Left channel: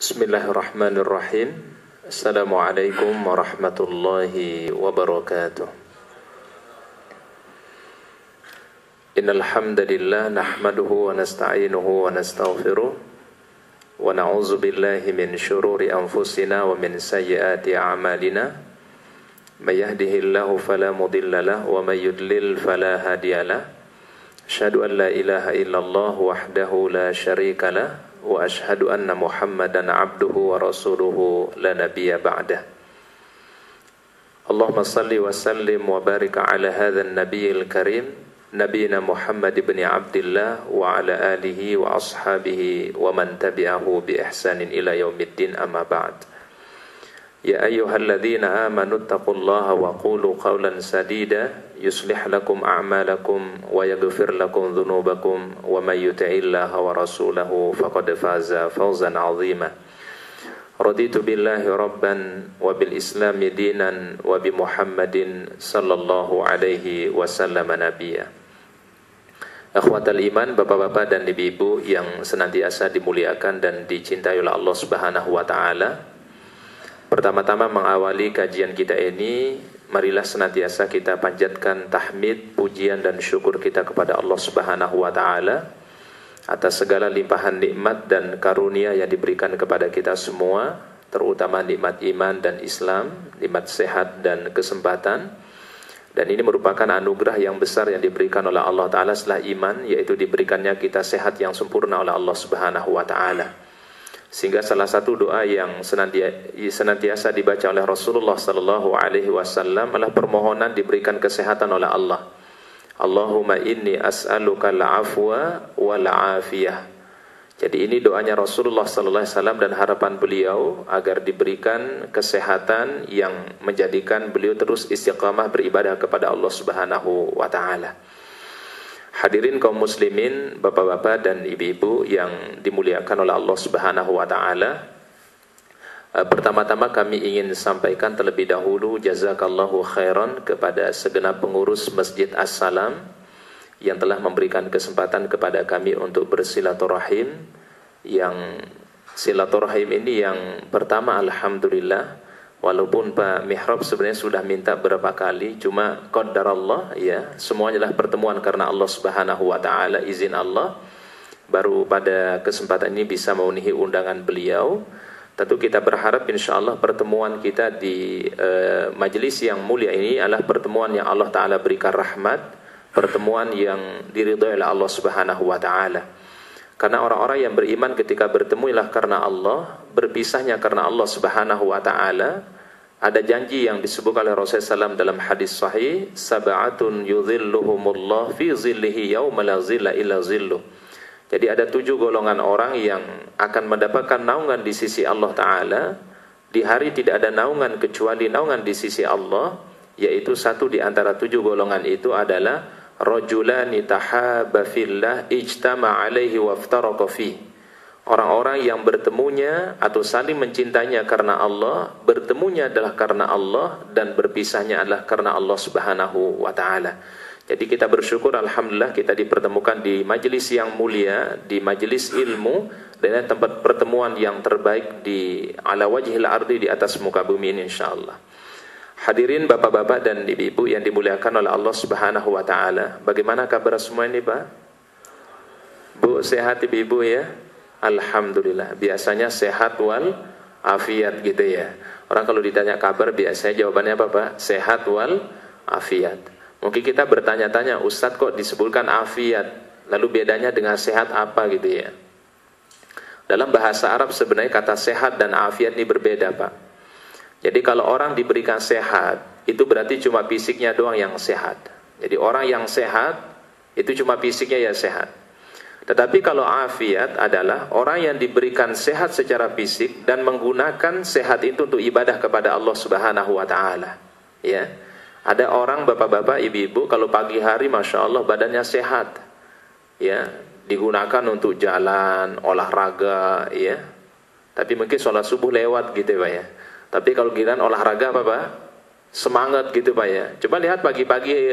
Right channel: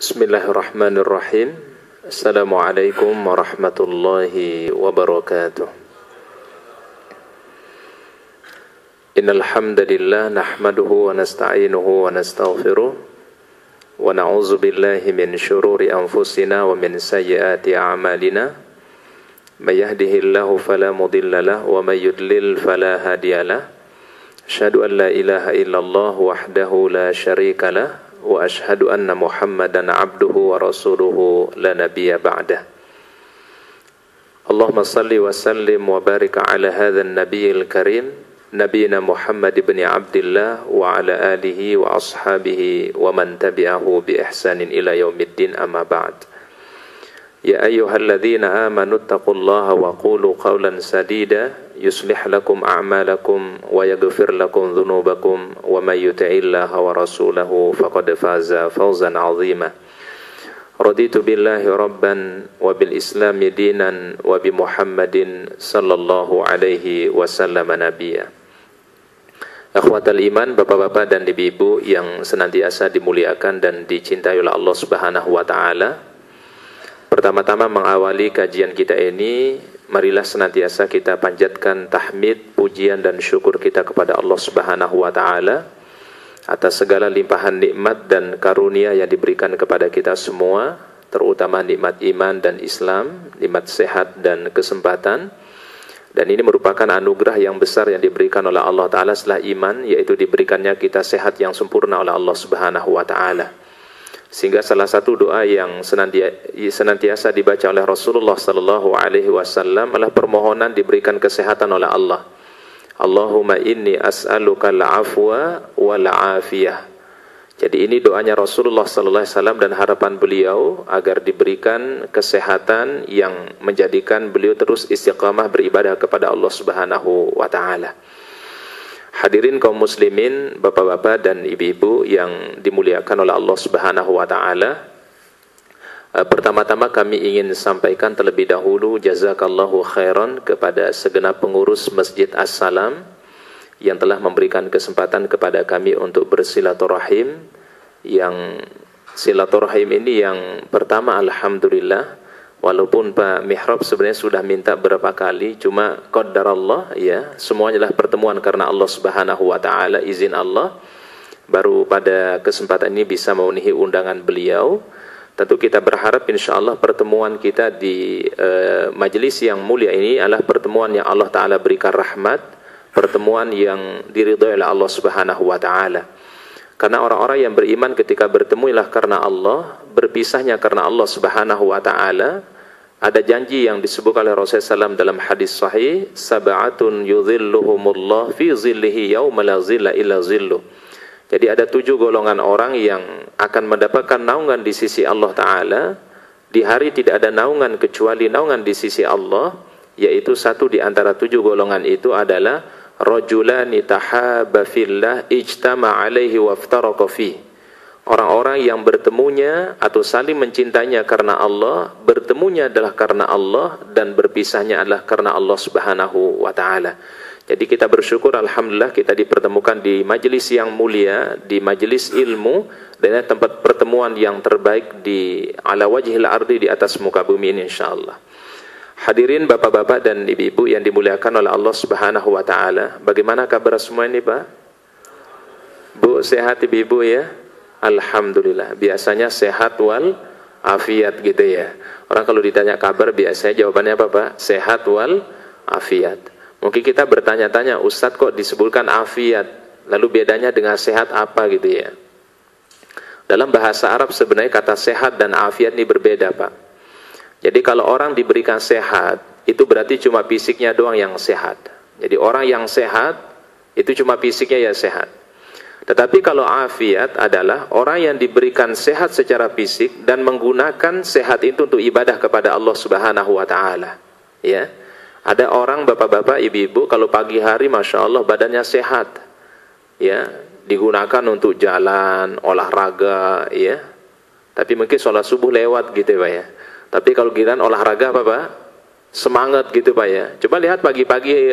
Bismillahirrahmanirrahim. Assalamualaikum warahmatullahi wabarakatuh. Innal hamdalillah nahmaduhu wa nasta'inuhu wa nastaghfiruh wa na'udzu billahi min shururi anfusina wa min sayyiati a'malina. May yahdihillahu fala mudilla lahu wa may yudlil fala hadiyalah. Asyhadu an la ilaha illallah wahdahu la syarika lah wa ashhadu anna Muhammadan abduhu wa rasuluhu la nabiyya ba'dah. Allahumma salli wa sallim wa barik ala hadzal nabiyil karim nabiyina Muhammad ibn Abdillah wa ala alihi wa ashabihi wa man tabi'ahu bi ihsanin ila yaumiddin, amma ba'd. Ya ayyuhalladzina amanu taqullaha wa qulu qawlan sadida yuslih lakum a'malakum wa yaghfir lakum dhunubakum wa may yuti'illaha wa rasulahu faqad faza fawzan 'azima. Raditu billahi rabban wa bil islami dinan wa bi Muhammadin sallallahu alaihi wasallam nabiyya. Akhwatal iman, bapak-bapak dan ibu-ibu yang senantiasa dimuliakan dan dicintai oleh Allah Subhanahu wa taala. Pertama-tama mengawali kajian kita ini, marilah senantiasa kita panjatkan tahmid, pujian dan syukur kita kepada Allah Subhanahu wa taala atas segala limpahan nikmat dan karunia yang diberikan kepada kita semua, terutama nikmat iman dan Islam, nikmat sehat dan kesempatan. Dan ini merupakan anugerah yang besar yang diberikan oleh Allah taala setelah iman, yaitu diberikannya kita sehat yang sempurna oleh Allah Subhanahu wa taala. Sehingga salah satu doa yang senantiasa dibaca oleh Rasulullah sallallahu alaihi wasallam adalah permohonan diberikan kesehatan oleh Allah. Allahumma inni as'aluka al-afwa wal afiyah. Jadi ini doanya Rasulullah sallallahu alaihi wasallam dan harapan beliau agar diberikan kesehatan yang menjadikan beliau terus istiqamah beribadah kepada Allah Subhanahu wa taala. Hadirin kaum muslimin, bapak-bapak dan ibu-ibu yang dimuliakan oleh Allah Subhanahu wa taala. Pertama-tama kami ingin sampaikan terlebih dahulu jazakallahu khairan kepada segenap pengurus Masjid As-Salam yang telah memberikan kesempatan kepada kami untuk bersilaturahim. Yang silaturahim ini yang pertama, alhamdulillah, walaupun Pak Mihrab sebenarnya sudah minta berapa kali, cuma qadarallah ya, semuanya adalah pertemuan karena Allah Subhanahu wa taala, izin Allah. Baru pada kesempatan ini bisa memenuhi undangan beliau. Tentu kita berharap insyaallah pertemuan kita di majelis yang mulia ini adalah pertemuan yang Allah taala berikan rahmat, pertemuan yang diridhai oleh Allah Subhanahu wa taala. Karena orang-orang yang beriman ketika bertemu ialah karena Allah, berpisahnya karena Allah Subhanahu wa taala. Ada janji yang disebut oleh Rasulullah SAW dalam hadis sahih, sab'atun yudhilluhumullah fi zillihi yauma la zilla illa zilluh. Jadi ada 7 golongan orang yang akan mendapatkan naungan di sisi Allah taala di hari tidak ada naungan kecuali naungan di sisi Allah, yaitu satu di antara 7 golongan itu adalah rajulani tahabba fillah ijtama alaihi waftaraqa fihi. Orang-orang yang bertemunya atau saling mencintainya karena Allah, bertemunya adalah karena Allah dan berpisahnya adalah karena Allah Subhanahu wa taala. Jadi kita bersyukur alhamdulillah kita dipertemukan di majelis yang mulia, di majelis ilmu, dan tempat pertemuan yang terbaik di ala wajhil ardi, di atas muka bumi ini insyaallah. Hadirin bapak-bapak dan ibu-ibu yang dimuliakan oleh Allah Subhanahu wa taala. Bagaimana kabar semua ini, Pak? Bu, sehat ibu-ibu ya? Alhamdulillah. Biasanya sehat wal afiat gitu ya. Orang kalau ditanya kabar biasanya jawabannya apa, Pak? Sehat wal afiat. Mungkin kita bertanya-tanya, Ustadz kok disebutkan afiat, lalu bedanya dengan sehat apa gitu ya. Dalam bahasa Arab sebenarnya kata sehat dan afiat ini berbeda, Pak. Jadi kalau orang diberikan sehat, itu berarti cuma fisiknya doang yang sehat. Jadi orang yang sehat itu cuma fisiknya ya sehat. Tetapi kalau afiat adalah orang yang diberikan sehat secara fisik dan menggunakan sehat itu untuk ibadah kepada Allah Subhanahu wa taala. Ya. Ada orang bapak-bapak, ibu-ibu kalau pagi hari Masya Allah badannya sehat. Ya, digunakan untuk jalan, olahraga, ya. Tapi mungkin sholat subuh lewat gitu Pak ya. Tapi kalau giliran olahraga apa Pak? Semangat gitu Pak ya. Coba lihat pagi-pagi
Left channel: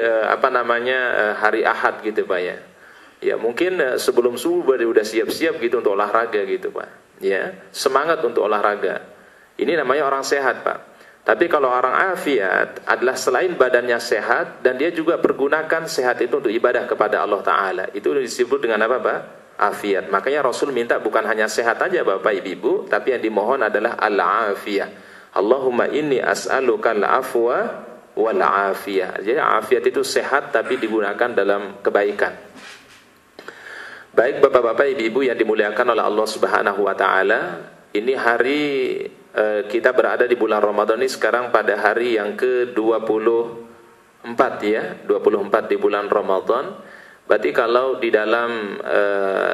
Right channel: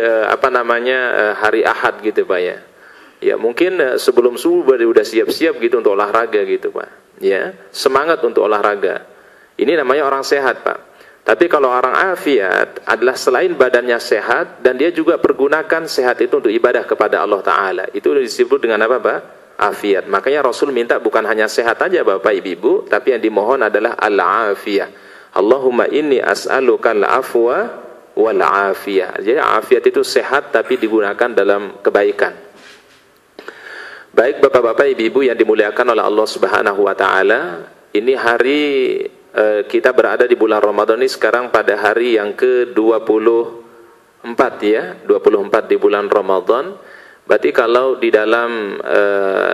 hari Ahad gitu Pak ya. Ya mungkin sebelum subuh udah siap-siap gitu untuk olahraga gitu Pak. ya, semangat untuk olahraga. Ini namanya orang sehat, Pak. Tapi kalau orang afiat adalah selain badannya sehat dan dia juga pergunakan sehat itu untuk ibadah kepada Allah Ta'ala. Itu disebut dengan apa, Pak? Afiat. Makanya Rasul minta bukan hanya sehat aja Bapak Ibu, tapi yang dimohon adalah al-afiyah. Allahumma inni as'aluka al-afwa wal-afiyah. Jadi afiat itu sehat tapi digunakan dalam kebaikan. Baik Bapak-bapak Ibu yang dimuliakan oleh Allah Subhanahu wa taala, ini hari kita berada di bulan Ramadan ini sekarang pada hari yang ke-24 ya, 24 di bulan Ramadan. Berarti kalau di dalam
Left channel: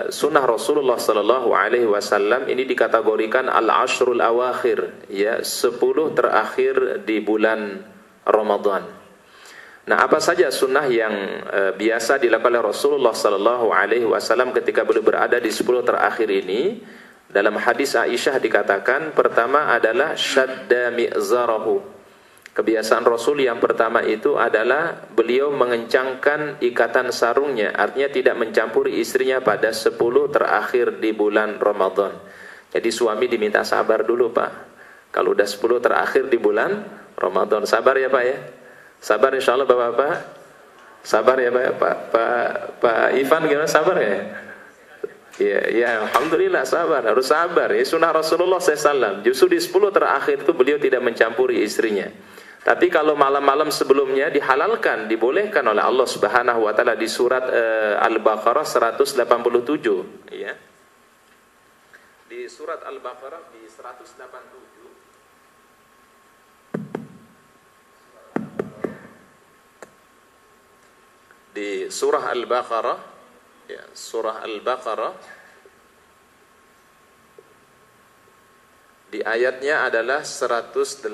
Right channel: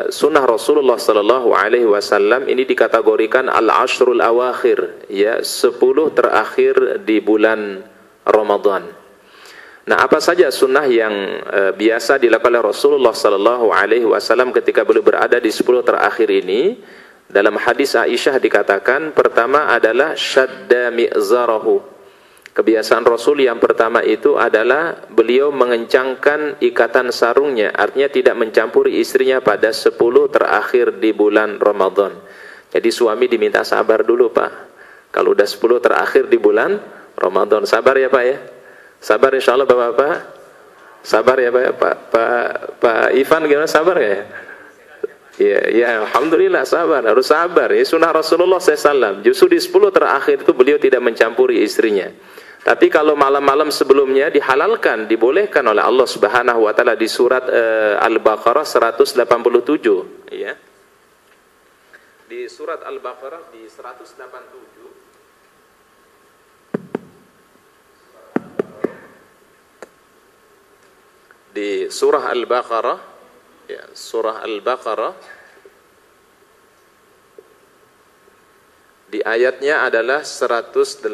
sunnah Rasulullah sallallahu alaihi wasallam ini dikategorikan al-ashrul awakhir, ya, 10 terakhir di bulan Ramadan. Nah, apa saja sunnah yang biasa dilakukan oleh Rasulullah sallallahu alaihi wasallam ketika beliau berada di 10 terakhir ini? Dalam hadis Aisyah dikatakan, pertama adalah syadda mi'zarahu. Kebiasaan Rasul yang pertama itu adalah beliau mengencangkan ikatan sarungnya, artinya tidak mencampuri istrinya pada 10 terakhir di bulan Ramadan. Jadi suami diminta sabar dulu, Pak. Kalau udah 10 terakhir di bulan Ramadan, sabar ya, Pak ya. Sabar insyaallah Bapak-bapak. Sabar ya, Pak. Pak Ivan gimana, sabar ya? Ya, alhamdulillah sabar, harus sabar. Ya, sunnah Rasulullah SAW. Justru di 10 terakhir itu beliau tidak mencampuri istrinya. Tapi kalau malam-malam sebelumnya dihalalkan, dibolehkan oleh Allah Subhanahu wa taala di surat Al-Baqarah 187, ya. Di surat Al-Baqarah di 187 di surah Al-Baqarah, ya, surah Al-Baqarah di ayatnya adalah 187.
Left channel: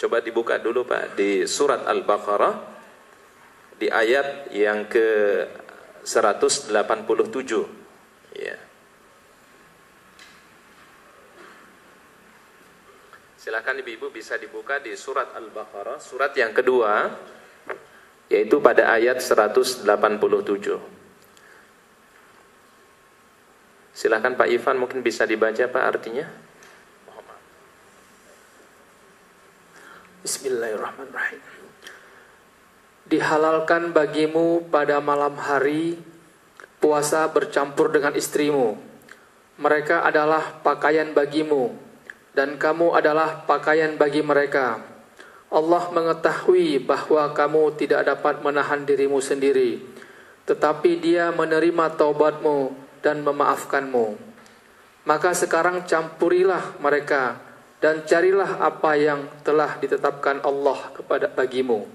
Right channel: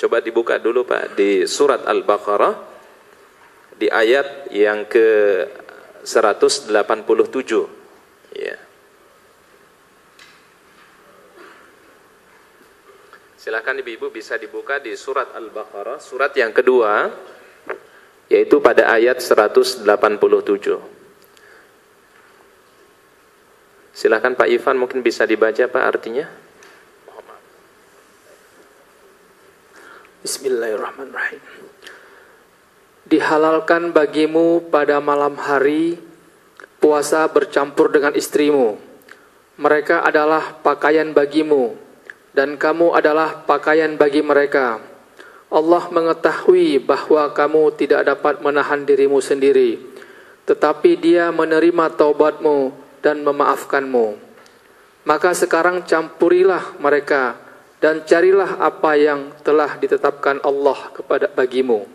Coba dibuka dulu Pak di surat Al-Baqarah di ayat yang ke 187, ya. Silakan ibu-ibu bisa dibuka di surat Al-Baqarah, surat yang kedua, yaitu pada ayat 187. Silakan Pak Ivan, mungkin bisa dibaca Pak artinya. Bismillahirrahmanirrahim. Dihalalkan bagimu pada malam hari puasa bercampur dengan istrimu. Mereka adalah pakaian bagimu dan kamu adalah pakaian bagi mereka. Allah mengetahui bahwa kamu tidak dapat menahan dirimu sendiri, tetapi Dia menerima taubatmu dan memaafkanmu. Maka sekarang campurilah mereka dan carilah apa yang telah ditetapkan Allah bagimu.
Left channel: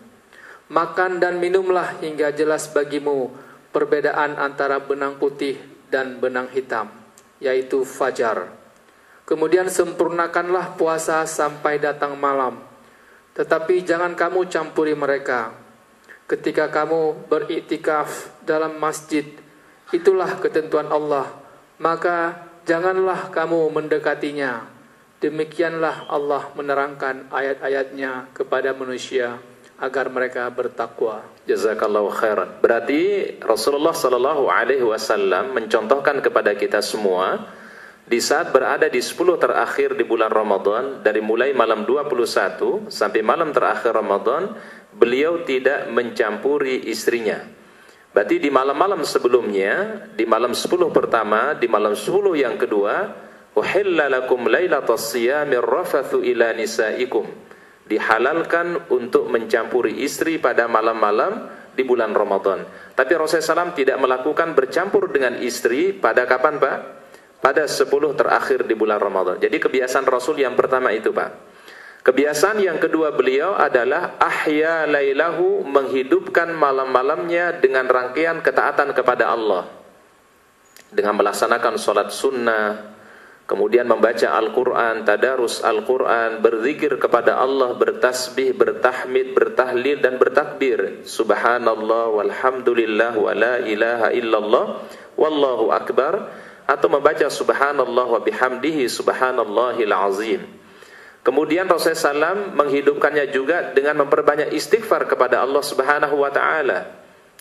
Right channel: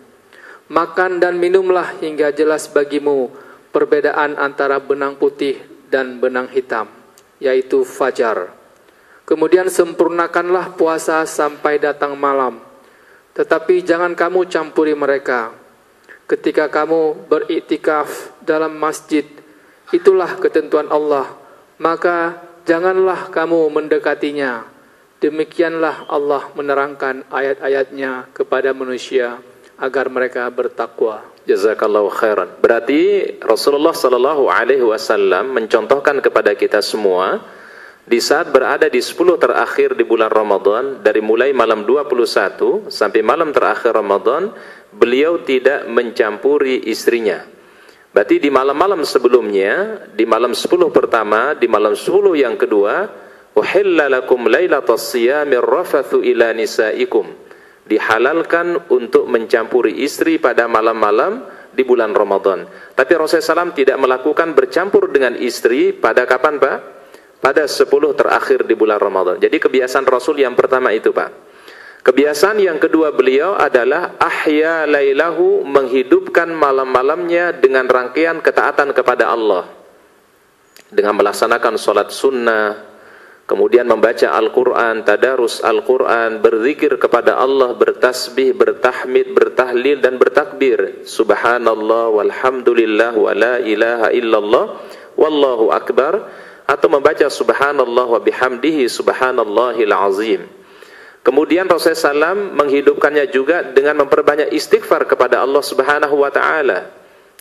Makan dan minumlah hingga jelas bagimu perbedaan antara benang putih dan benang hitam, yaitu fajar. Kemudian sempurnakanlah puasa sampai datang malam. Tetapi jangan kamu campuri mereka. Ketika kamu beriktikaf dalam masjid, itulah ketentuan Allah, maka janganlah kamu mendekatinya. Demikianlah Allah menerangkan ayat-ayatnya kepada manusia agar mereka bertakwa. Jazakallahu khairan. Berarti Rasulullah sallallahu alaihi wasallam mencontohkan kepada kita semua di saat berada di 10 terakhir di bulan Ramadan, dari mulai malam 21 sampai malam terakhir Ramadan, beliau tidak mencampuri istrinya. Berarti di malam-malam sebelumnya, di malam 10 pertama, di malam 10 yang kedua, uhilla lakum lailatas siyamir rafathu ila nisaikum. Dihalalkan untuk mencampuri istri pada malam-malam di bulan Ramadan. Tapi Rasulullah SAW tidak melakukan bercampur dengan istri pada kapan, Pak? Pada 10 terakhir di bulan Ramadan. Jadi kebiasaan Rasul yang pertama itu, Pak. Kebiasaan yang kedua beliau adalah ahya lailahu, menghidupkan malam-malamnya dengan rangkaian ketaatan kepada Allah. Dengan melaksanakan sholat sunnah, kemudian membaca Al-Quran, tadarus Al-Quran, berzikir kepada Allah, bertasbih, bertahmid, bertahlil, dan bertakbir. Subhanallah, walhamdulillah, wa la ilaha illallah, wallahu akbar. Atau membaca Subhanallah wa bihamdihi, subhanallahil azim. Kemudian Rasulullah SAW menghidupkannya juga dengan memperbanyak istighfar kepada Allah Subhanahu wa ta'ala.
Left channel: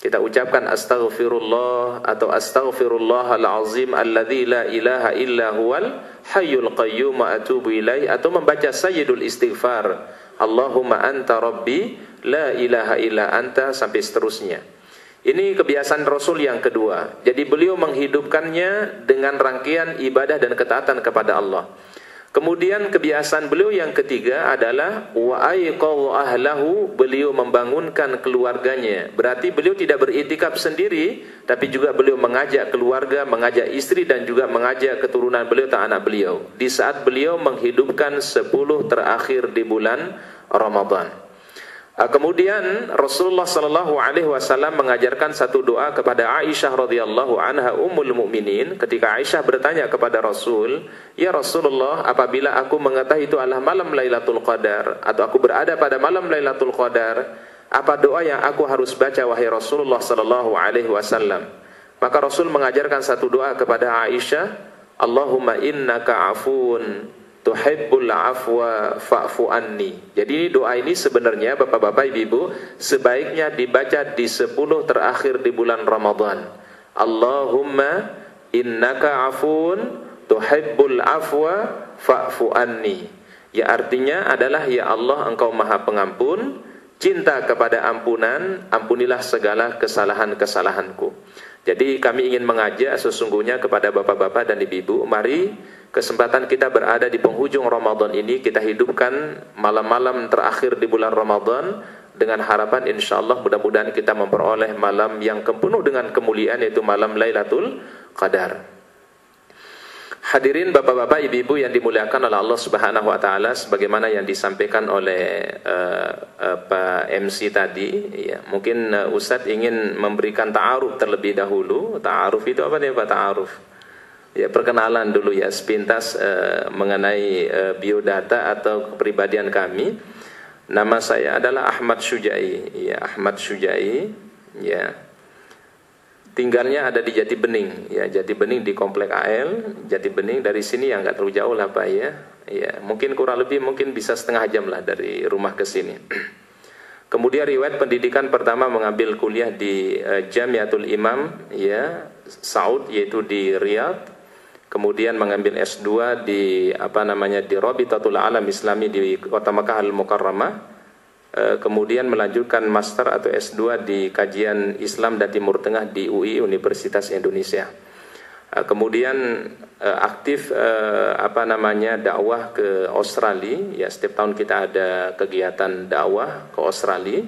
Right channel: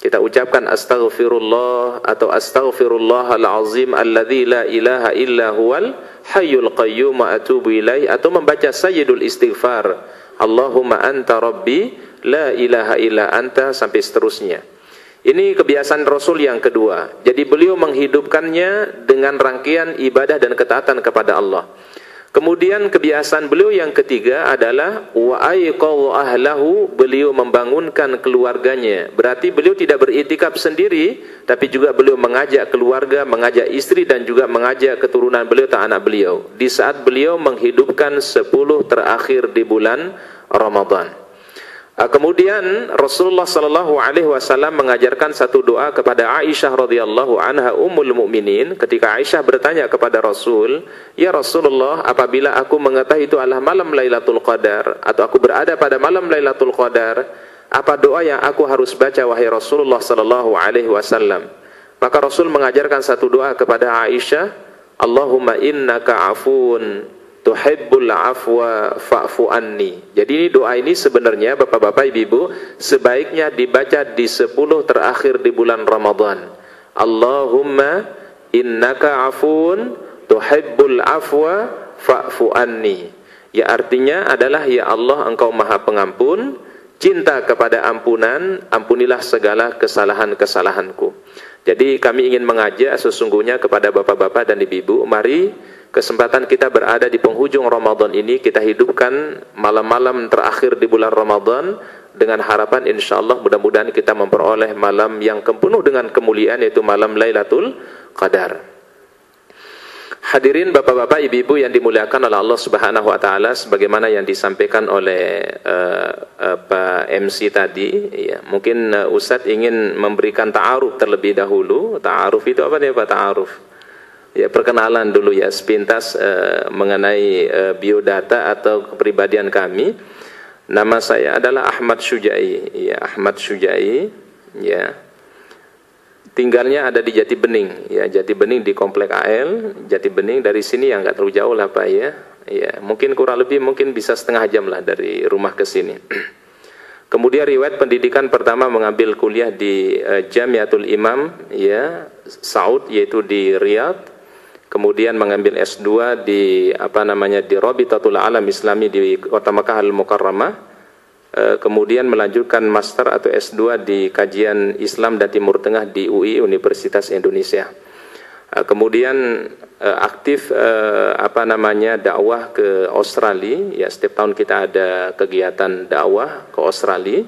Kita ucapkan astaghfirullah atau astaghfirullahal azim alladzi la ilaha illa huwal hayyul qayyum wa atubu ilaih, atau membaca sayyidul istighfar Allahumma anta rabbi la ilaha illa anta sampai seterusnya. Ini kebiasaan Rasul yang kedua. Jadi beliau menghidupkannya dengan rangkaian ibadah dan ketaatan kepada Allah. Kemudian kebiasaan beliau yang ketiga adalah wa aiqadha ahlahu, beliau membangunkan keluarganya. Berarti beliau tidak beritikaf sendiri, tapi juga beliau mengajak keluarga, mengajak istri dan juga mengajak keturunan beliau atau anak beliau di saat beliau menghidupkan 10 terakhir di bulan Ramadan. Kemudian Rasulullah sallallahu alaihi wasallam mengajarkan satu doa kepada Aisyah radhiyallahu anha ummul mukminin. Ketika Aisyah bertanya kepada Rasul, "Ya Rasulullah, apabila aku mengetahui itu adalah malam Lailatul Qadar atau aku berada pada malam Lailatul Qadar, apa doa yang aku harus baca wahai Rasulullah sallallahu alaihi wasallam?" Maka Rasul mengajarkan satu doa kepada Aisyah, "Allahumma innaka afun tuhibbul afwa fa'fu anni." Jadi ini doa ini sebenarnya Bapak-bapak Ibu sebaiknya dibaca di 10 terakhir di bulan Ramadan. Allahumma innaka afun tuhibbul afwa fa'fu anni. Ya artinya adalah ya Allah engkau maha pengampun, cinta kepada ampunan, ampunilah segala kesalahan-kesalahanku. Jadi kami ingin mengajak sesungguhnya kepada bapak-bapak dan ibu-ibu, mari kesempatan kita berada di penghujung Ramadan ini kita hidupkan malam-malam terakhir di bulan Ramadan dengan harapan insyaallah mudah-mudahan kita memperoleh malam yang penuh dengan kemuliaan, yaitu malam Lailatul Qadar. Hadirin bapak-bapak ibu-ibu yang dimuliakan oleh Allah Subhanahu wa taala, sebagaimana yang disampaikan oleh Pak MC tadi, ya, mungkin Ustadz ingin memberikan ta'aruf terlebih dahulu. Ta'aruf itu apa nih Pak? Ta'aruf. Ya, perkenalan dulu ya sepintas mengenai biodata atau kepribadian kami. Nama saya adalah Ahmad Syujai. Ya, Ahmad Syujai. Ya. Tinggalnya ada di Jati Bening, ya, Jati Bening di Komplek AL, Jati Bening dari sini yang nggak terlalu jauh lah Pak ya. Ya, mungkin kurang lebih mungkin bisa setengah jam lah dari rumah ke sini. Kemudian riwayat pendidikan pertama mengambil kuliah di Jamiatul Imam ya, Saud, yaitu di Riyadh. Kemudian mengambil S2 di di Rabitatul Alam Islami di Kota Makkah Al-Mukarramah. Kemudian melanjutkan master atau S2 di kajian Islam dan Timur Tengah di UI Universitas Indonesia. Kemudian aktif dakwah ke Australia. Ya, setiap tahun kita ada kegiatan dakwah ke Australia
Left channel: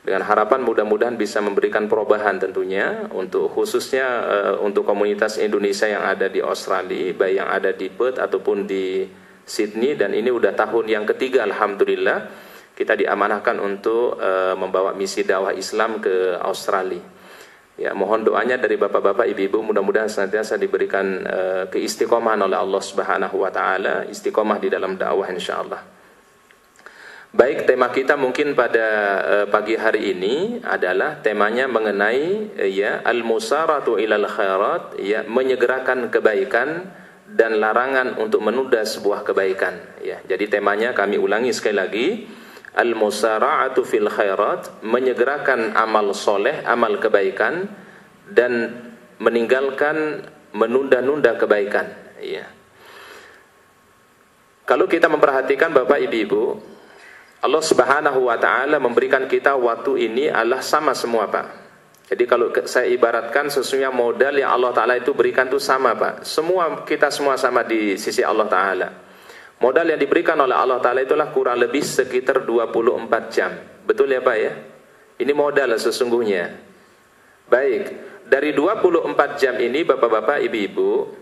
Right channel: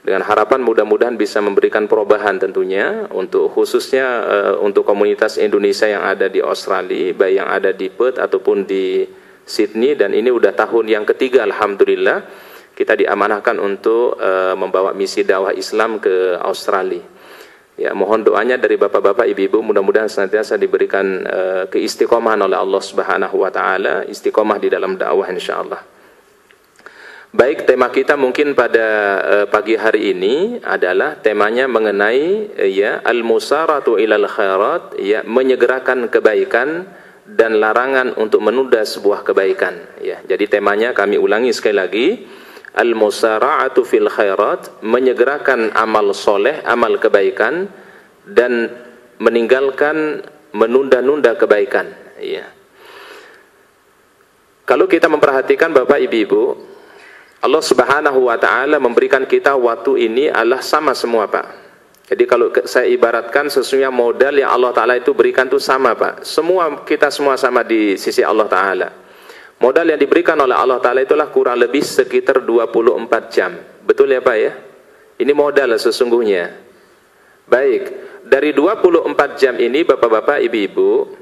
dengan harapan mudah-mudahan bisa memberikan perubahan tentunya untuk khususnya untuk komunitas Indonesia yang ada di Australia, baik yang ada di Perth ataupun di Sydney, dan ini udah tahun yang ketiga alhamdulillah kita diamanahkan untuk membawa misi dakwah Islam ke Australia. Ya, mohon doanya dari bapak-bapak, ibu-ibu, mudah-mudahan senantiasa diberikan keistiqomahan oleh Allah Subhanahu wa taala, istiqomah di dalam dakwah insyaallah. Baik, tema kita mungkin pada pagi hari ini adalah temanya mengenai ya al-musaratu ilal khairat, ya, menyegerakan kebaikan dan larangan untuk menunda sebuah kebaikan. Ya, jadi temanya kami ulangi sekali lagi. Al-musara'atu fil khairat, menyegerakan amal soleh, amal kebaikan, dan meninggalkan menunda-nunda kebaikan. Ya. Kalau kita memperhatikan Bapak Ibu, Allah Subhanahu wa taala memberikan kita waktu ini adalah sama semua Pak. Jadi kalau saya ibaratkan sesungguhnya modal yang Allah taala itu berikan itu sama Pak. Kita semua sama di sisi Allah taala. Modal yang diberikan oleh Allah Ta'ala itulah kurang lebih sekitar 24 jam. Betul ya Pak ya? Ini modal sesungguhnya. Baik, dari 24 jam ini Bapak-bapak, Ibu-ibu,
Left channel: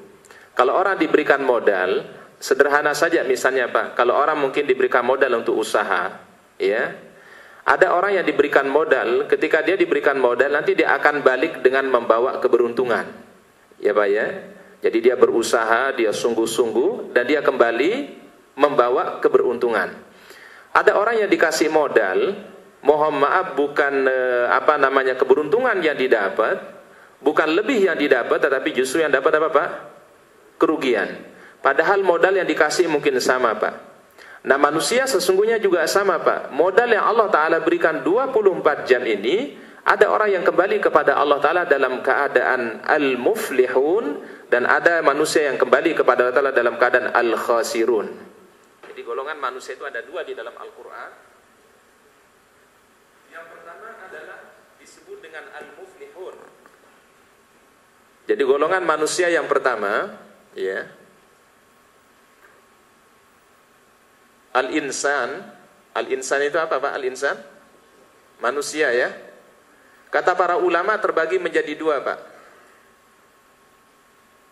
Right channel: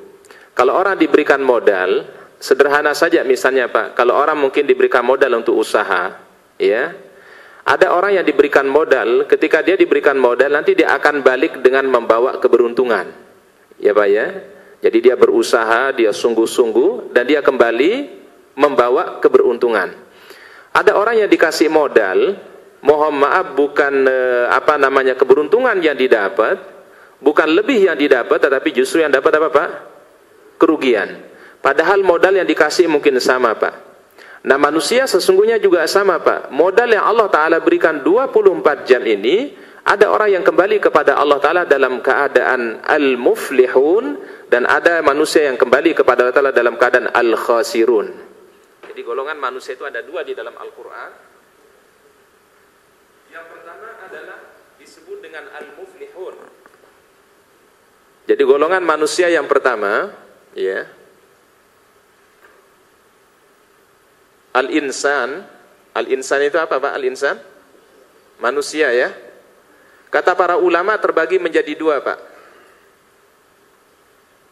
kalau orang diberikan modal, sederhana saja misalnya Pak, kalau orang mungkin diberikan modal untuk usaha, ya, ada orang yang diberikan modal, ketika dia diberikan modal, nanti dia akan balik dengan membawa keberuntungan. Ya Pak ya? Jadi dia berusaha, dia sungguh-sungguh, dan dia kembali membawa keberuntungan. Ada orang yang dikasih modal, mohon maaf bukan keberuntungan yang didapat, bukan lebih yang didapat, tetapi justru yang dapat apa Pak? Kerugian. Padahal modal yang dikasih mungkin sama Pak. Nah, manusia sesungguhnya juga sama Pak. Modal yang Allah Ta'ala berikan 24 jam ini Ada orang yang kembali kepada Allah Ta'ala dalam keadaan al-muflihun, dan ada manusia yang kembali kepada Allah Ta'ala dalam keadaan al-khasirun. Jadi golongan manusia itu ada dua di dalam Al-Quran. Yang pertama adalah disebut dengan al-muflihun. Jadi golongan manusia yang pertama, ya, al-insan. Al-insan itu apa Pak? Al-insan? Manusia, ya. Kata para ulama terbagi menjadi dua, Pak.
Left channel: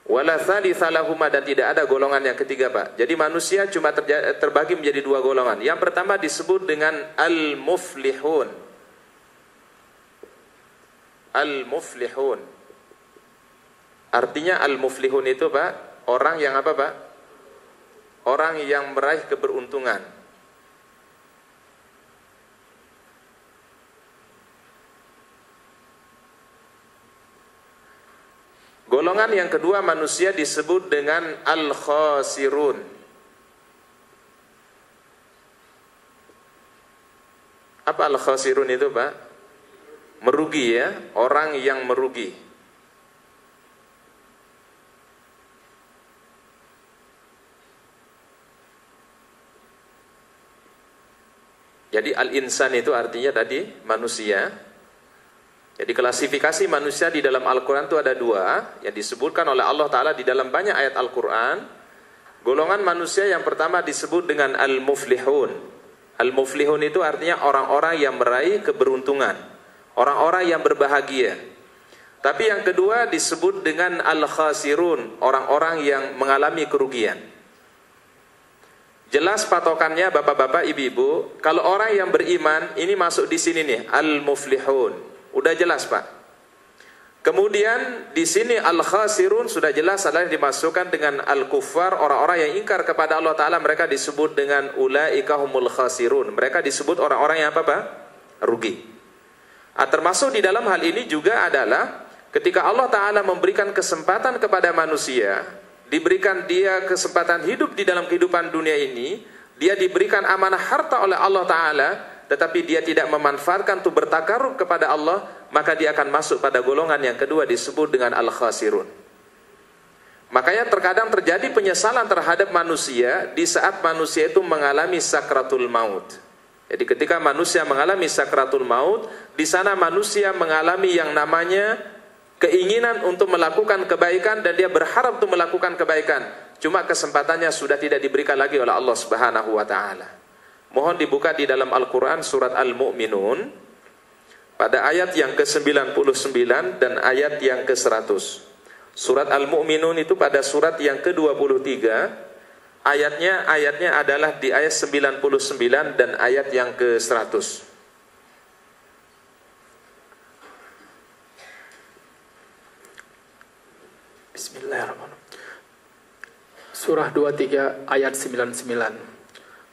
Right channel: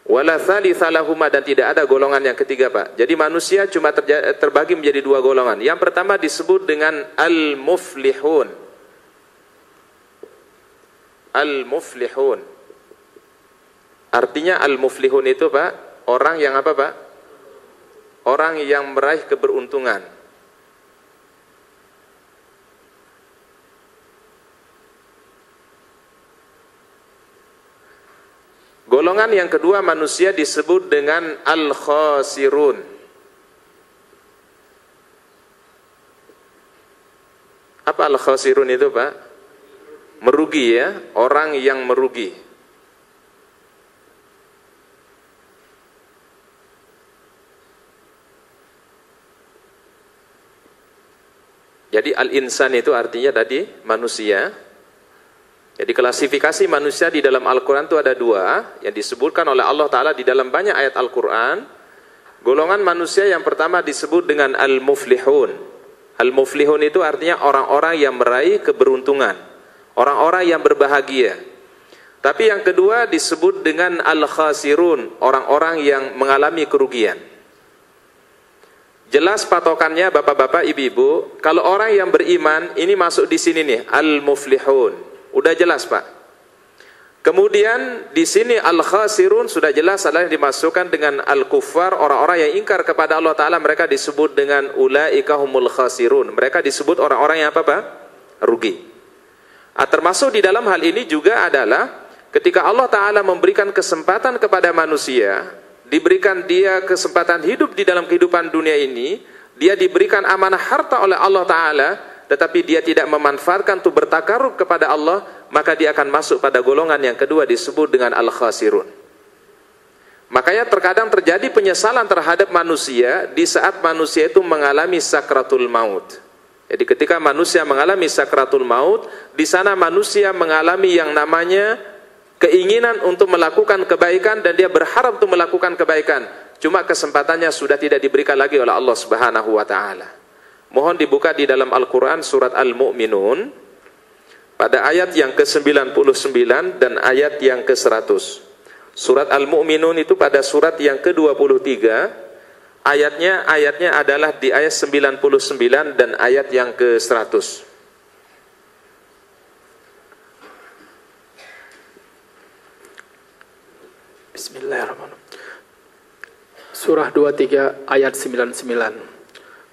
Wala thalitha lahuma, dan tidak ada golongan yang ketiga, Pak. Jadi manusia cuma terbagi menjadi dua golongan. Yang pertama disebut dengan al-muflihun. Al-muflihun. Artinya al-muflihun itu, Pak, orang yang apa, Pak? Orang yang meraih keberuntungan. Golongan yang kedua manusia disebut dengan al-khasirun. Apa al-khasirun itu, Pak? Merugi, ya, orang yang merugi. Jadi al-insan itu artinya tadi manusia. Jadi klasifikasi manusia di dalam Al-Quran itu ada dua, yang disebutkan oleh Allah Ta'ala di dalam banyak ayat Al-Quran. Golongan manusia yang pertama disebut dengan al-muflihun. Al-muflihun itu artinya orang-orang yang meraih keberuntungan, orang-orang yang berbahagia. Tapi yang kedua disebut dengan al-khasirun, orang-orang yang mengalami kerugian. Jelas patokannya Bapak-bapak, Ibu-ibu, kalau orang yang beriman ini masuk di sini nih, al-muflihun. Udah jelas, Pak. Kemudian di sini al-khasirun sudah jelas adalah dimasukkan dengan al-kuffar, orang-orang yang ingkar kepada Allah Ta'ala, mereka disebut dengan ulaika humul khasirun. Mereka disebut orang-orang yang apa, Pak? Rugi. Termasuk di dalam hal ini juga adalah ketika Allah Ta'ala memberikan kesempatan kepada manusia, diberikan dia kesempatan hidup di dalam kehidupan dunia ini, dia diberikan amanah harta oleh Allah Ta'ala, tetapi dia tidak memanfaatkan untuk bertakarub kepada Allah, maka dia akan masuk pada golongan yang kedua disebut dengan al-khasirun. Makanya terkadang terjadi penyesalan terhadap manusia di saat manusia itu mengalami sakratul maut. Jadi ketika manusia mengalami sakratul maut, di sana manusia mengalami yang namanya keinginan untuk melakukan kebaikan, dan dia berharap untuk melakukan kebaikan. Cuma kesempatannya sudah tidak diberikan lagi oleh Allah Subhanahu wa Ta'ala. Mohon dibuka di dalam Al-Quran surat Al-Mu'minun pada ayat yang ke-99 dan ayat yang ke-100. Surat Al-Mu'minun itu pada surat yang ke-23, ayatnya adalah di ayat 99 dan ayat yang ke-100. Bismillahirrahmanirrahim. Surah 23 ayat 99.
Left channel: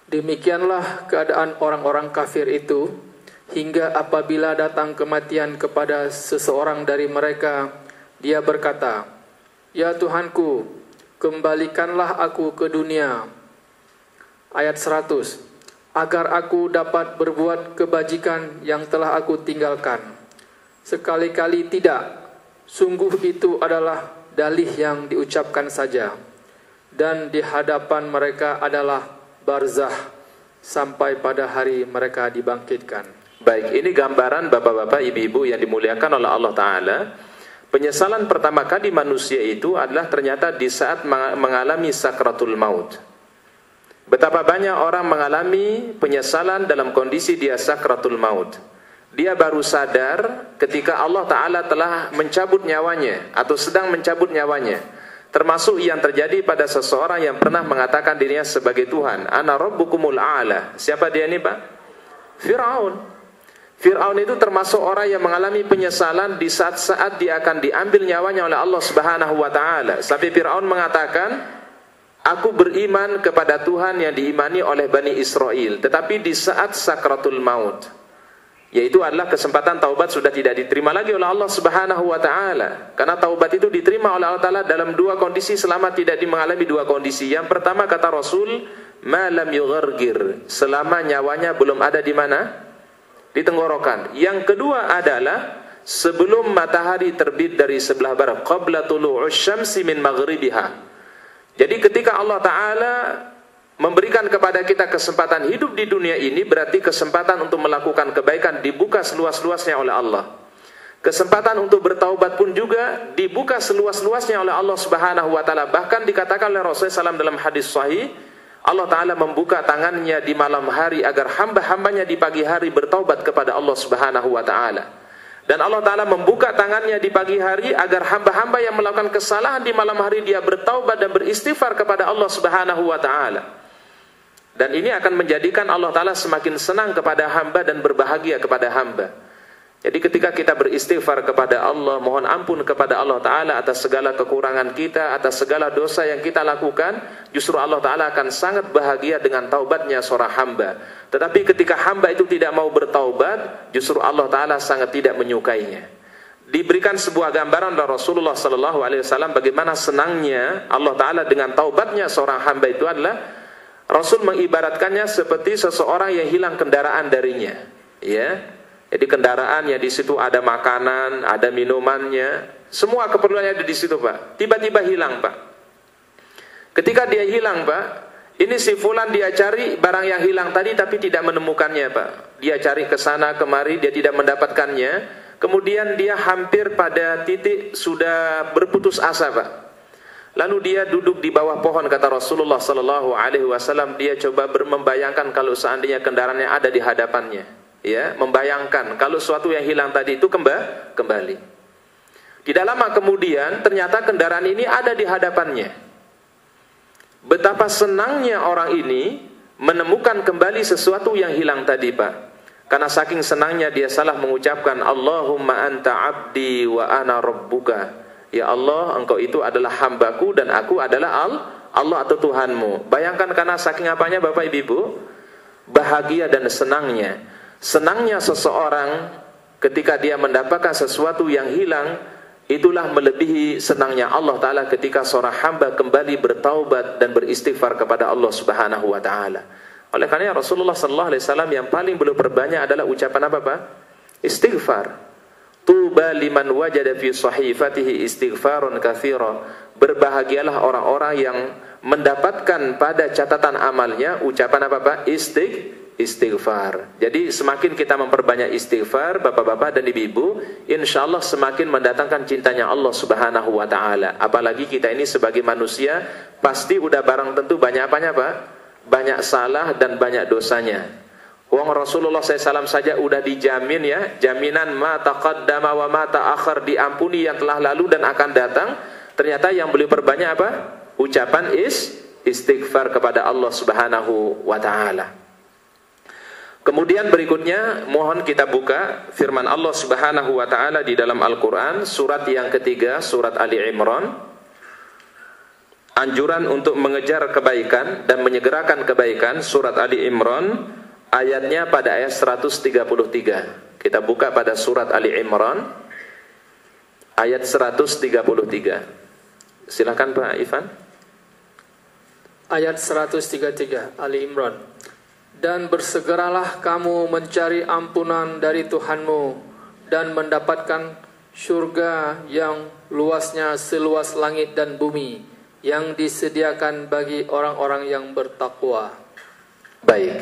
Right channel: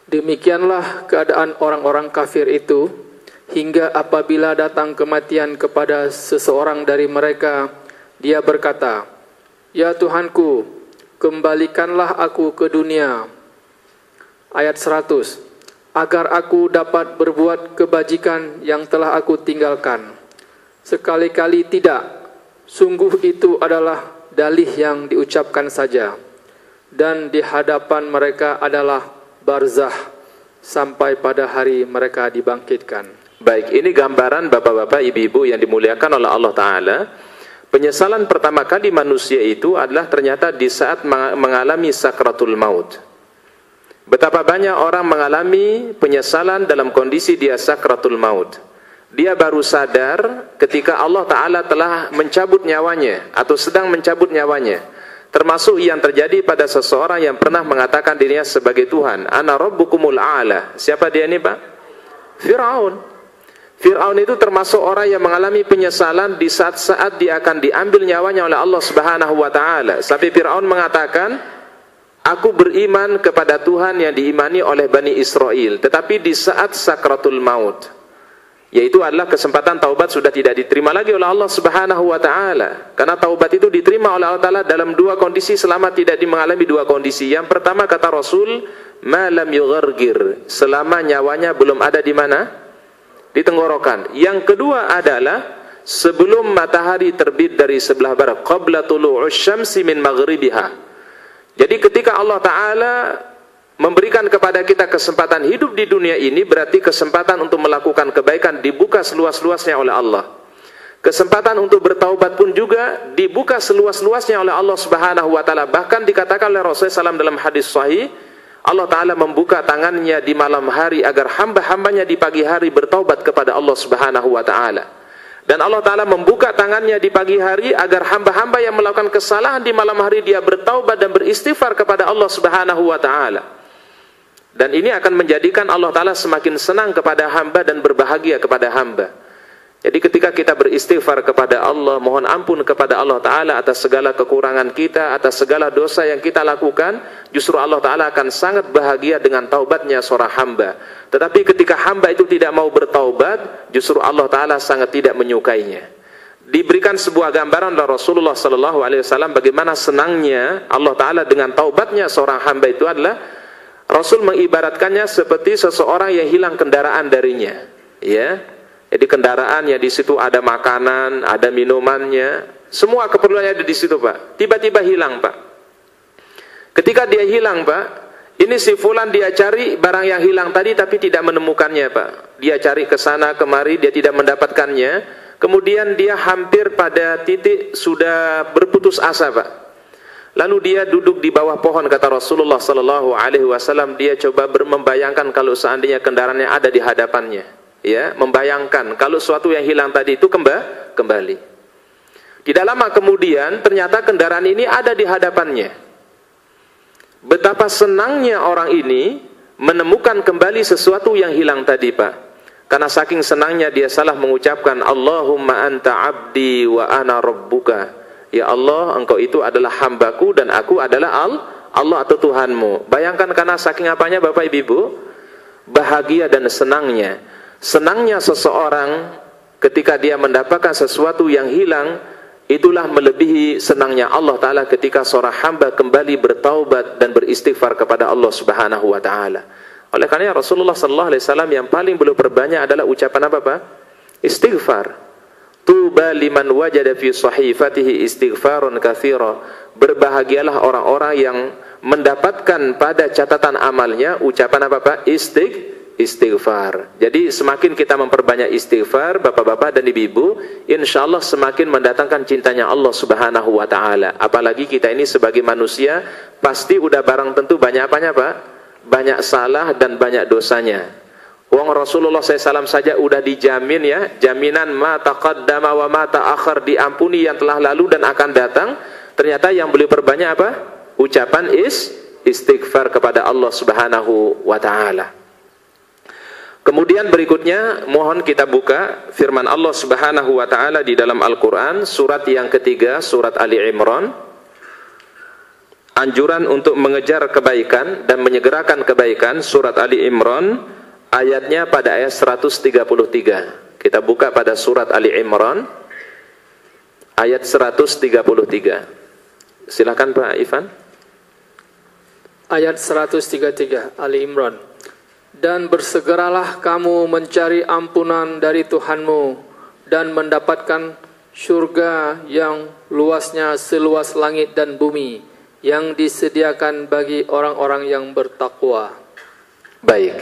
Demikianlah keadaan orang-orang kafir itu hingga apabila datang kematian kepada seseorang dari mereka, dia berkata, "Ya Tuhanku, kembalikanlah aku ke dunia." Ayat 100, agar aku dapat berbuat kebajikan yang telah aku tinggalkan. Sekali-kali tidak, sungguh itu adalah dalih yang diucapkan saja, dan di hadapan mereka adalah barzah sampai pada hari mereka dibangkitkan. Baik, ini gambaran Bapak-bapak, Ibu-ibu yang dimuliakan oleh Allah Ta'ala. Penyesalan pertama kali manusia itu adalah ternyata di saat mengalami sakratul maut. Betapa banyak orang mengalami penyesalan dalam kondisi dia sakratul maut. Dia baru sadar ketika Allah Ta'ala telah mencabut nyawanya atau sedang mencabut nyawanya. Termasuk yang terjadi pada seseorang yang pernah mengatakan dirinya sebagai Tuhan. Ana rabbukumul a'la. Siapa dia ini, Pak? Fir'aun. Fir'aun itu termasuk orang yang mengalami penyesalan di saat-saat dia akan diambil nyawanya oleh Allah Subhanahu wa Ta'ala. Sampai Fir'aun mengatakan, aku beriman kepada Tuhan yang diimani oleh Bani Israel. Tetapi di saat sakratul maut, yaitu adalah kesempatan taubat sudah tidak diterima lagi oleh Allah Subhanahu wa Ta'ala. Karena taubat itu diterima oleh Allah Ta'ala dalam dua kondisi selama tidak mengalami dua kondisi. Yang pertama kata Rasul, ma lam yughargir, selama nyawanya belum ada di mana? Di tenggorokan. Yang kedua adalah sebelum matahari terbit dari sebelah barat, qabla tulu'us syamsi min maghribiha. Jadi ketika Allah Ta'ala memberikan kepada kita kesempatan hidup di dunia ini, berarti kesempatan untuk melakukan kebaikan dibuka seluas-luasnya oleh Allah. Kesempatan untuk bertaubat pun juga dibuka seluas-luasnya oleh Allah Subhanahu wa taala. Bahkan dikatakan oleh Rasulullah SAW dalam hadis sahih, Allah Ta'ala membuka tangannya di malam hari agar hamba-hambanya di pagi hari bertaubat kepada Allah Subhanahu wa taala. Dan Allah Ta'ala membuka tangannya di pagi hari agar hamba-hamba yang melakukan kesalahan di malam hari dia bertaubat dan beristighfar kepada Allah Subhanahu wa taala. Dan ini akan menjadikan Allah Ta'ala semakin senang kepada hamba dan berbahagia kepada hamba. Jadi ketika kita beristighfar kepada Allah, mohon ampun kepada Allah Ta'ala atas segala kekurangan kita, atas segala dosa yang kita lakukan, justru Allah Ta'ala akan sangat bahagia dengan taubatnya seorang hamba. Tetapi ketika hamba itu tidak mau bertaubat, justru Allah Ta'ala sangat tidak menyukainya. Diberikan sebuah gambaran oleh Rasulullah SAW bagaimana senangnya Allah Ta'ala dengan taubatnya seorang hamba itu adalah, Rasul mengibaratkannya seperti seseorang yang hilang kendaraan darinya, ya. Jadi kendaraan yang di situ ada makanan, ada minumannya, semua keperluannya ada di situ, Pak. Tiba-tiba hilang, Pak. Ketika dia hilang, Pak, ini si fulan dia cari barang yang hilang tadi tapi tidak menemukannya, Pak. Dia cari ke sana kemari, dia tidak mendapatkannya. Kemudian dia hampir pada titik sudah berputus asa, Pak. Lalu dia duduk di bawah pohon, kata Rasulullah SAW. Dia coba membayangkan kalau seandainya kendaraannya ada di hadapannya. Ya, membayangkan kalau sesuatu yang hilang tadi itu kembali. Tidak lama kemudian ternyata kendaraan ini ada di hadapannya. Betapa senangnya orang ini menemukan kembali sesuatu yang hilang tadi, Pak. Karena saking senangnya dia salah mengucapkan Allahumma anta abdi wa ana rabbuka. Ya Allah, engkau itu adalah hambaku dan aku adalah Allah atau Tuhanmu. Bayangkan karena saking apanya, Bapak Ibu, bahagia dan senangnya. Senangnya seseorang ketika dia mendapatkan sesuatu yang hilang, itulah melebihi senangnya Allah Ta'ala ketika seorang hamba kembali bertaubat dan beristighfar kepada Allah Subhanahu wa Ta'ala. Oleh karena Rasulullah SAW yang paling beliau perbanyak adalah ucapan apa, Pak? Istighfar. Tuba liman wajada fi sahifatihi istighfarun katsira. Berbahagialah orang-orang yang mendapatkan pada catatan amalnya ucapan apa, Pak? Istighfar. Jadi semakin kita memperbanyak istighfar, bapak-bapak dan ibu-ibu, insya Allah semakin mendatangkan cintanya Allah Subhanahu wa Ta'ala. Apalagi kita ini sebagai manusia pasti udah barang tentu banyak apanya, Pak? Banyak salah dan banyak dosanya. Wong Rasulullah SAW saja udah dijamin, ya, jaminan ma taqaddama wa ma ta'akhir, diampuni yang telah lalu dan akan datang. Ternyata yang beliau perbanyak apa? Ucapan istighfar kepada Allah Subhanahu wa Ta'ala. Kemudian berikutnya mohon kita buka firman Allah Subhanahu wa Ta'ala di dalam Al-Quran, surat yang ketiga, surat Ali Imran. Anjuran untuk mengejar kebaikan dan menyegerakan kebaikan, surat Ali Imran, ayatnya pada ayat 133. Kita buka pada surat Ali Imran, ayat 133. Silakan Pak Ivan. Ayat 133 Ali Imran. Dan bersegeralah kamu mencari ampunan dari Tuhanmu dan mendapatkan surga yang luasnya seluas langit dan bumi yang disediakan bagi orang-orang yang bertakwa. Baik.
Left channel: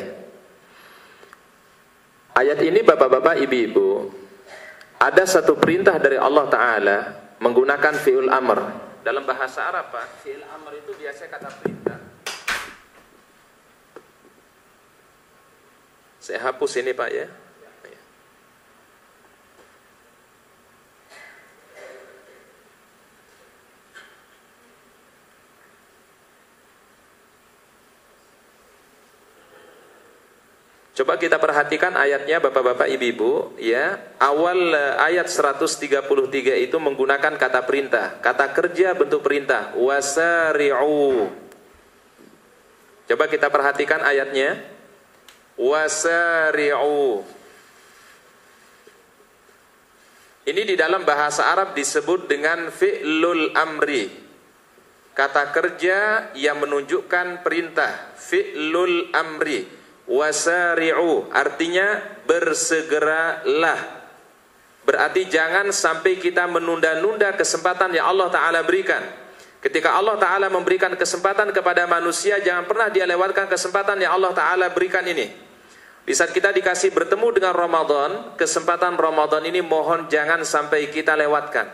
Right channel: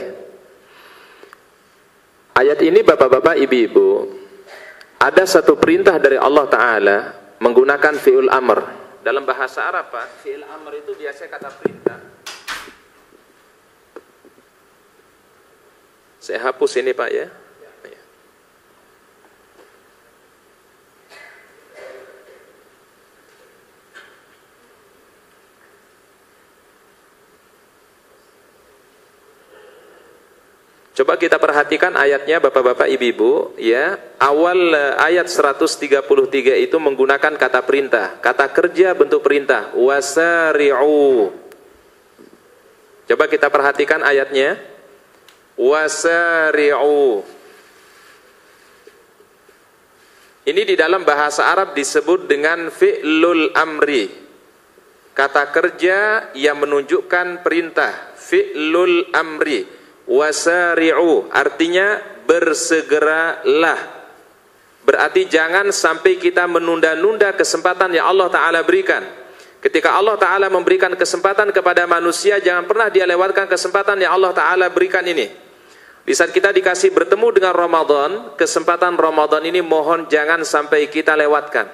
Ayat ini bapak-bapak, ibu-ibu, ada satu perintah dari Allah Ta'ala menggunakan fi'ul amr. Dalam bahasa Arab, Pak, fi'il amr itu biasa kata perintah. Saya hapus ini, Pak, ya. Coba kita perhatikan ayatnya, bapak-bapak, ibu-ibu, ya. Awal ayat 133 itu menggunakan kata perintah, kata kerja bentuk perintah, wasari'u. Coba kita perhatikan ayatnya. Wasari'u. Ini di dalam bahasa Arab disebut dengan fi'lul amri, kata kerja yang menunjukkan perintah, fi'lul amri. Wasari'u artinya bersegeralah. Berarti jangan sampai kita menunda-nunda kesempatan yang Allah Ta'ala berikan. Ketika Allah Ta'ala memberikan kesempatan kepada manusia, jangan pernah dia lewatkan kesempatan yang Allah Ta'ala berikan ini. Di saat kita dikasih bertemu dengan Ramadan, kesempatan Ramadan ini mohon jangan sampai kita lewatkan.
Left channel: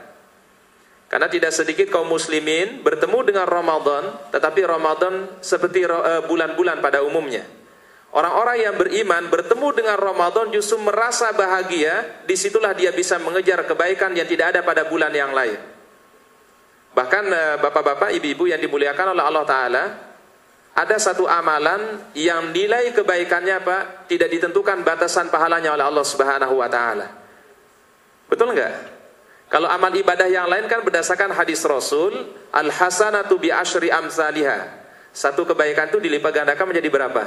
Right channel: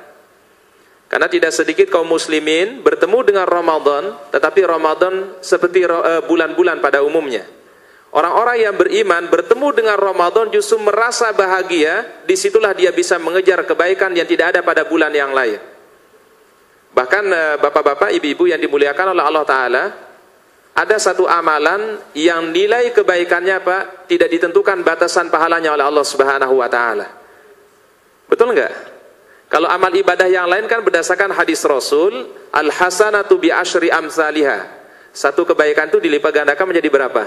Karena tidak sedikit kaum muslimin bertemu dengan Ramadan, tetapi Ramadan seperti bulan-bulan pada umumnya. Orang-orang yang beriman bertemu dengan Ramadan justru merasa bahagia, disitulah dia bisa mengejar kebaikan yang tidak ada pada bulan yang lain. Bahkan bapak-bapak, ibu-ibu yang dimuliakan oleh Allah Ta'ala, ada satu amalan yang nilai kebaikannya Pak tidak ditentukan batasan pahalanya oleh Allah Subhanahu wa Ta'ala. Betul enggak? Kalau amal ibadah yang lain kan berdasarkan hadis Rasul, al-hasanatu bi asyri amsalihah. Satu kebaikan itu dilipat gandakan menjadi berapa?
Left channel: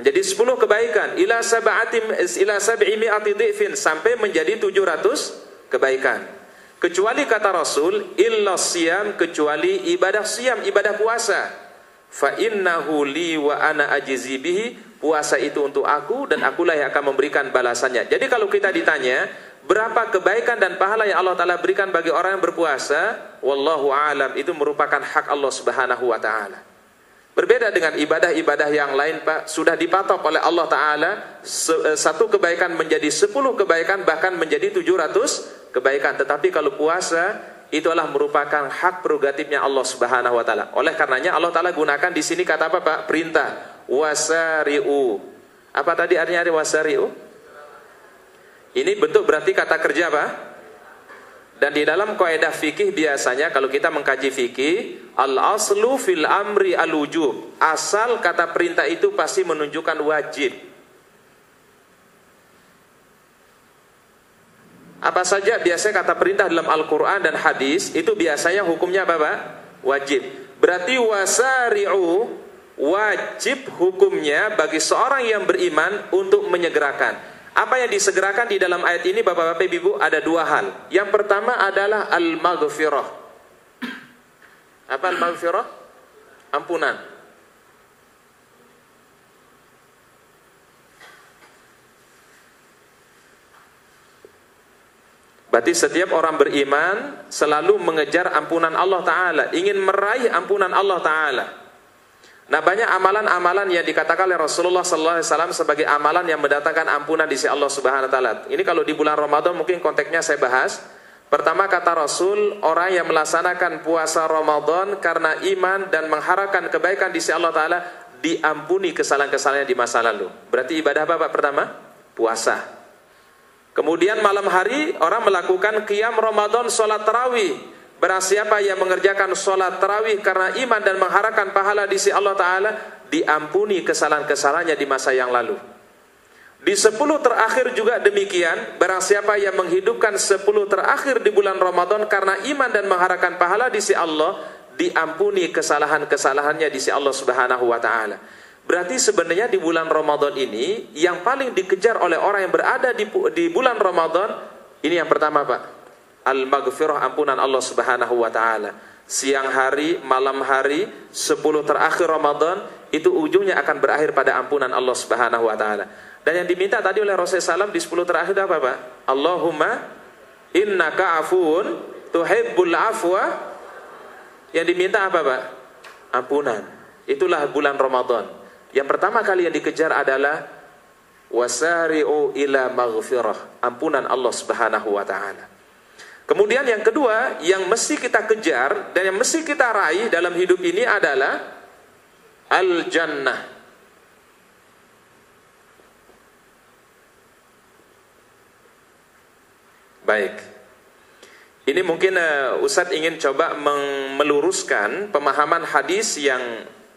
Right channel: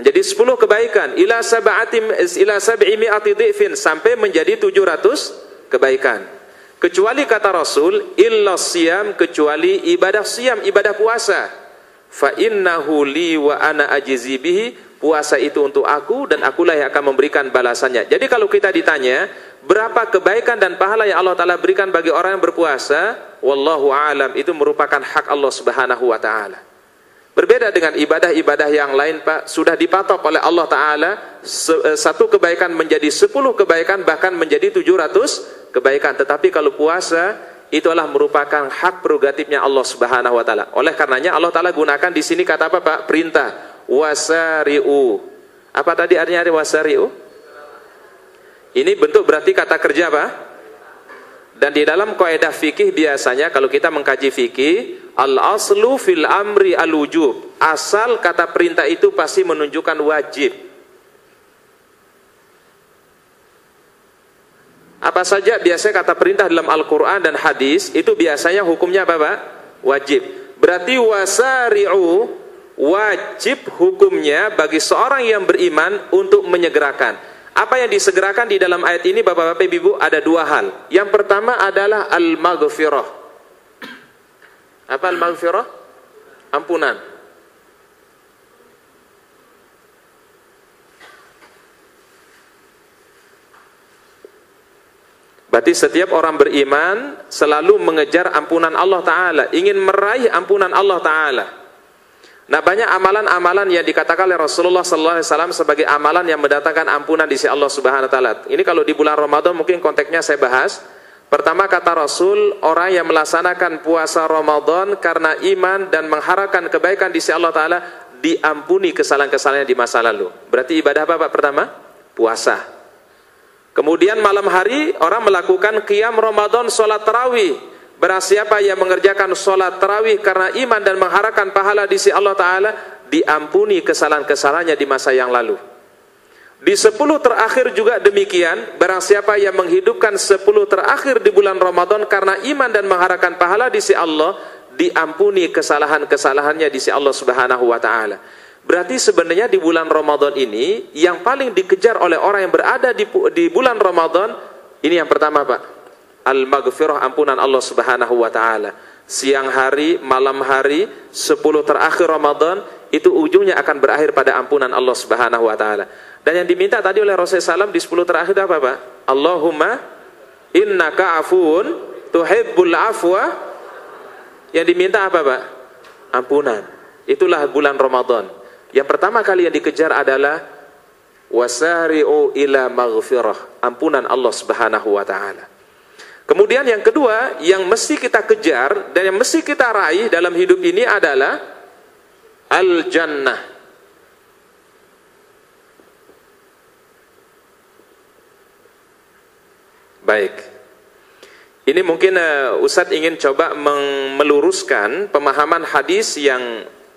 Menjadi 10 kebaikan, ila sab'i mi'ati dhifin, sampai menjadi 700 kebaikan. Kecuali kata Rasul, illa siyam, kecuali ibadah siyam, ibadah puasa. Fa innahu li wa ana ajzi bihi, puasa itu untuk aku dan akulah yang akan memberikan balasannya. Jadi kalau kita ditanya, berapa kebaikan dan pahala yang Allah Ta'ala berikan bagi orang yang berpuasa, wallahu a'lam, itu merupakan hak Allah Subhanahu wa Ta'ala. Berbeda dengan ibadah-ibadah yang lain Pak, sudah dipatok oleh Allah Ta'ala, satu kebaikan menjadi 10 kebaikan, bahkan menjadi 700 kebaikan. Tetapi kalau puasa, itu adalah merupakan hak prerogatifnya Allah Subhanahu wa Ta'ala. Oleh karenanya Allah Ta'ala gunakan di sini kata apa Pak? Perintah. Wasari'u. Apa tadi artinya wasari'u? Ini bentuk berarti kata kerja Pak. Dan di dalam kaidah fikih biasanya kalau kita mengkaji fikih, al-aslu fil amri al-wujub. Asal kata perintah itu pasti menunjukkan wajib. Apa saja biasanya kata perintah dalam Al-Quran dan hadis, itu biasanya hukumnya apa Pak? Wajib. Berarti wasari'u, wajib hukumnya bagi seorang yang beriman untuk menyegerakan. Apa yang disegerakan di dalam ayat ini Bapak-bapak Ibu ada dua hal. Yang pertama adalah al-maghfirah. Apa al-maghfirah? Ampunan. Berarti setiap orang beriman selalu mengejar ampunan Allah Ta'ala, ingin meraih ampunan Allah Ta'ala. Nah, banyak amalan-amalan yang dikatakan oleh Rasulullah SAW sebagai amalan yang mendatangkan ampunan di sisi Allah Subhanahu wa Ta'ala. Ini kalau di bulan Ramadan mungkin konteksnya saya bahas. Pertama kata Rasul, orang yang melaksanakan puasa Ramadan karena iman dan mengharapkan kebaikan di sisi Allah Ta'ala, diampuni kesalahan-kesalahan di masa lalu. Berarti ibadah apa Pak pertama? Puasa. Kemudian malam hari orang melakukan qiyam Ramadan, sholat tarawih. Barang siapa yang mengerjakan sholat tarawih karena iman dan mengharapkan pahala di sisi Allah Ta'ala, diampuni kesalahan-kesalahannya di masa yang lalu. Di 10 terakhir juga demikian. Barang siapa yang menghidupkan 10 terakhir di bulan Ramadan karena iman dan mengharapkan pahala di sisi Allah, diampuni kesalahan-kesalahannya di sisi Allah Subhanahu wa Ta'ala. Berarti sebenarnya di bulan Ramadan ini yang paling dikejar oleh orang yang berada di bulan Ramadan ini yang pertama Pak, al-maghfirah, ampunan Allah Subhanahu wa Ta'ala. Siang hari, malam hari, 10 terakhir Ramadan, itu ujungnya akan berakhir pada ampunan Allah Subhanahu wa Ta'ala. Dan yang diminta tadi oleh Rasulullah SAW di 10 terakhir itu apa Pak? Allahumma innaka afuun tuhibbul afwa. Yang diminta apa Pak? Ampunan. Itulah bulan Ramadan. Yang pertama kali yang dikejar adalah wasari'u ila maghfirah, ampunan Allah Subhanahu wa Ta'ala. Kemudian yang kedua yang mesti kita kejar dan yang mesti kita raih dalam hidup ini adalah al-jannah. Baik. Ini mungkin Ustadz ingin coba meluruskan pemahaman hadis yang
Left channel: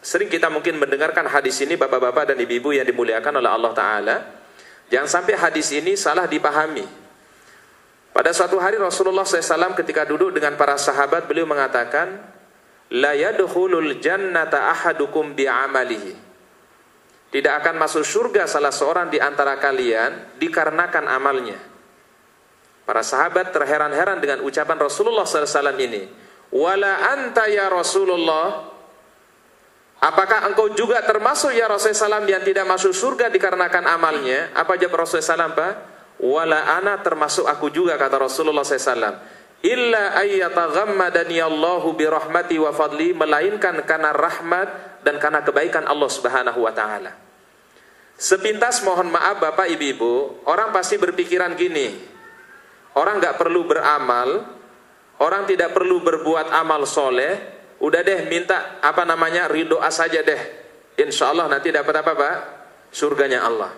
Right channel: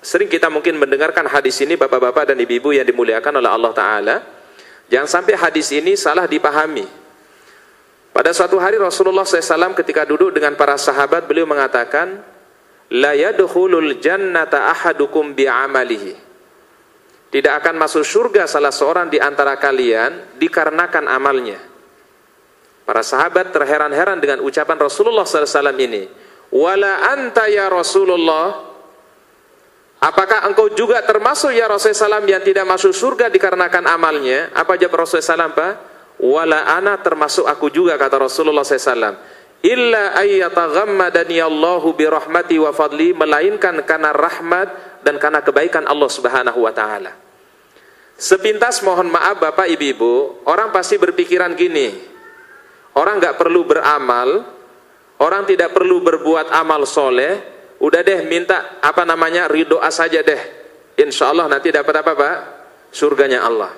sering kita mungkin mendengarkan hadis ini bapak-bapak dan ibu-ibu yang dimuliakan oleh Allah Ta'ala. Jangan sampai hadis ini salah dipahami. Pada suatu hari Rasulullah SAW ketika duduk dengan para sahabat, beliau mengatakan, la yadkhulul jannata ahadukum bi'amalihi. Tidak akan masuk surga salah seorang di antara kalian dikarenakan amalnya. Para sahabat terheran-heran dengan ucapan Rasulullah SAW ini. Wala anta ya Rasulullah, apakah engkau juga termasuk ya Rasulullah SAW yang tidak masuk surga dikarenakan amalnya? Apa jawab Rasulullah SAW Pak? wala ana, termasuk aku juga, kata Rasulullah SAW, illa ayyataghammadani Allahu birahmati wa fadli, melainkan karena rahmat dan karena kebaikan Allah Subhanahu wa taala. Sepintas mohon maaf Bapak Ibu, orang pasti berpikiran gini, orang nggak perlu beramal, orang tidak perlu berbuat amal soleh, udah deh minta ridho saja deh, insya Allah nanti dapat apa Pak? Surganya Allah.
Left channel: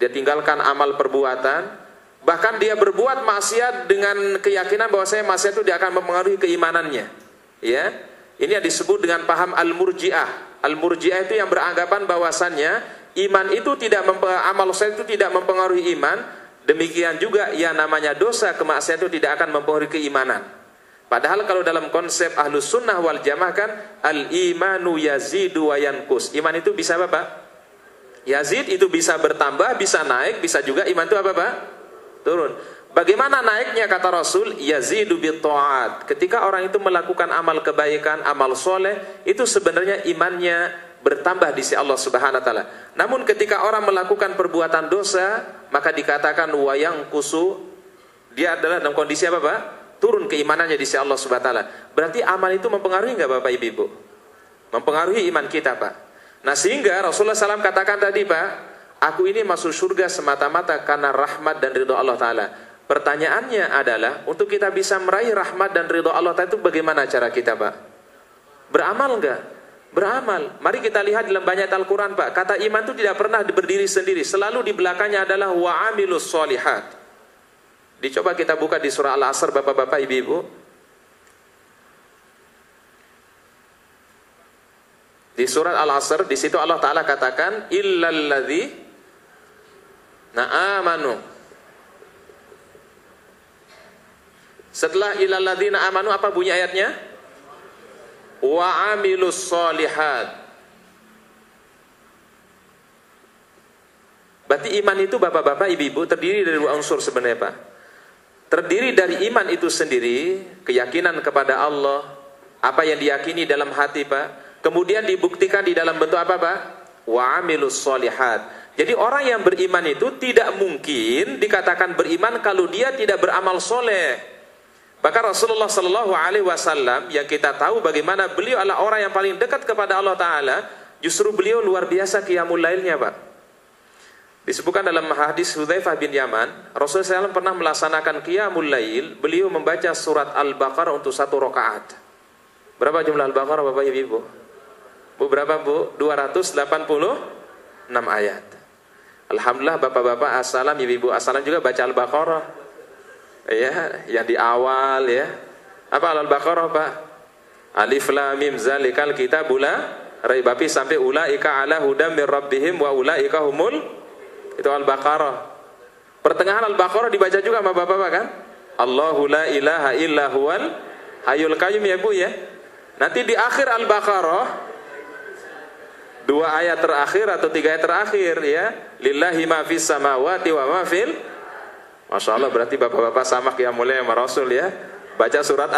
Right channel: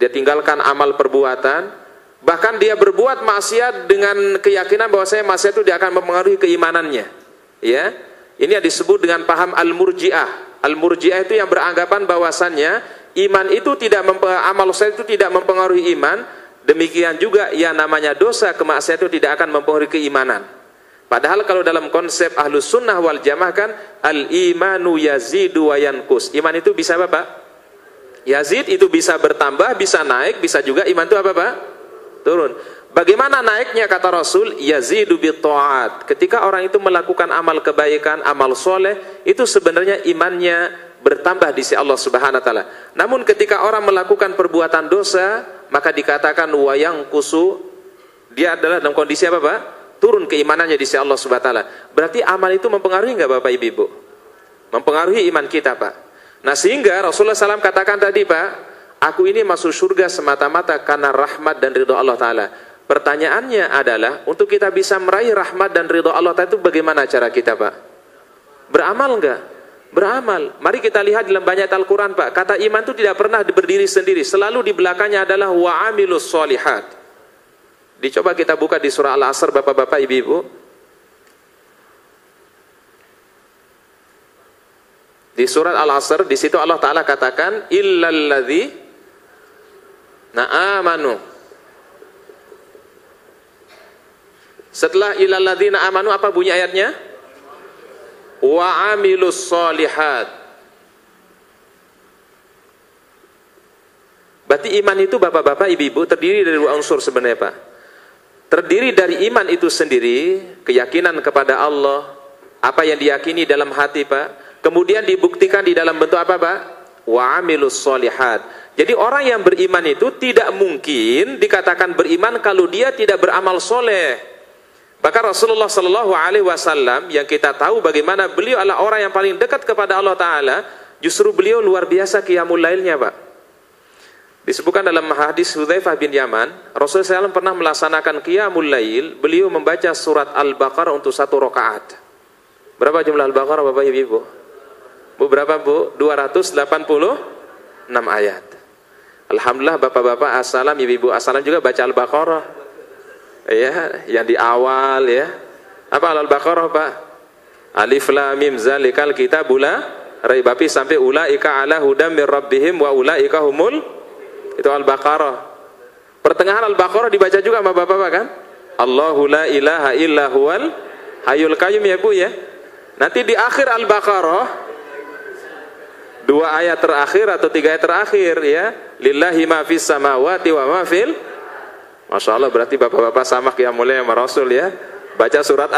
Dia tinggalkan amal perbuatan, bahkan dia berbuat maksiat dengan keyakinan bahwa maksiat itu dia akan mempengaruhi keimanannya. Ya, ini yang disebut dengan paham al-murji'ah. Al-murji'ah itu yang beranggapan bahwasannya iman itu amal soleh itu tidak mempengaruhi iman. Demikian juga yang namanya dosa, kemaksiatan itu tidak akan mempengaruhi keimanan. Padahal kalau dalam konsep Ahlus Sunnah wal Jamaah kan al-imanu yazidu wa yanqus. Iman itu bisa apa Pak? Yazid itu bisa bertambah, bisa naik, bisa juga iman itu apa Pak? Turun. Bagaimana naiknya kata Rasul? Yazidu bitta'at. Ketika orang itu melakukan amal kebaikan, amal soleh, itu sebenarnya imannya bertambah di sisi Allah Subhanahu wa taala. Namun ketika orang melakukan perbuatan dosa, maka dikatakan wa yanqusu, dia adalah dalam kondisi apa Pak? Turun keimanannya di sisi Allah Subhanahu wa taala. Berarti amal itu mempengaruhi enggak Bapak Ibu? Mempengaruhi iman kita Pak. Nah sehingga Rasulullah SAW katakan tadi Pak, aku ini masuk surga semata-mata karena rahmat dan ridho Allah Ta'ala. Pertanyaannya adalah, untuk kita bisa meraih rahmat dan ridho Allah Ta'ala itu bagaimana cara kita Pak? Beramal enggak? Beramal. Mari kita lihat dalam banyak Al-Quran Pak, kata iman itu tidak pernah berdiri sendiri, selalu di belakangnya adalah wa'amilus solihat. Dicoba kita buka di surah Al-Asr Bapak-bapak Ibu-ibu. Di surat Al-Asr, di situ Allah Ta'ala katakan illalladzi na'amanu. Setelah illalladzina amanu apa bunyi ayatnya? Wa amilus solihat. Berarti iman itu Bapak-bapak Ibu-ibu terdiri dari dua unsur sebenarnya Pak. Terdiri dari iman itu sendiri, keyakinan kepada Allah, apa yang diyakini dalam hati Pak. Kemudian dibuktikan di dalam bentuk apa Pak? Wa amilus solihat. Jadi orang yang beriman itu tidak mungkin dikatakan beriman kalau dia tidak beramal soleh. Bahkan Rasulullah SAW yang kita tahu bagaimana beliau adalah orang yang paling dekat kepada Allah Ta'ala, justru beliau luar biasa qiyamul lailnya Pak. Disebutkan dalam hadis Hudzaifah bin Yaman, Rasulullah SAW pernah melaksanakan qiyamul lail, beliau membaca surat Al-Baqarah untuk 1 rakaat. Berapa jumlah Al-Baqarah Bapak Ibu? Berapa Bu? 286 ayat. Alhamdulillah Bapak-bapak assalam, Ibu-ibu assalam juga baca Al-Baqarah. Ya, yang di awal ya. Apa Al-Baqarah Pak? Alif lam mim zalikal kitabul la raiba fihi sampai ulaika ala hudam mir rabbihim wa ulaika humul. Itu Al-Baqarah. Pertengahan Al-Baqarah dibaca juga sama Bapak-bapak kan? Allahu la ilaha illa huwal hayyul qayyum ya Bu ya. Nanti di akhir Al-Baqarah 2 ayat terakhir atau 3 ayat terakhir ya, lillahi ma fis samawati wa ma fil. Masya Allah, berarti bapak-bapak sama qiyamul lail sama Rasul ya. Baca surat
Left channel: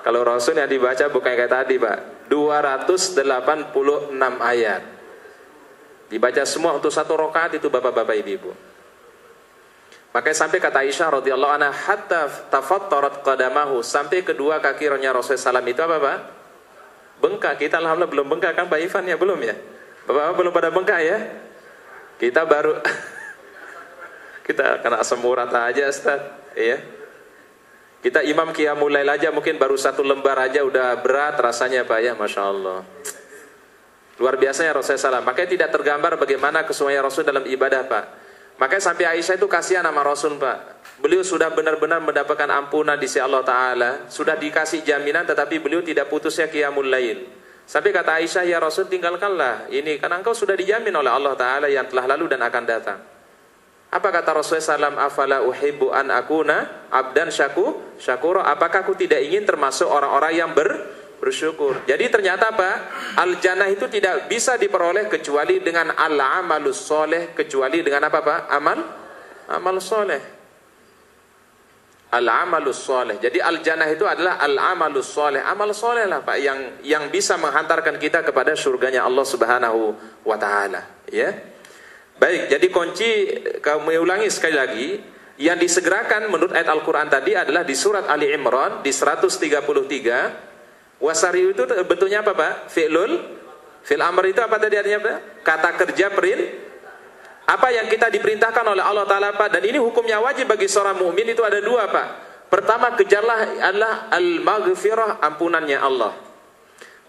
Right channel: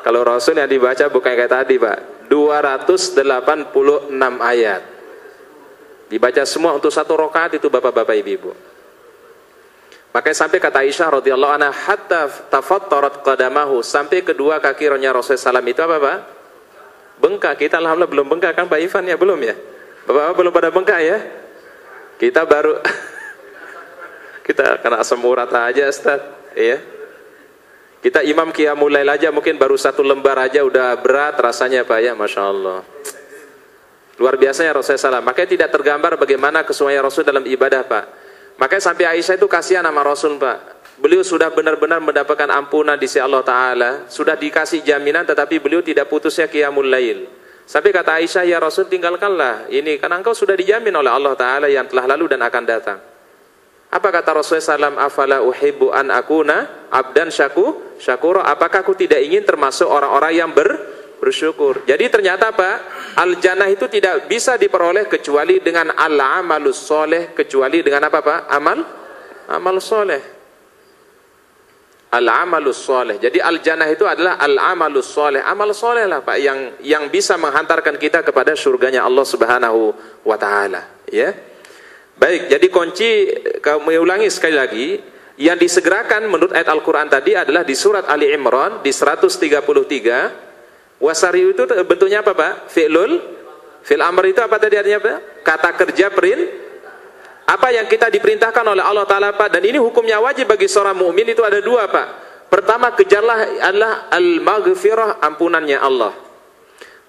kalau Rasul yang dibaca bukan kayak tadi Pak, 286 ayat dibaca semua untuk 1 rakaat itu Bapak-bapak Ibu-ibu. Makanya sampai kata Aisyah radhiyallahu anha hatta tafattarat qadamahu, sampai kedua kaki Rasulullah SAW itu apa Pak? Bengkak. Kita alhamdulillah belum bengkak kan Pak Ivan ya, belum ya? Bapak-bapak belum pada bengkak ya? Kita baru kita kena asam urat aja Ustaz, ya. Kita imam qiyamul lail aja mungkin baru 1 lembar aja udah berat rasanya Pak ya, Masya Allah. Luar biasa ya Rasulullah SAW. Makanya tidak tergambar bagaimana kesesuaian Rasul dalam ibadah Pak. Makanya sampai Aisyah itu kasihan sama Rasul Pak. Beliau sudah benar-benar mendapatkan ampunan di sisi Allah Ta'ala, sudah dikasih jaminan, tetapi beliau tidak putusnya qiyamul lail. Sampai kata Aisyah, ya Rasul tinggalkanlah ini, karena engkau sudah dijamin oleh Allah Ta'ala yang telah lalu dan akan datang. Apa kata Rasulullah SAW? Afala uhibbu an akuna abdan syakura. Apakah aku tidak ingin termasuk orang-orang yang bersyukur? Jadi ternyata Pak, al-jannah itu tidak bisa diperoleh kecuali dengan al-amalus soleh, kecuali dengan apa Pak? Amal soleh. Al-amalus soleh. Jadi al-jannah itu adalah al-amalus soleh. Amal soleh lah Pak yang bisa menghantarkan kita kepada surganya Allah Subhanahu wa taala, ya. Baik, jadi kunci, kami ulangi sekali lagi, yang disegerakan menurut ayat Al-Quran tadi adalah di surat Ali Imran di 133. Wasari'u itu bentuknya apa Pak? Fi'l amr itu apa tadi artinya Pak? Kata kerja apa yang kita diperintahkan oleh Allah Ta'ala Pak, dan ini hukumnya wajib bagi seorang mukmin itu ada dua Pak. Pertama, kejarlah adalah al-maghfirah, ampunannya Allah.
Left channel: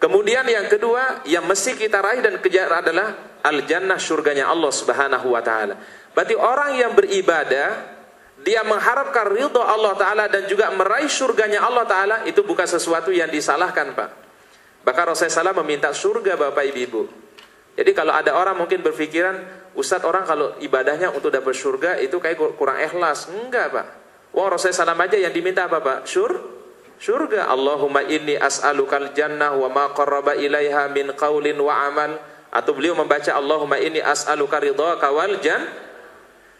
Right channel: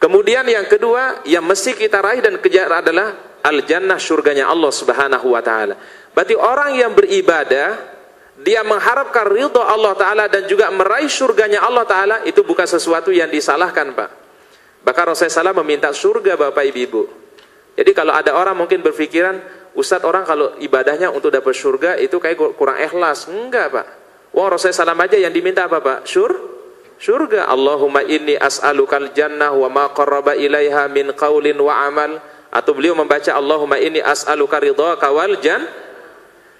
Kemudian yang kedua yang mesti kita raih dan kejar adalah al-jannah, surganya Allah Subhanahu wa Ta'ala. Berarti orang yang beribadah, dia mengharapkan ridha Allah Ta'ala dan juga meraih surganya Allah Ta'ala, itu bukan sesuatu yang disalahkan Pak. Bahkan Rasulullah SAW meminta surga Bapak Ibu. Jadi kalau ada orang mungkin berpikiran, Ustadz, orang kalau ibadahnya untuk dapat surga itu kayak kurang ikhlas. Enggak Pak. Wah, Rasulullah SAW aja yang diminta apa Pak? Surga. Allahumma inni as'alukal jannah wa ma qarraba ilaiha min qaulin wa amal. Atau beliau membaca Allahumma inni as'aluka ridhaka wal jannah.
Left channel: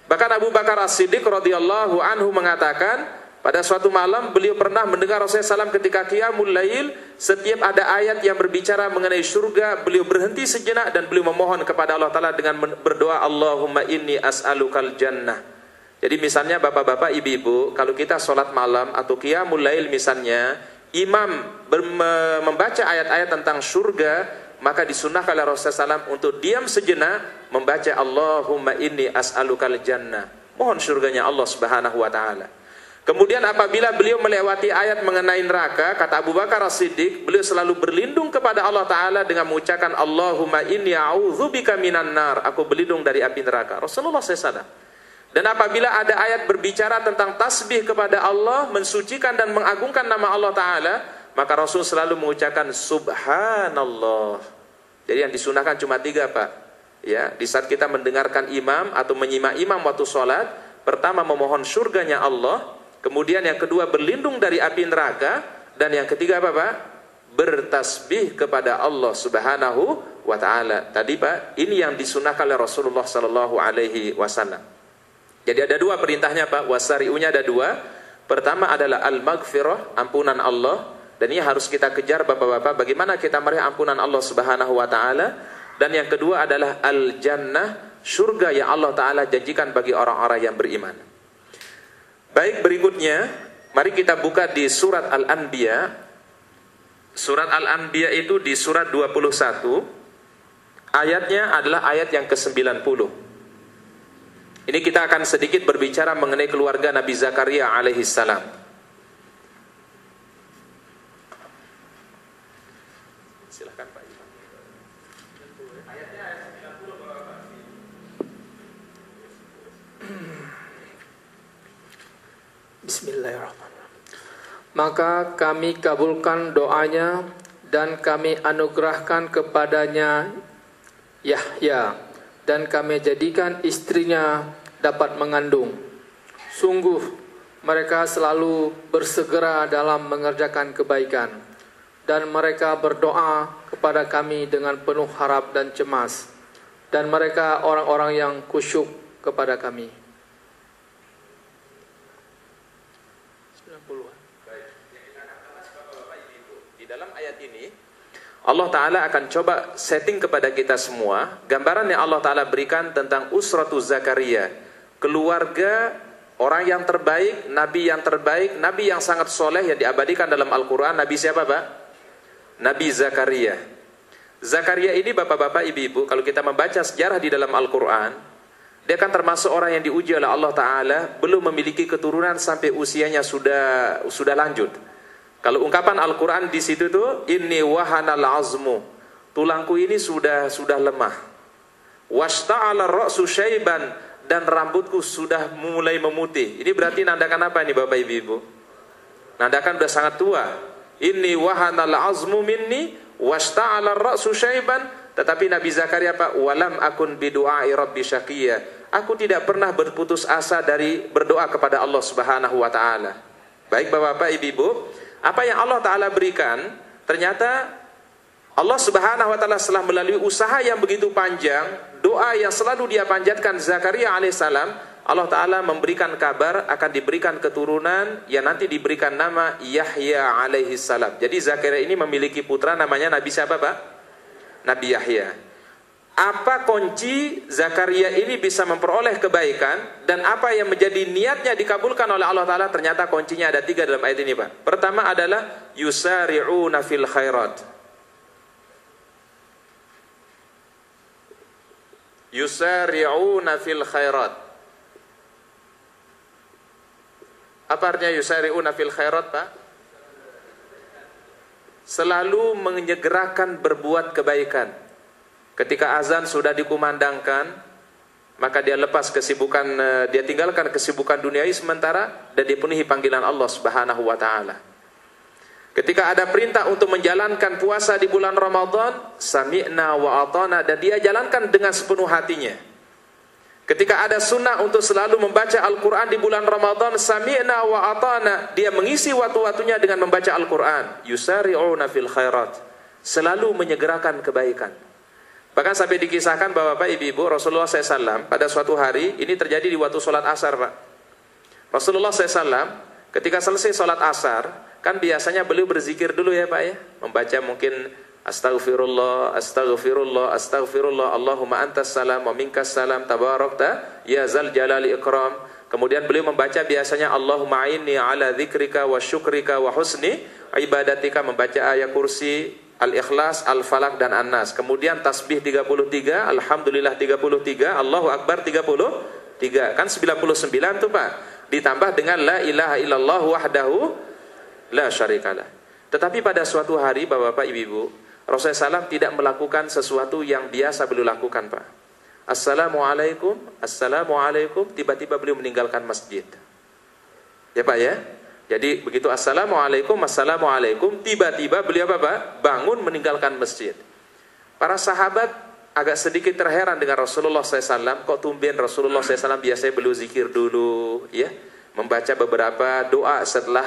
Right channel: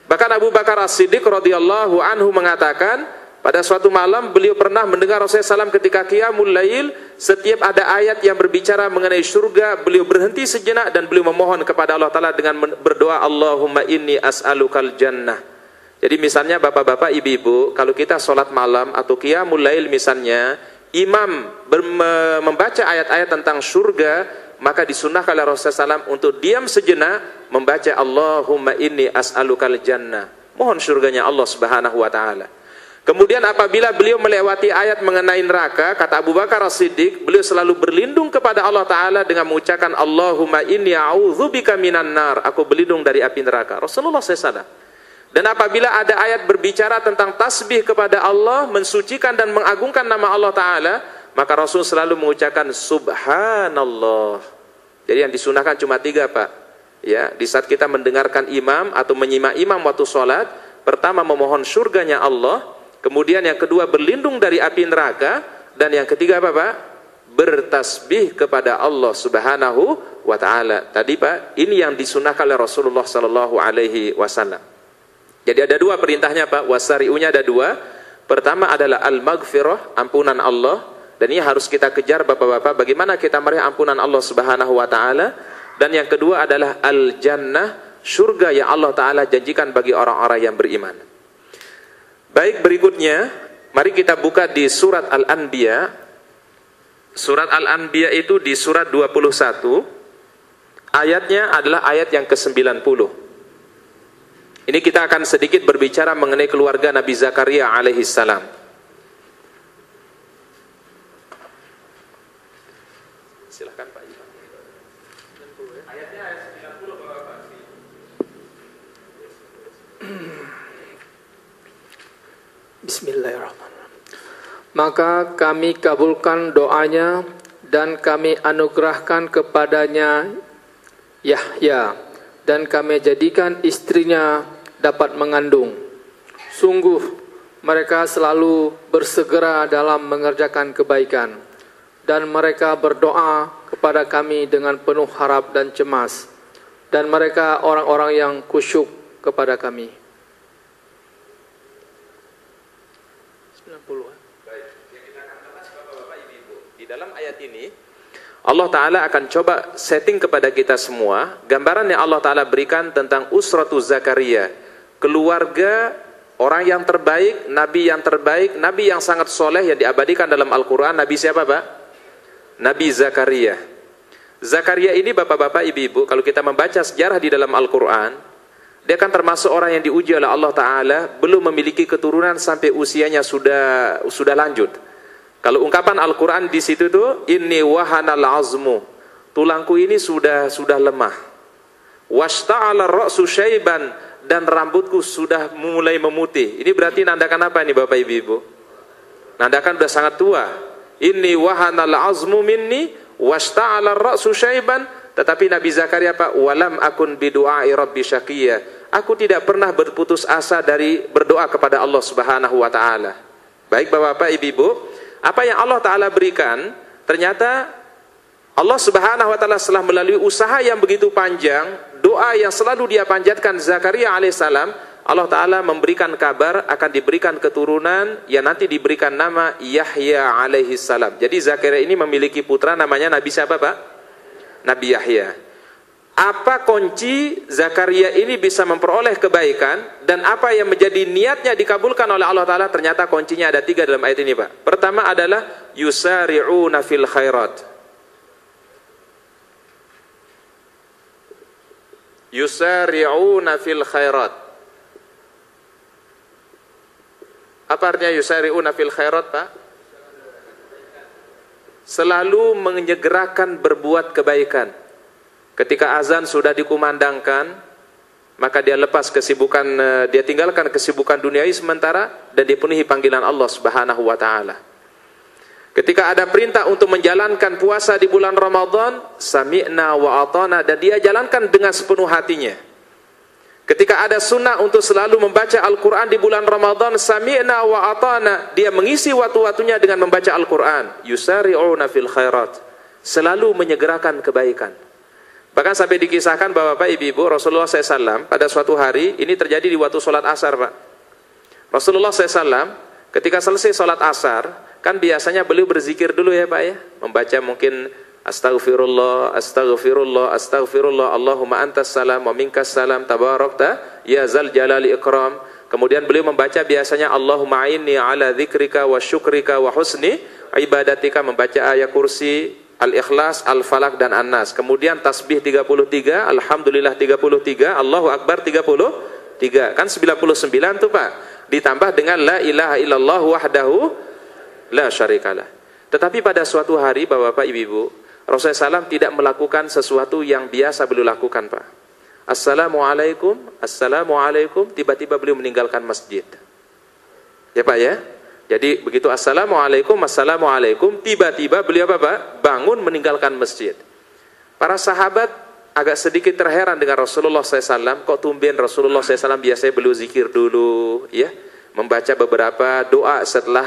Bahkan Abu Bakar As-Siddiq radhiyallahu anhu mengatakan, pada suatu malam beliau pernah mendengar Rasulullah SAW ketika qiyamul lail, setiap ada ayat yang berbicara mengenai surga, beliau berhenti sejenak dan beliau memohon kepada Allah Ta'ala dengan berdoa, Allahumma inni as'alukal jannah. Jadi misalnya bapak-bapak, ibu-ibu, kalau kita sholat malam atau qiyamul lail misalnya, imam membaca ayat-ayat tentang surga, maka disunnahkan oleh Rasulullah SAW untuk diam sejenak membaca Allahumma inni as'alukal jannah, mohon surganya Allah Subhanahu wa Ta'ala. Kemudian apabila beliau melewati ayat mengenai neraka, kata Abu Bakar As-Siddiq, beliau selalu berlindung kepada Allah Ta'ala dengan mengucapkan Allahumma inni a'udzubika minan nar, aku berlindung dari api neraka. Rasulullah SAW. Dan apabila ada ayat berbicara tentang tasbih kepada Allah, mensucikan dan mengagungkan nama Allah Ta'ala, maka Rasul selalu mengucapkan Subhanallah. Jadi yang disunahkan cuma 3 Pak. Ya, di saat kita mendengarkan imam atau menyimak imam waktu sholat, pertama memohon surganya Allah, kemudian yang kedua berlindung dari api neraka, dan yang ketiga apa Pak? Bertasbih kepada Allah Subhanahu wa Ta'ala. Tadi Pak, ini yang disunahkan oleh Rasulullah Sallallahu Alaihi Wasallam. Jadi ada 2 perintahnya Pak, wasari'unya ada 2. Pertama adalah al-maghfirah, ampunan Allah. Dan ini harus kita kejar Bapak-bapak, bagaimana kita meraih ampunan Allah Subhanahu wa Ta'ala. Dan yang kedua adalah al-jannah, surga yang Allah Ta'ala janjikan bagi orang-orang yang beriman. Baik, berikutnya mari kita buka di surat Al-Anbiya. Surat Al-Anbiya itu di surat 21. Ayatnya adalah ayat yang ke-90. Ini kita akan sedikit berbicara mengenai keluarga Nabi Zakaria alaihissalam. Silahkan Pak Ivan. Ayatnya ayat 90 Bapak. Bismillahirrahmanirrahim. Maka kami kabulkan doanya dan kami anugerahkan kepadanya Yahya, dan kami jadikan istrinya dapat mengandung. Sungguh mereka selalu bersegera dalam mengerjakan kebaikan, dan mereka berdoa kepada kami dengan penuh harap dan cemas, dan mereka orang-orang yang khusyuk kepada kami. 90-an. Baik, yang kita akan bahas Bapak-bapak, Ibu-ibu. Di dalam ayat ini Allah Ta'ala akan coba setting kepada kita semua gambaran yang Allah Ta'ala berikan tentang usratu Zakaria, keluarga orang yang terbaik, nabi yang sangat soleh yang diabadikan dalam Al-Quran. Nabi siapa Pak? Nabi Zakaria. Zakaria ini Bapak-bapak, Ibu-ibu, kalau kita membaca sejarah di dalam Al-Quran, dia kan termasuk orang yang diuji oleh Allah Ta'ala, belum memiliki keturunan sampai usianya sudah lanjut. Kalau ungkapan Al-Quran di situ tuh, inni wahanal azmu, tulangku ini sudah lemah. Washta'ala ra'su syaiban, dan rambutku sudah mulai memutih. Ini berarti nandakan apa ini Bapak Ibu? Nandakan sudah sangat tua. Inni wahanal azmu minni washta'ala ra'su syaiban. Tetapi Nabi Zakaria Pak, walam akun bidu'ai rabbi syaqiyya, aku tidak pernah berputus asa dari berdoa kepada Allah Subhanahu wa Ta'ala. Baik Bapak Ibu, apa yang Allah Ta'ala berikan, ternyata Allah Subhanahu wa Ta'ala setelah melalui usaha yang begitu panjang, doa yang selalu dia panjatkan Zakaria alaihissalam, Allah Ta'ala memberikan kabar akan diberikan keturunan yang nanti diberikan nama Yahya alaihissalam. Jadi Zakaria ini memiliki putra namanya Nabi siapa Pak? Nabi Yahya. apa kunci Zakaria ini bisa memperoleh kebaikan dan apa yang menjadi niatnya dikabulkan oleh Allah Ta'ala? Ternyata kuncinya ada 3 dalam ayat ini, Pak. Pertama adalah yusari'una fil khairat. Yusari'una fil khairat. Apa artinya yusari'una fil khairat, Pak? Selalu menyegerakan berbuat kebaikan. Ketika azan sudah dikumandangkan, maka dia lepas kesibukan, dia tinggalkan kesibukan duniawi sementara dan dipenuhi panggilan Allah Subhanahu wa taala. Ketika ada perintah untuk menjalankan puasa di bulan Ramadan, sami'na wa ata'na, dan dia jalankan dengan sepenuh hatinya. Ketika ada sunnah untuk selalu membaca Al-Quran di bulan Ramadan, sami'na wa ata'na, dia mengisi waktu-waktunya dengan membaca Al-Quran. Yusari'una fil khairat, selalu menyegerakan kebaikan. Bahkan sampai dikisahkan bahwa Bapak Ibu, Rasulullah SAW pada suatu hari, ini terjadi di waktu sholat asar, Pak. Rasulullah SAW ketika selesai sholat asar, kan biasanya beliau berzikir dulu ya Pak ya, membaca mungkin Astaghfirullah, Astaghfirullah, Astaghfirullah, Allahumma antas salam wa minkas salam, tabarakta ya zal jalali ikram. Kemudian beliau membaca biasanya Allahumma a'inni ala dzikrika wa syukrika wa husni ibadatika, membaca ayat kursi, Al-Ikhlas, Al-Falaq, dan An-Nas. Kemudian tasbih 33, Alhamdulillah 33, Allahu Akbar 33. Kan 99 tuh Pak. Ditambah dengan La ilaha illallah wahdahu la syarikalah. Tetapi pada suatu hari Bapak Ibu, Rasulullah SAW tidak melakukan sesuatu yang biasa beliau lakukan, Pak. Assalamualaikum, Assalamualaikum, tiba-tiba beliau meninggalkan masjid. Ya Pak ya? Jadi begitu Assalamualaikum, Assalamualaikum, tiba-tiba beliau apa? Bangun meninggalkan masjid. Para sahabat agak sedikit terheran dengan Rasulullah SAW. Kok tumben Rasulullah SAW biasanya beliau zikir dulu, ya, membaca beberapa doa setelah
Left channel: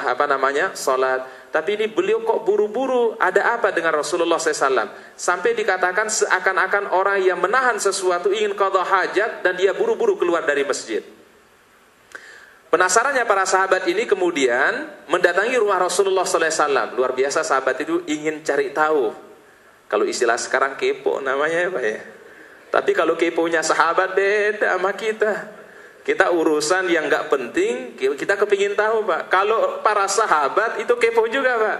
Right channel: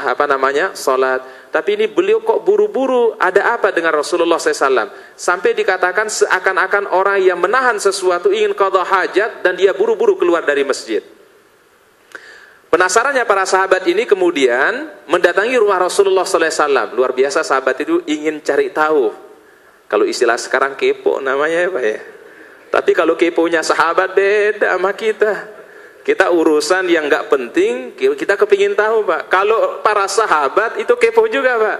salat. Tapi ini beliau kok buru-buru, ada apa dengan Rasulullah SAW? Sampai dikatakan seakan-akan orang yang menahan sesuatu ingin qadha hajat dan dia buru-buru keluar dari masjid. Penasarannya para sahabat ini kemudian mendatangi rumah Rasulullah SAW. Luar biasa sahabat itu ingin cari tahu. Kalau istilah sekarang kepo namanya ya Pak ya. Tapi kalau keponya sahabat beda sama kita. Kita urusan yang nggak penting, kita kepingin tahu Pak. Kalau para sahabat itu kepo juga Pak.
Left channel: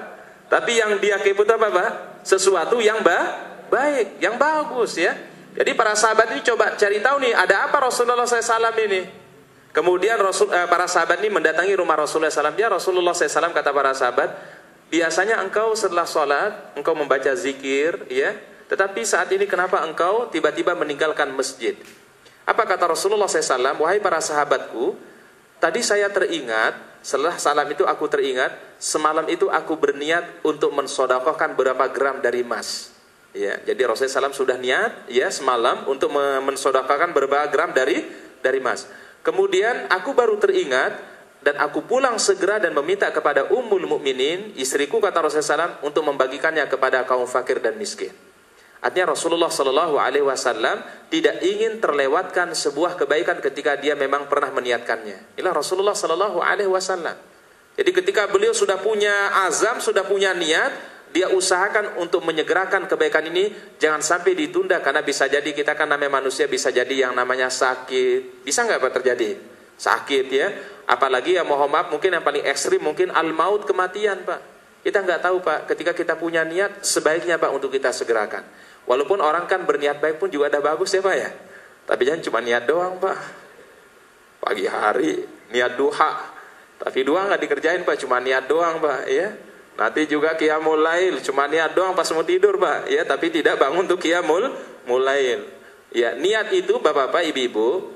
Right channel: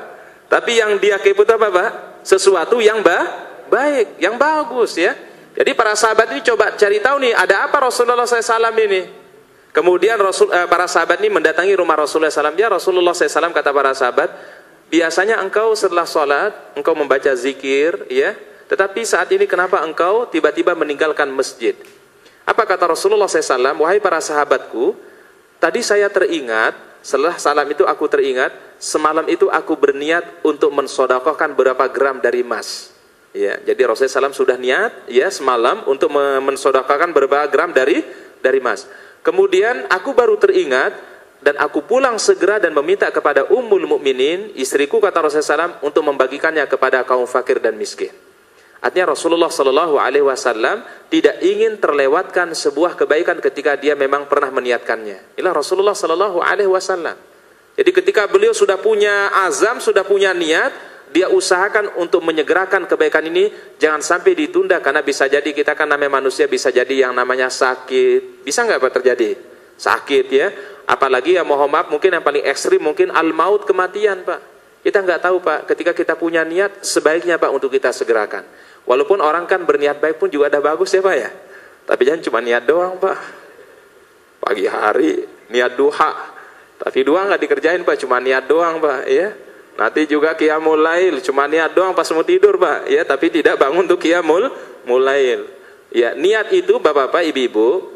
Tapi yang dia kepo itu apa Pak? Sesuatu yang baik, yang bagus ya. Jadi para sahabat ini coba cari tahu nih, ada apa Rasulullah SAW ini? Kemudian para sahabat ini mendatangi rumah Rasulullah SAW. Ya Rasulullah SAW, kata para sahabat, biasanya engkau setelah sholat, engkau membaca zikir, ya. Tetapi saat ini kenapa engkau tiba-tiba meninggalkan masjid? Apa kata Rasulullah SAW? Wahai para sahabatku, tadi saya teringat, setelah salam itu aku teringat, semalam itu aku berniat untuk mensodakohkan berapa gram dari emas. Ya, jadi Rasulullah SAW sudah niat, ya, semalam untuk mensodakohkan berapa gram dari emas. Kemudian aku baru teringat dan aku pulang segera dan meminta kepada Ummul Mukminin, istriku, kata Rasulullah SAW, untuk membagikannya kepada kaum fakir dan miskin. Artinya Rasulullah SAW tidak ingin terlewatkan sebuah kebaikan ketika dia memang pernah meniatkannya. Inilah Rasulullah SAW. Jadi ketika beliau sudah punya azam, sudah punya niat, dia usahakan untuk menyegerakan kebaikan ini, jangan sampai ditunda, karena bisa jadi kita kan namanya manusia, bisa jadi yang namanya sakit. Bisa nggak Pak terjadi? Sakit ya. Apalagi ya mohon maaf, mungkin yang paling ekstrim mungkin al-maut, kematian Pak. Kita nggak tahu Pak, ketika kita punya niat, sebaiknya Pak untuk kita segerakan. Walaupun orang kan berniat baik pun juga ada bagus ya Pak ya. Tapi jangan cuma niat doang Pak. Pagi hari niat duha, tapi duha nggak dikerjain Pak, cuma niat doang Pak ya. Nanti juga qiyamul lail, cuma niat doang pas mau tidur Pak, ya, tapi tidak bangun untuk qiyamul lail. Ya, niat itu Bapak-bapak, Ibu-ibu,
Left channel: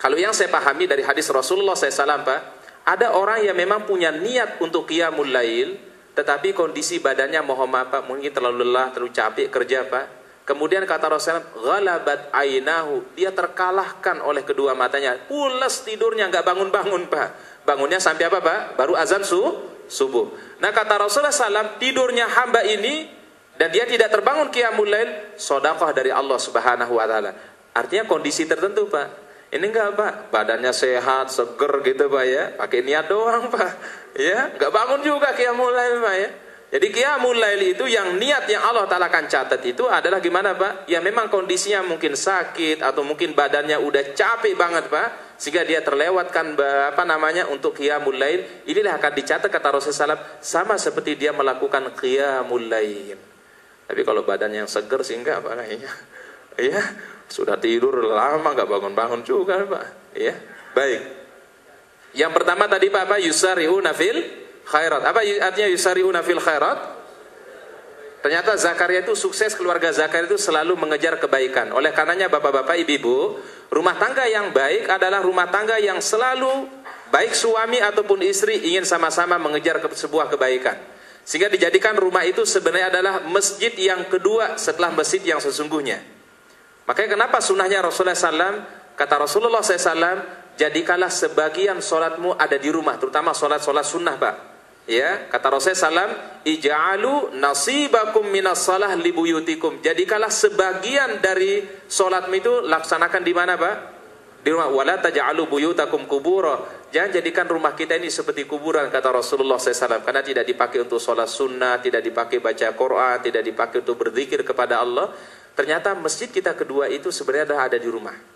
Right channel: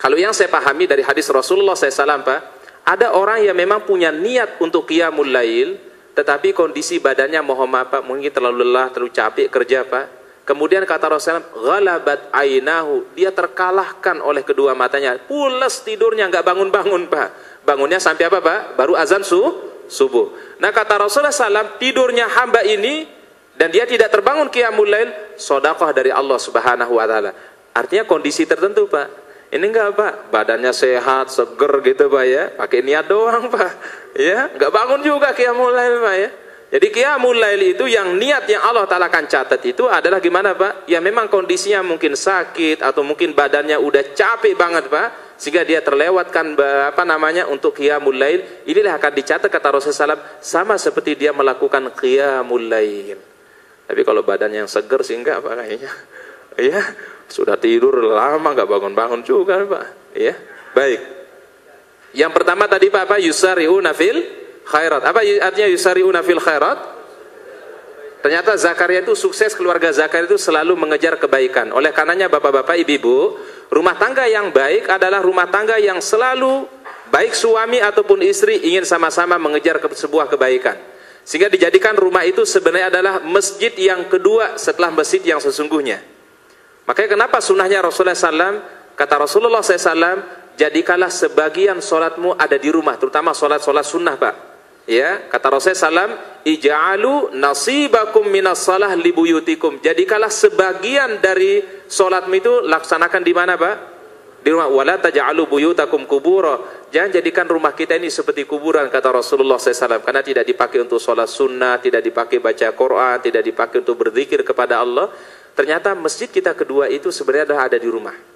kalau yang saya pahami dari hadis Rasulullah SAW Pak, ada orang yang memang punya niat untuk qiyamul lail, tetapi kondisi badannya mohon maaf Pak, mungkin terlalu lelah, terlalu capek kerja Pak. Kemudian kata Rasulullah, ghalabat ainahu, dia terkalahkan oleh kedua matanya, pules tidurnya, nggak bangun-bangun Pak. Bangunnya sampai apa Pak? Baru azan subuh. Nah kata Rasulullah SAW, tidurnya hamba ini dan dia tidak terbangun qiyamul lail, sedekah dari Allah Subhanahu wa taala. Artinya kondisi tertentu Pak. Ini enggak Pak, badannya sehat, seger gitu Pak ya, pakai niat doang Pak. Ya, enggak bangun juga qiyamul lail Pak ya. Jadi qiyamul lail itu yang niat yang Allah Ta'ala akan catat itu adalah gimana Pak? Ya memang kondisinya mungkin sakit atau mungkin badannya udah capek banget Pak, sehingga dia terlewatkan untuk qiyamul lail. Inilah akan dicatat kata Rasulullah SAW sama seperti dia melakukan qiyamul lail. Tapi kalau badannya yang seger sih enggak Pak kayaknya. Ya, sudah tidur lama enggak bangun-bangun juga Pak. Ya, baik. Yang pertama tadi Pak apa? Yusari'una fil khairat. Apa artinya yusari'una fil khairat? Ternyata Zakaria itu sukses, keluarga Zakaria itu selalu mengejar kebaikan. Oleh karenanya bapak-bapak, ibu-ibu, rumah tangga yang baik adalah rumah tangga yang selalu baik suami ataupun istri ingin sama-sama mengejar sebuah kebaikan. Sehingga dijadikan rumah itu sebenarnya adalah masjid yang kedua setelah masjid yang sesungguhnya. Makanya kenapa sunnahnya Rasulullah SAW, kata Rasulullah SAW, jadikanlah sebagian solatmu ada di rumah, terutama solat-solat sunnah Pak. Ya, kata Rasulullah SAW, ij'alu nasibakum minas salah libuyutikum. Jadikanlah sebagian dari solatmu itu laksanakan di mana Pak? Di rumah. Wala taj'alu buyutakum kubura. Jangan jadikan rumah kita ini seperti kuburan, kata Rasulullah SAW. Karena tidak dipakai untuk solat sunnah, tidak dipakai baca Quran, tidak dipakai untuk berzikir kepada Allah. Ternyata masjid kita kedua itu sebenarnya adalah ada di rumah.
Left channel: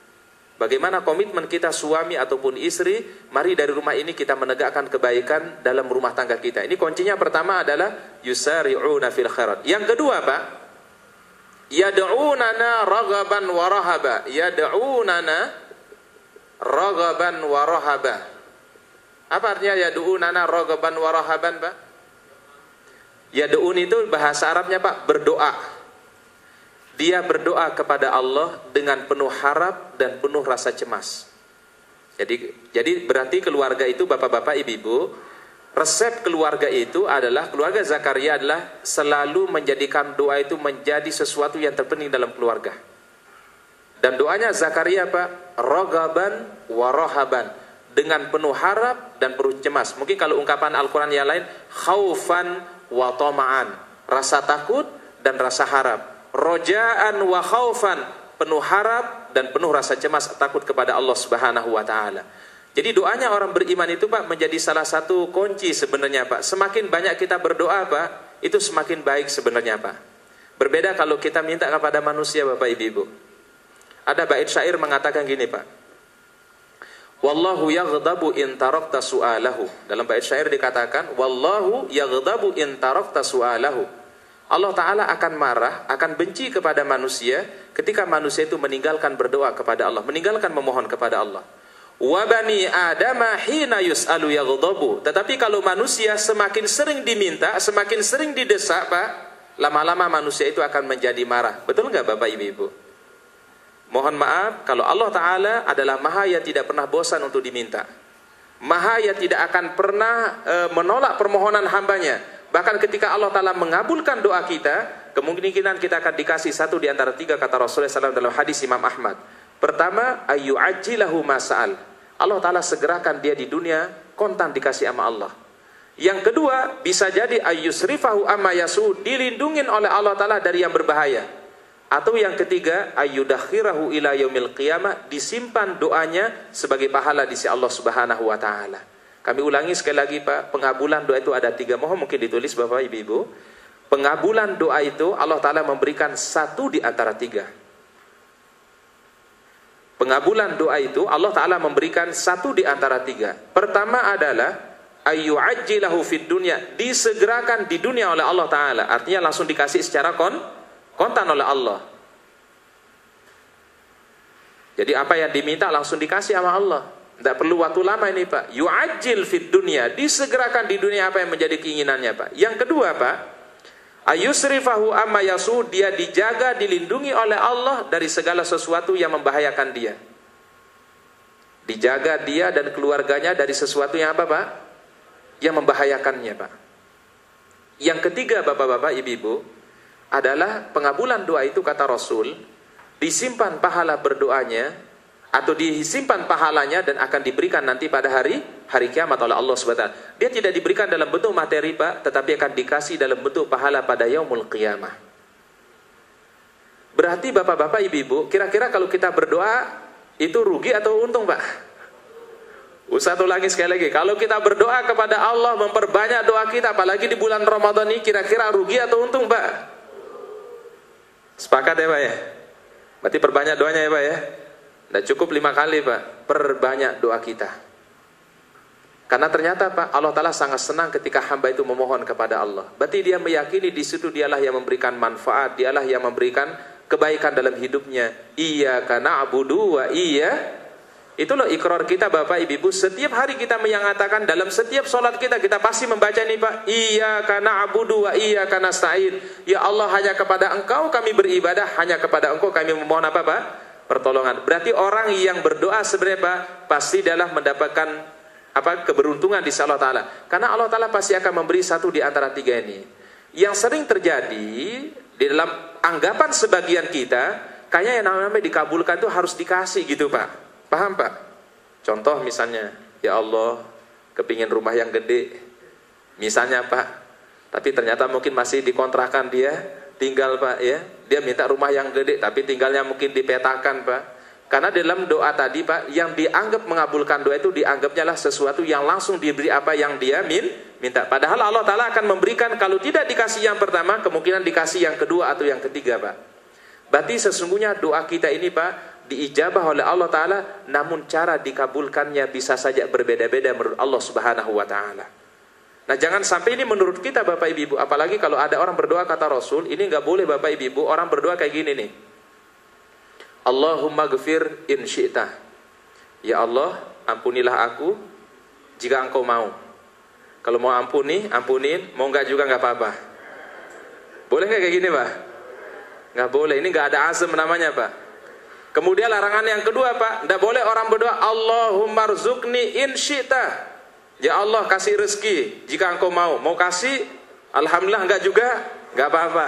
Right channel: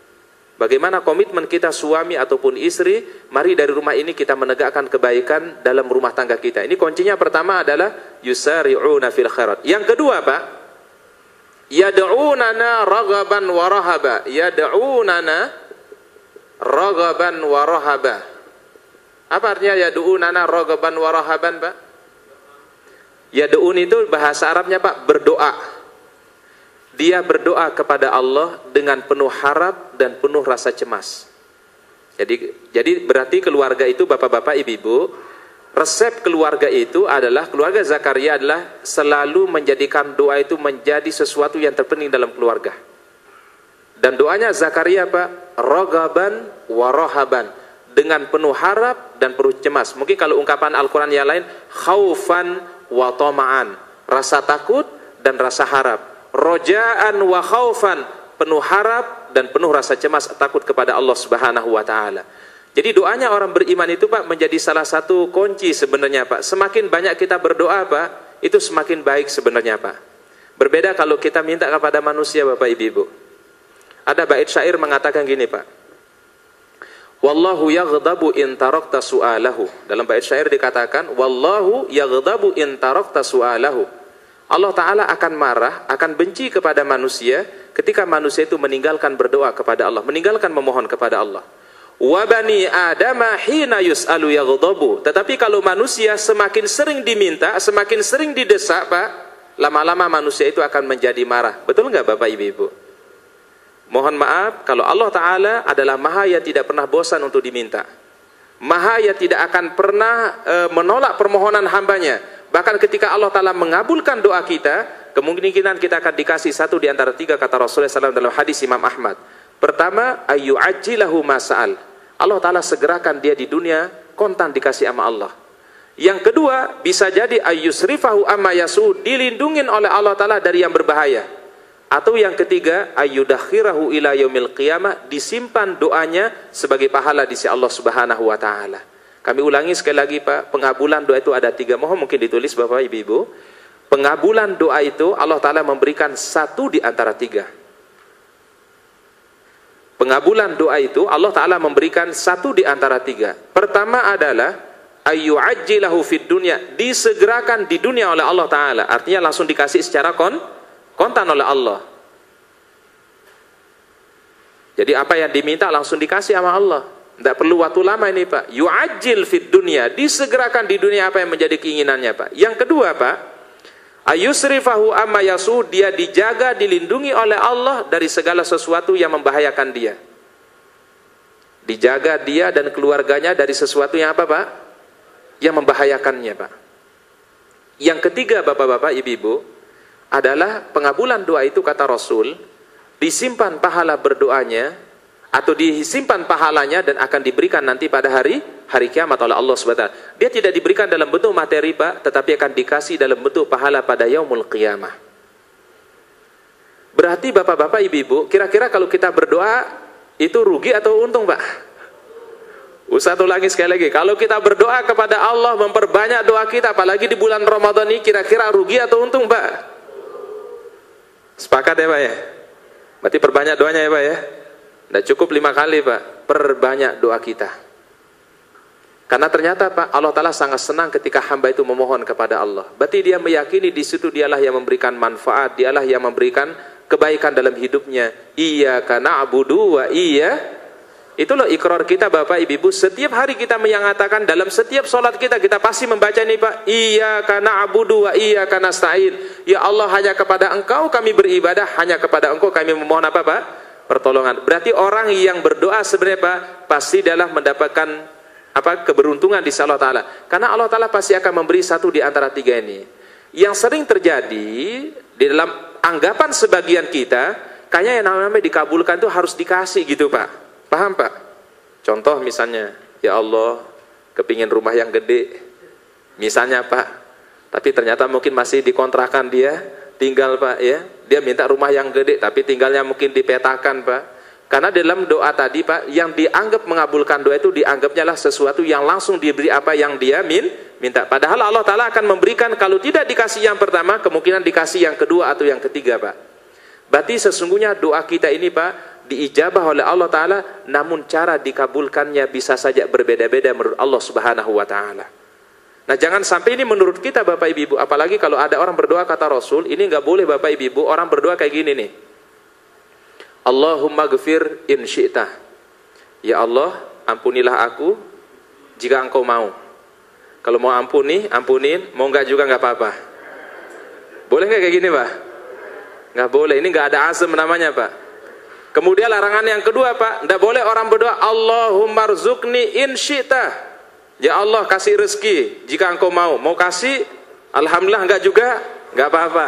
Bagaimana komitmen kita suami ataupun istri, mari dari rumah ini kita menegakkan kebaikan dalam rumah tangga kita. Ini kuncinya pertama adalah yusari'una fil khairat. Yang kedua Pak, yad'unana raghaban wa rahaba. Yad'unana raghaban wa rahaba. Apa artinya yad'unana raghaban wa rahaban Pak? Yad'un itu bahasa Arabnya Pak, berdoa. Dia berdoa kepada Allah dengan penuh harap dan penuh rasa cemas. Jadi berarti keluarga itu bapak-bapak, ibu-ibu, resep keluarga itu adalah, keluarga Zakaria adalah selalu menjadikan doa itu menjadi sesuatu yang terpenting dalam keluarga. Dan doanya Zakaria Pak, ragaban wa rahaban, dengan penuh harap dan penuh cemas. Mungkin kalau ungkapan Al-Quran yang lain, khaufan wa tama'an, rasa takut dan rasa harap. Roja'an wa khaufan, penuh harap dan penuh rasa cemas, takut kepada Allah Subhanahu wa taala. Jadi doanya orang beriman itu Pak menjadi salah satu kunci sebenarnya Pak. Semakin banyak kita berdoa Pak, itu semakin baik sebenarnya Pak. Berbeda kalau kita minta kepada manusia Bapak Ibu. Ada bait syair mengatakan gini Pak. Wallahu yaghdabu in tarakta su'alahu. Dalam bait syair dikatakan wallahu yaghdabu in tarakta su'alahu. Allah Ta'ala akan marah, akan benci kepada manusia ketika manusia itu meninggalkan berdoa kepada Allah, meninggalkan memohon kepada Allah. Wa bani adama hina yus'alu yaghdabu. Tetapi kalau manusia semakin sering diminta, semakin sering didesak Pak, lama-lama manusia itu akan menjadi marah. Betul nggak Bapak Ibu? Mohon maaf, kalau Allah Ta'ala adalah Maha yang tidak pernah bosan untuk diminta, Maha yang tidak akan pernah menolak permohonan hambanya. Bahkan ketika Allah Ta'ala mengabulkan doa kita, kemungkinan kita akan dikasih satu di antara tiga, kata Rasulullah SAW dalam hadis Imam Ahmad. Pertama, ayyu'ajjilahu masa'al. Allah Ta'ala segerakan dia di dunia, kontan dikasih sama Allah. Yang kedua, bisa jadi ayyusrifahu amma yasu, dilindungin oleh Allah Ta'ala dari yang berbahaya. Atau yang ketiga, ayyudakhirahu ila yaumil qiyamah, disimpan doanya sebagai pahala di sisi Allah Subhanahu wa Ta'ala. Kami ulangi sekali lagi Pak, pengabulan doa itu ada tiga. Mohon mungkin ditulis Bapak Ibu. Pengabulan doa itu Allah Ta'ala memberikan satu di antara tiga. Pengabulan doa itu Allah Ta'ala memberikan satu di antara tiga. Pertama adalah ayyu'ajjilahu fid dunya, disegerakan di dunia oleh Allah Ta'ala. Artinya langsung dikasih secara kontan oleh Allah. Jadi apa yang diminta langsung dikasih sama Allah. Tidak perlu waktu lama ini Pak. Yu'ajjil fid dunya, disegerakan di dunia apa yang menjadi keinginannya Pak. Yang kedua Pak, ayusrifahu amma yasu, dia dijaga, dilindungi oleh Allah dari segala sesuatu yang membahayakan dia. Dijaga dia dan keluarganya dari sesuatu yang apa Pak? Yang membahayakannya Pak. Yang ketiga Bapak-bapak, Ibu-ibu, adalah pengabulan doa itu kata Rasul, disimpan pahala berdoanya, atau disimpan pahalanya dan akan diberikan nanti pada hari kiamat oleh Allah SWT. Dia tidak diberikan dalam bentuk materi Pak, tetapi akan dikasih dalam bentuk pahala pada yaumul qiyamah. Berarti Bapak-bapak, Ibu-ibu, kira-kira kalau kita berdoa itu rugi atau untung Pak? Satu lagi, sekali lagi, kalau kita berdoa kepada Allah, memperbanyak doa kita, apalagi di bulan Ramadan ini, kira-kira rugi atau untung, Pak? Sepakat ya, Pak ya? Berarti perbanyak doanya ya, Pak ya? Tidak cukup 5 kali, Pak. Perbanyak doa kita. Karena ternyata, Pak, Allah Ta'ala sangat senang ketika hamba itu memohon kepada Allah. Berarti dia meyakini di situ dialah yang memberikan manfaat, dialah yang memberikan kebaikan dalam hidupnya. Iyyaka na'budu wa itu loh ikrar kita, Bapak Ibu. Setiap hari kita mengatakan, dalam setiap sholat kita pasti membaca ini, Pak. Iyyaka na'budu wa iyyaka nasta'in. Ya Allah, hanya kepada Engkau kami beribadah, hanya kepada Engkau kami memohon apa, Pak? Pertolongan. Berarti orang yang berdoa sebenarnya, Pak, pasti adalah mendapatkan apa? Keberuntungan di Allah Ta'ala. Karena Allah Ta'ala pasti akan memberi satu di antara 3 ini. Yang sering terjadi di dalam anggapan sebagian kita, kayaknya yang namanya dikabulkan itu harus dikasih gitu, Pak. Paham, Pak? Contoh misalnya, ya Allah, kepingin rumah yang gede. Misalnya, Pak. Tapi ternyata mungkin masih dikontrakan dia tinggal, Pak, ya. Dia minta rumah yang gede, tapi tinggalnya mungkin dipetakan, Pak. Karena dalam doa tadi, Pak, yang dianggap mengabulkan doa itu dianggapnya lah sesuatu yang langsung diberi apa yang dia minta. Padahal Allah Ta'ala akan memberikan, kalau tidak dikasih yang pertama, kemungkinan dikasih yang kedua atau yang ketiga, Pak. Berarti sesungguhnya doa kita ini, Pak, diijabah oleh Allah Ta'ala, namun cara dikabulkannya bisa saja berbeda-beda menurut Allah Subhanahu wa Ta'ala. Nah, jangan sampai ini menurut kita, Bapak Ibu, apalagi kalau ada orang berdoa kata Rasul, ini nggak boleh, Bapak Ibu, orang berdoa kayak gini nih. Allahumma ghfir in syi'ta. Ya Allah, ampunilah aku jika Engkau mau. Kalau mau ampunin, mau nggak juga nggak apa-apa. Boleh nggak kayak gini, Pak? Nggak boleh, ini nggak ada azam namanya, Pak. Kemudian larangan yang kedua, Pak, tidak boleh orang berdoa Allahumma rzuqni in syi'ta. Ya Allah, kasih rezeki jika Engkau mau. Mau kasih, alhamdulillah, enggak juga, enggak apa-apa.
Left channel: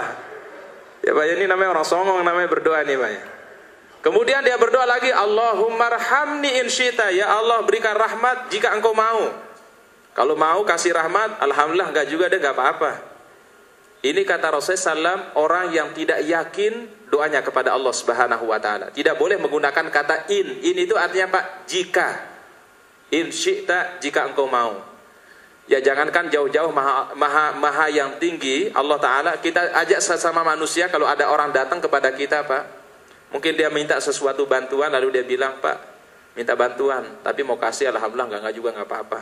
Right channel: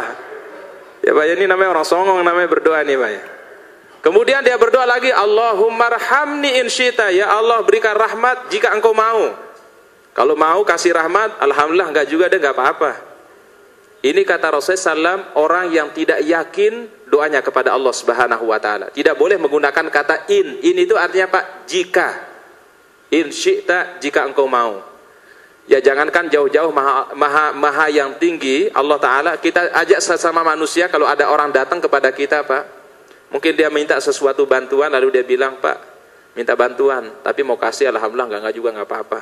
Ya, Pak, ini namanya orang songong, namanya berdoa nih, Pak. Kemudian dia berdoa lagi, Allahumma rhamni in syi'ta. Ya Allah, berikan rahmat jika Engkau mau. Kalau mau kasih rahmat, alhamdulillah, enggak juga, dia enggak apa-apa. Ini kata Rasulullah SAW, orang yang tidak yakin doanya kepada Allah Subhanahu wa Ta'ala. Tidak boleh menggunakan kata in. In itu artinya, Pak, jika. In syi'ta, jika Engkau mau. Ya, jangankan jauh-jauh maha yang tinggi Allah Ta'ala, kita ajak sesama manusia. Kalau ada orang datang kepada kita, Pak, mungkin dia minta sesuatu bantuan, lalu dia bilang, Pak, minta bantuan, tapi mau kasih, alhamdulillah, enggak juga, enggak apa-apa.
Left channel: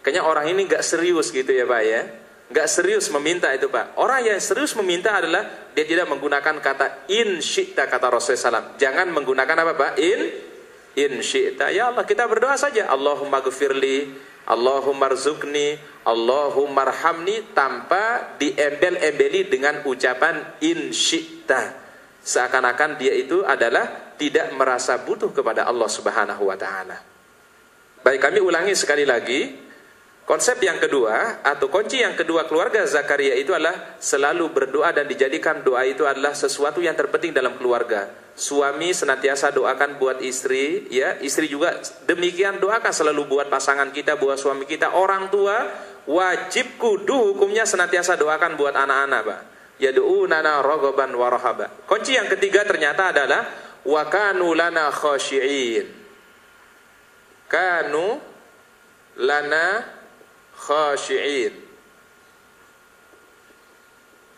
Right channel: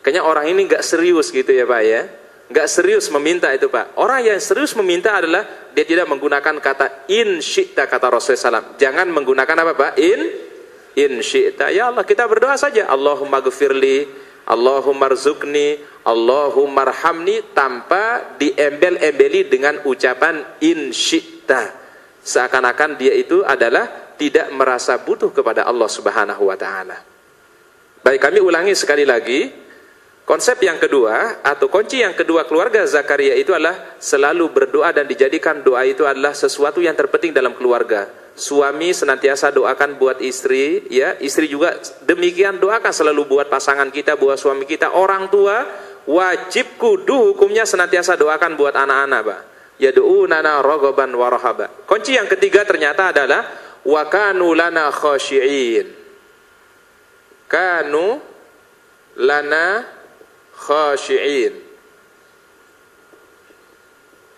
Kayaknya orang ini enggak serius gitu ya, Pak ya. Enggak serius meminta itu, Pak. Orang yang serius meminta adalah dia tidak menggunakan kata in syi'ta, kata Rasulullah SAW. Jangan menggunakan apa, Pak? In syi'ta. Ya Allah, kita berdoa saja. Allahumma ghfirli, Allahumma rzuqni, Allahumma rhamni, tanpa diembel-embeli dengan ucapan in syi'ta. Seakan-akan dia itu adalah tidak merasa butuh kepada Allah Subhanahu wa Ta'ala. Baik, kami ulangi sekali lagi. Konsep yang kedua atau kunci yang kedua keluarga Zakaria itu adalah selalu berdoa, dan dijadikan doa itu adalah sesuatu yang terpenting dalam keluarga. Suami senantiasa doakan buat istri, ya, istri juga demikian doakan selalu buat pasangan kita, buat suami kita. Orang tua wajib kudu hukumnya senantiasa doakan buat anak-anak, Pak. Yad'unana raghaban wa rahaba. Kunci yang ketiga ternyata adalah wa kanu lana khashi'in. Kanu lana khashi'in.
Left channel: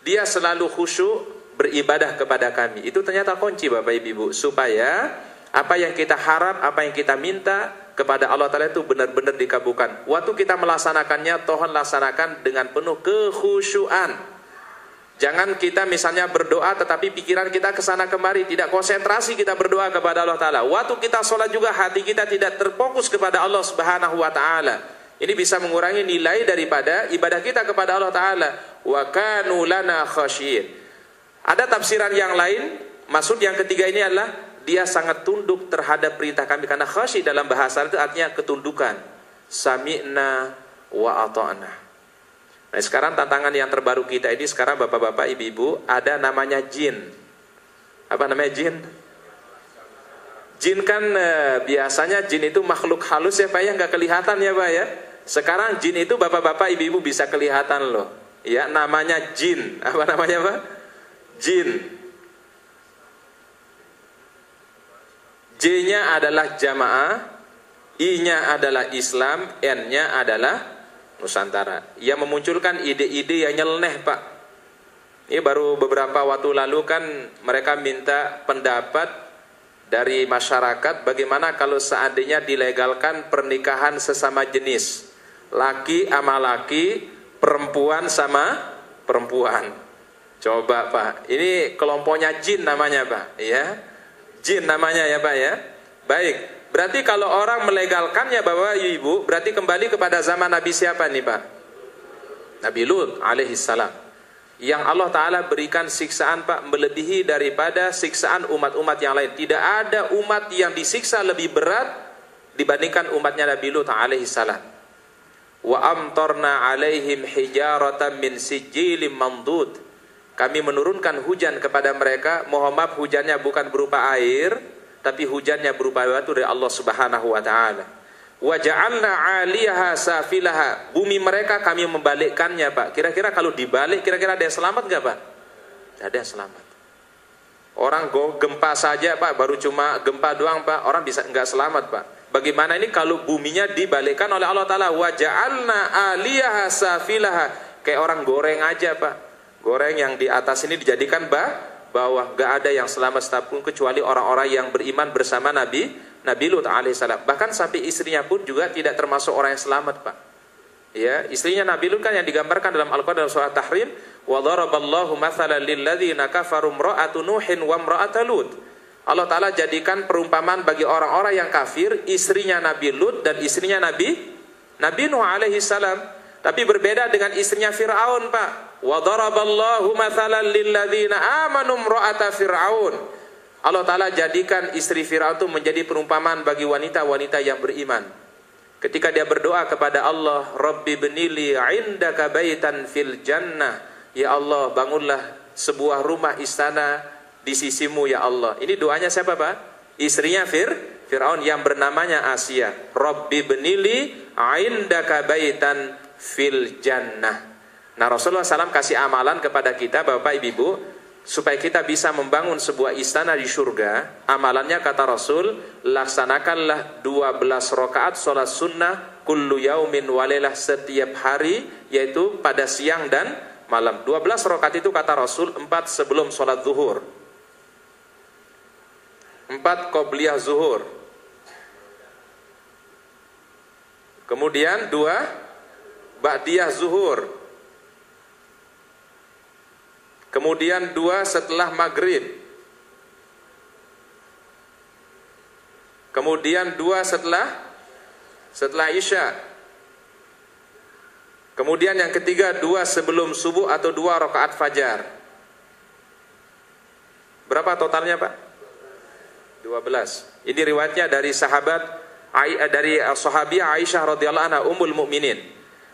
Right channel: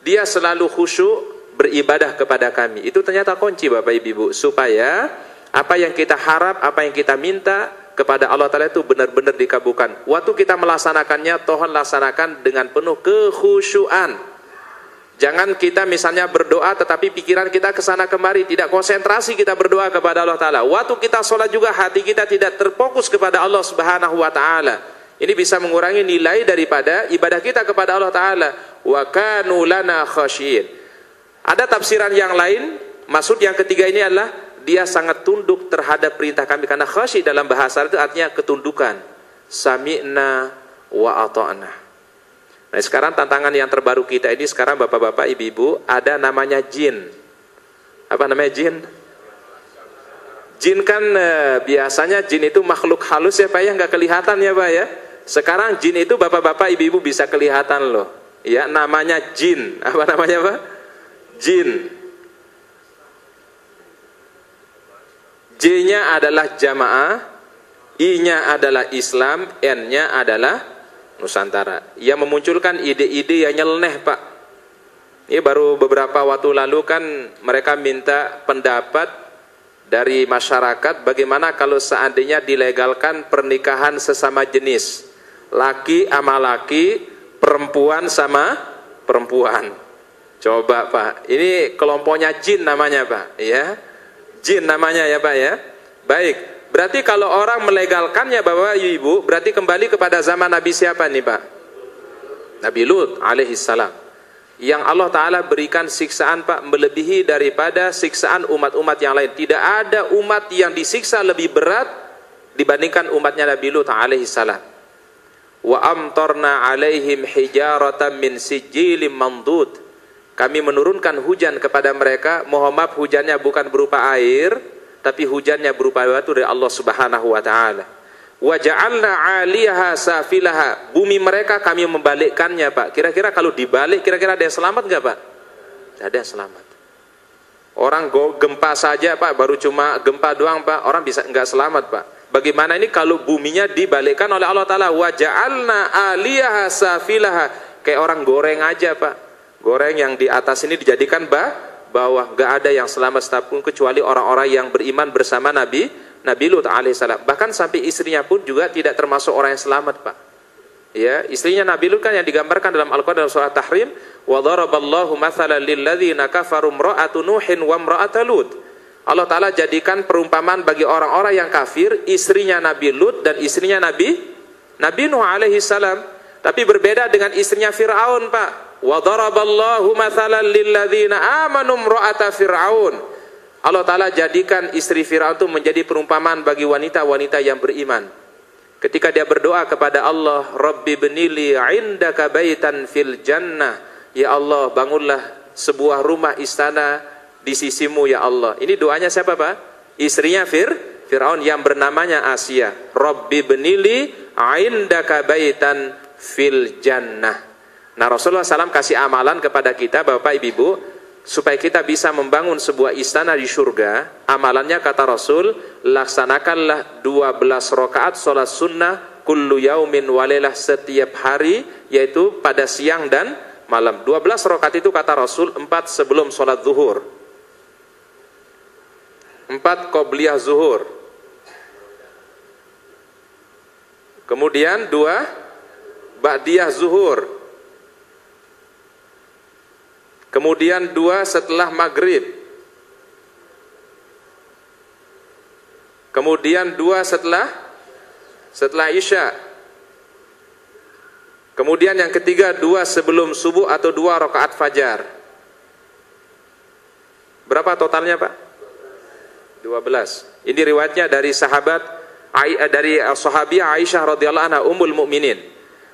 Dia selalu khusyuk beribadah kepada kami. Itu ternyata kunci, Bapak Ibu, supaya apa yang kita harap, apa yang kita minta kepada Allah Ta'ala itu benar-benar dikabulkan. Waktu kita melaksanakannya, Tuhan laksanakan dengan penuh kekhusyuan. Jangan kita misalnya berdoa tetapi pikiran kita kesana kemari, tidak konsentrasi kita berdoa kepada Allah Ta'ala. Waktu kita sholat juga hati kita tidak terfokus kepada Allah Subhanahu wa Ta'ala. Ini bisa mengurangi nilai daripada ibadah kita kepada Allah Ta'ala. Wa kanu lana khashiyin. Ada tafsiran yang lain, maksud yang ketiga ini adalah dia sangat tunduk terhadap perintah kami. Karena khasyi dalam bahasa itu artinya ketundukan. Sami'na wa ata'na. Nah, sekarang tantangan yang terbaru kita ini sekarang, Bapak-bapak, Ibu-ibu, ada namanya jin. Apa namanya jin? Jin kan biasanya jin itu makhluk halus ya, Pak ya, nggak kelihatan ya, Pak ya. Sekarang jin itu Bapak-bapak, Ibu-ibu bisa kelihatan loh. Ya, namanya jin. Apa namanya, Pak? Jin. J-nya adalah jamaah, I-nya adalah Islam, N-nya adalah Nusantara. Yang memunculkan ide-ide yang nyeleneh, Pak. Ini baru beberapa waktu lalu kan mereka minta pendapat dari masyarakat bagaimana kalau seandainya dilegalkan pernikahan sesama jenis. Laki sama laki, perempuan sama perempuan. Coba Pak, ini kelompoknya jin namanya Pak, ya. Jin namanya ya Pak ya. Baik, berarti kalau orang melegalkannya Bapak Ibu, berarti kembali kepada zaman Nabi siapa nih Pak? Nabi Lut alaihissalam. Yang Allah Ta'ala berikan siksaan Pak melebihi daripada siksaan umat-umat yang lain. Tidak ada umat yang disiksa lebih berat dibandingkan umatnya Nabi Lut alaihissalam. Wa amtarna alaihim hijaratan min sijilin mandud. Kami menurunkan hujan kepada mereka. Mohon maaf, hujannya bukan berupa air, tapi hujannya berupa batu dari Allah Subhanahu wa taala. Wa ja'alna 'aliyaha safilaha. Bumi mereka kami membalikkannya, Pak. Kira-kira kalau dibalik, kira-kira ada yang selamat enggak, Pak? Tidak ada yang selamat. Orang gempa saja, Pak, baru cuma gempa doang, Pak, orang bisa enggak selamat, Pak. Bagaimana ini kalau buminya dibalikkan oleh Allah Ta'ala? Wa ja'alna 'aliyaha safilaha. Kayak orang goreng aja, Pak. Goreng yang di atas ini dijadikan bawah. Gak ada yang selamat satupun kecuali orang-orang yang beriman bersama Nabi Lut alaihissalam. Bahkan sampai istrinya pun juga tidak termasuk orang yang selamat, Pak. Ya, istrinya Nabi Lut kan yang digambarkan dalam Al-Qur'an dalam surah Tahrim, wa daraballahu mathalan lil ladzina kafaru imra'atu nuhin wa imra'ata lut. Allah Ta'ala jadikan perumpamaan bagi orang-orang yang kafir, istrinya Nabi Lut dan istrinya Nabi Nuh alaihissalam. Tapi berbeda dengan istrinya Fir'aun, Pak. Wa daraballahu mathalan lil ladzina amanu imra'ata fir'aun. Allah Ta'ala jadikan istri Fir'aun itu menjadi perumpamaan bagi wanita-wanita yang beriman. Ketika dia berdoa kepada Allah, Rabbi benili indaka baitan fil jannah. Ya Allah, bangunlah sebuah rumah istana di sisimu ya Allah. Ini doanya siapa Pak? Istrinya Fir'aun yang bernamanya Asia. Rabbi benili indaka baitan fil jannah. Nah, Rasulullah SAW kasih amalan kepada kita Bapak Ibu supaya kita bisa membangun sebuah istana di surga. Amalannya kata Rasul, laksanakanlah 12 rakaat sholat sunnah kullu yaumin walailah, setiap hari, yaitu pada siang dan malam. 12 rakaat itu kata Rasul 4 sebelum sholat zuhur, 4 qobliyah zuhur, kemudian 2 ba'diyah zuhur, kemudian 2 setelah maghrib, kemudian 2 setelah isya, kemudian yang ketiga 2 sebelum subuh atau 2 rakaat fajar. Berapa totalnya Pak? 12. Ini riwayatnya dari sahabiah Aisyah radhiyallahu anha ummul mukminin.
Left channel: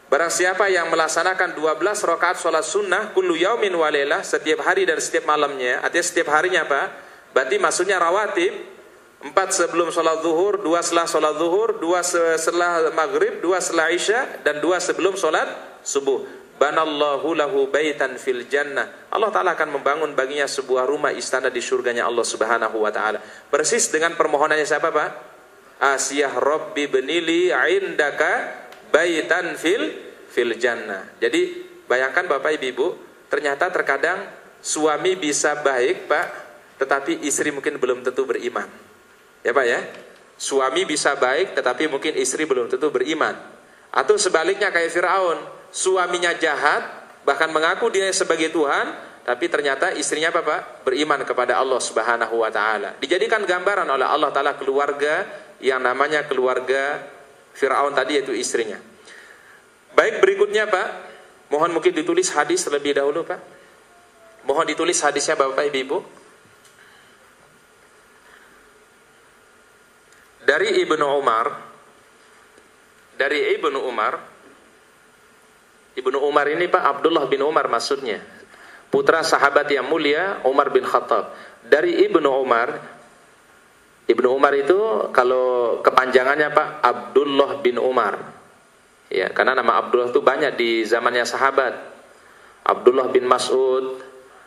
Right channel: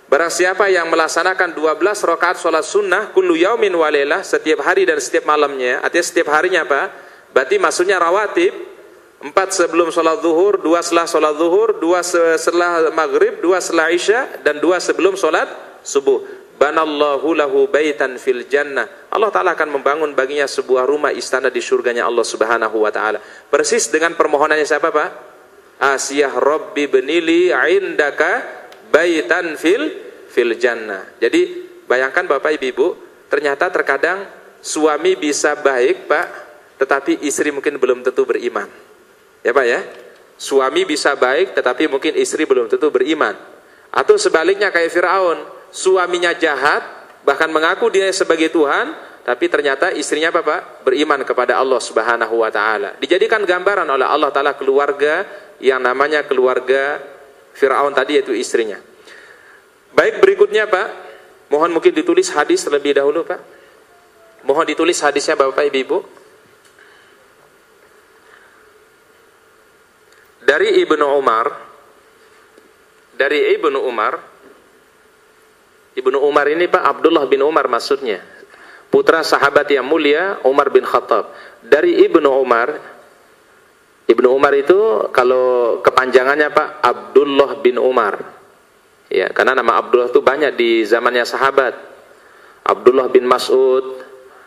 Barang siapa yang melaksanakan 12 rakaat sholat sunnah kullu yaumin walailah, setiap hari dan setiap malamnya, artinya setiap harinya Pak, berarti maksudnya rawatib, 4 sebelum sholat zuhur, 2 setelah sholat zuhur, 2 setelah maghrib, 2 setelah isya, dan 2 sebelum sholat subuh. Banallahu lahu baitan fil jannah. Allah Ta'ala akan membangun baginya sebuah rumah istana di surganya Allah Subhanahu wa Ta'ala. Persis dengan permohonannya siapa Pak? Asiyah Rabbi benili indaka baitan fil jannah. Jadi bayangkan Bapak Ibu, ternyata terkadang suami bisa baik Pak, tetapi istri mungkin belum tentu beriman. Ya Pak ya? Suami bisa baik tetapi mungkin istri belum tentu beriman. Atau sebaliknya kayak Fir'aun, suaminya jahat, bahkan mengaku dia sebagai Tuhan, tapi ternyata istrinya apa Pak? Beriman kepada Allah Subhanahu wa Ta'ala. Dijadikan gambaran oleh Allah Ta'ala keluarga yang namanya keluarga Fir'aun tadi, yaitu istrinya. Baik, berikutnya Pak, mohon mungkin ditulis hadis terlebih dahulu Pak. Mohon ditulis hadisnya Bapak Ibu. Dari Ibnu Umar. Ibnu Umar ini Pak, Abdullah bin Umar maksudnya, putra sahabat yang mulia Umar bin Khattab. Dari Ibnu Umar itu kalau kepanjangannya Pak, Abdullah bin Umar. Ya, karena nama Abdullah itu banyak di zamannya sahabat. Abdullah bin Mas'ud,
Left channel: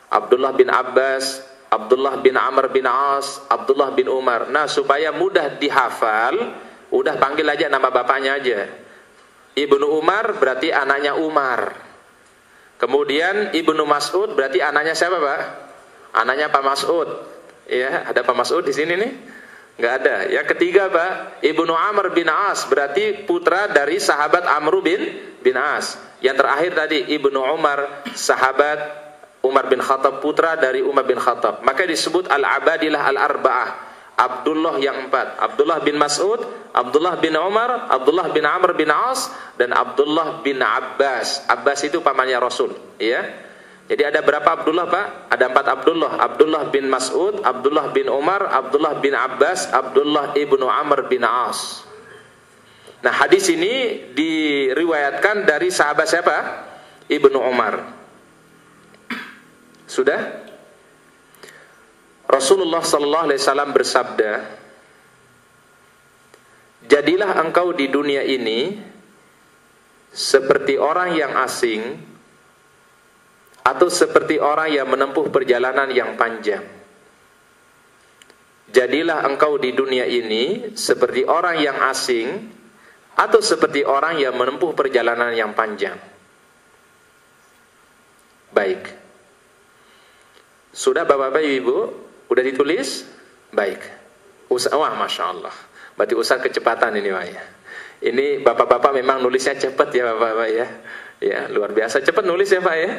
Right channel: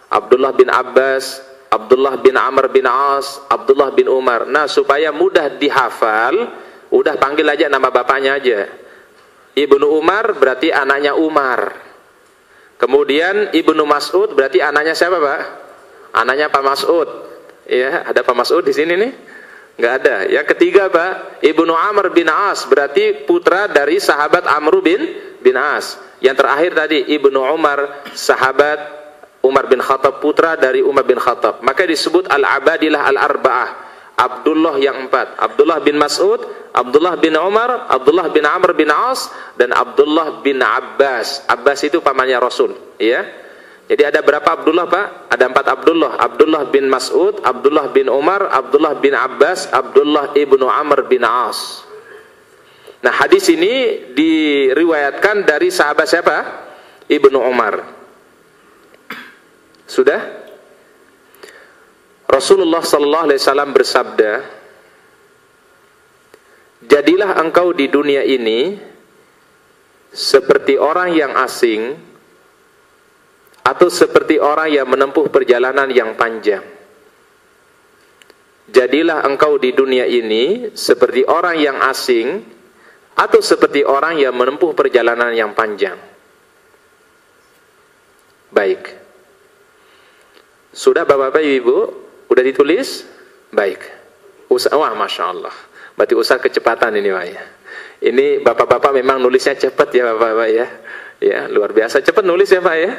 Abdullah bin Abbas, Abdullah bin Amr bin As, Abdullah bin Umar. Nah, supaya mudah dihafal, Udah panggil aja nama bapaknya aja. Ibnu Umar berarti anaknya Umar. Kemudian Ibnu Mas'ud berarti anaknya siapa, Pak? Anaknya Pak Mas'ud. Ya, ada Pak Mas'ud di sini nih? Nggak ada. Yang ketiga, Pak, Ibnu Amr bin As berarti putra dari sahabat Amr bin As. Yang terakhir tadi Ibnu Umar, sahabat Umar bin Khattab, putra dari Umar bin Khattab. Maka disebut al-abadilah al-arba'ah. Abdullah yang 4. Abdullah bin Mas'ud, Abdullah bin Umar, Abdullah bin Amr bin As, dan Abdullah bin Abbas. Abbas itu pamannya Rasul. Ya. Jadi ada berapa Abdullah, Pak? Ada 4 Abdullah. Abdullah bin Mas'ud, Abdullah bin Umar, Abdullah bin Abbas, Abdullah ibnu Amr bin As. Nah, hadis ini diriwayatkan dari sahabat siapa? Ibnu Umar. Sudah? Rasulullah sallallahu alaihi wasallam bersabda, "Jadilah engkau di dunia ini seperti orang yang asing atau seperti orang yang menempuh perjalanan yang panjang." Jadilah engkau di dunia ini seperti orang yang asing atau seperti orang yang menempuh perjalanan yang panjang. Baik. Sudah Bapak-Bapak, Ibu? Udah ditulis? Baik. Wah, Masya Allah. Berarti usaha kecepatan ini, Pak ya. Ini Bapak-Bapak memang nulisnya cepat ya, Bapak-Bapak ya. Ya, luar biasa cepat nulis ya, Pak ya.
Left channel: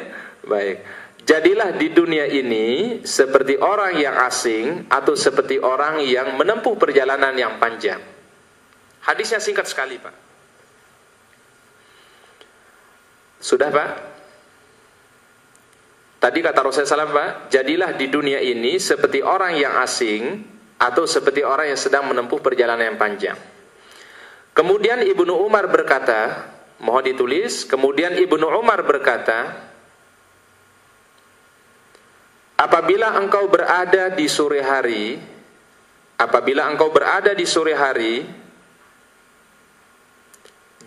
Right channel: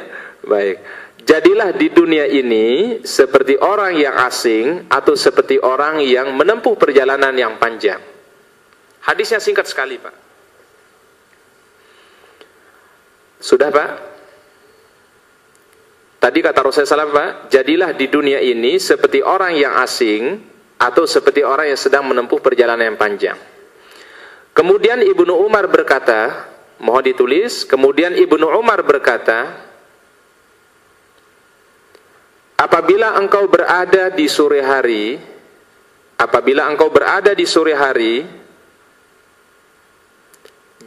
Baik. Jadilah di dunia ini seperti orang yang asing atau seperti orang yang menempuh perjalanan yang panjang. Hadisnya singkat sekali, Pak. Sudah, Pak? Tadi kata Rasulullah SAW, Pak, jadilah di dunia ini seperti orang yang asing atau seperti orang yang sedang menempuh perjalanan yang panjang. Kemudian Ibnu Umar berkata, mohon ditulis, kemudian Ibnu Umar berkata, apabila engkau berada di sore hari,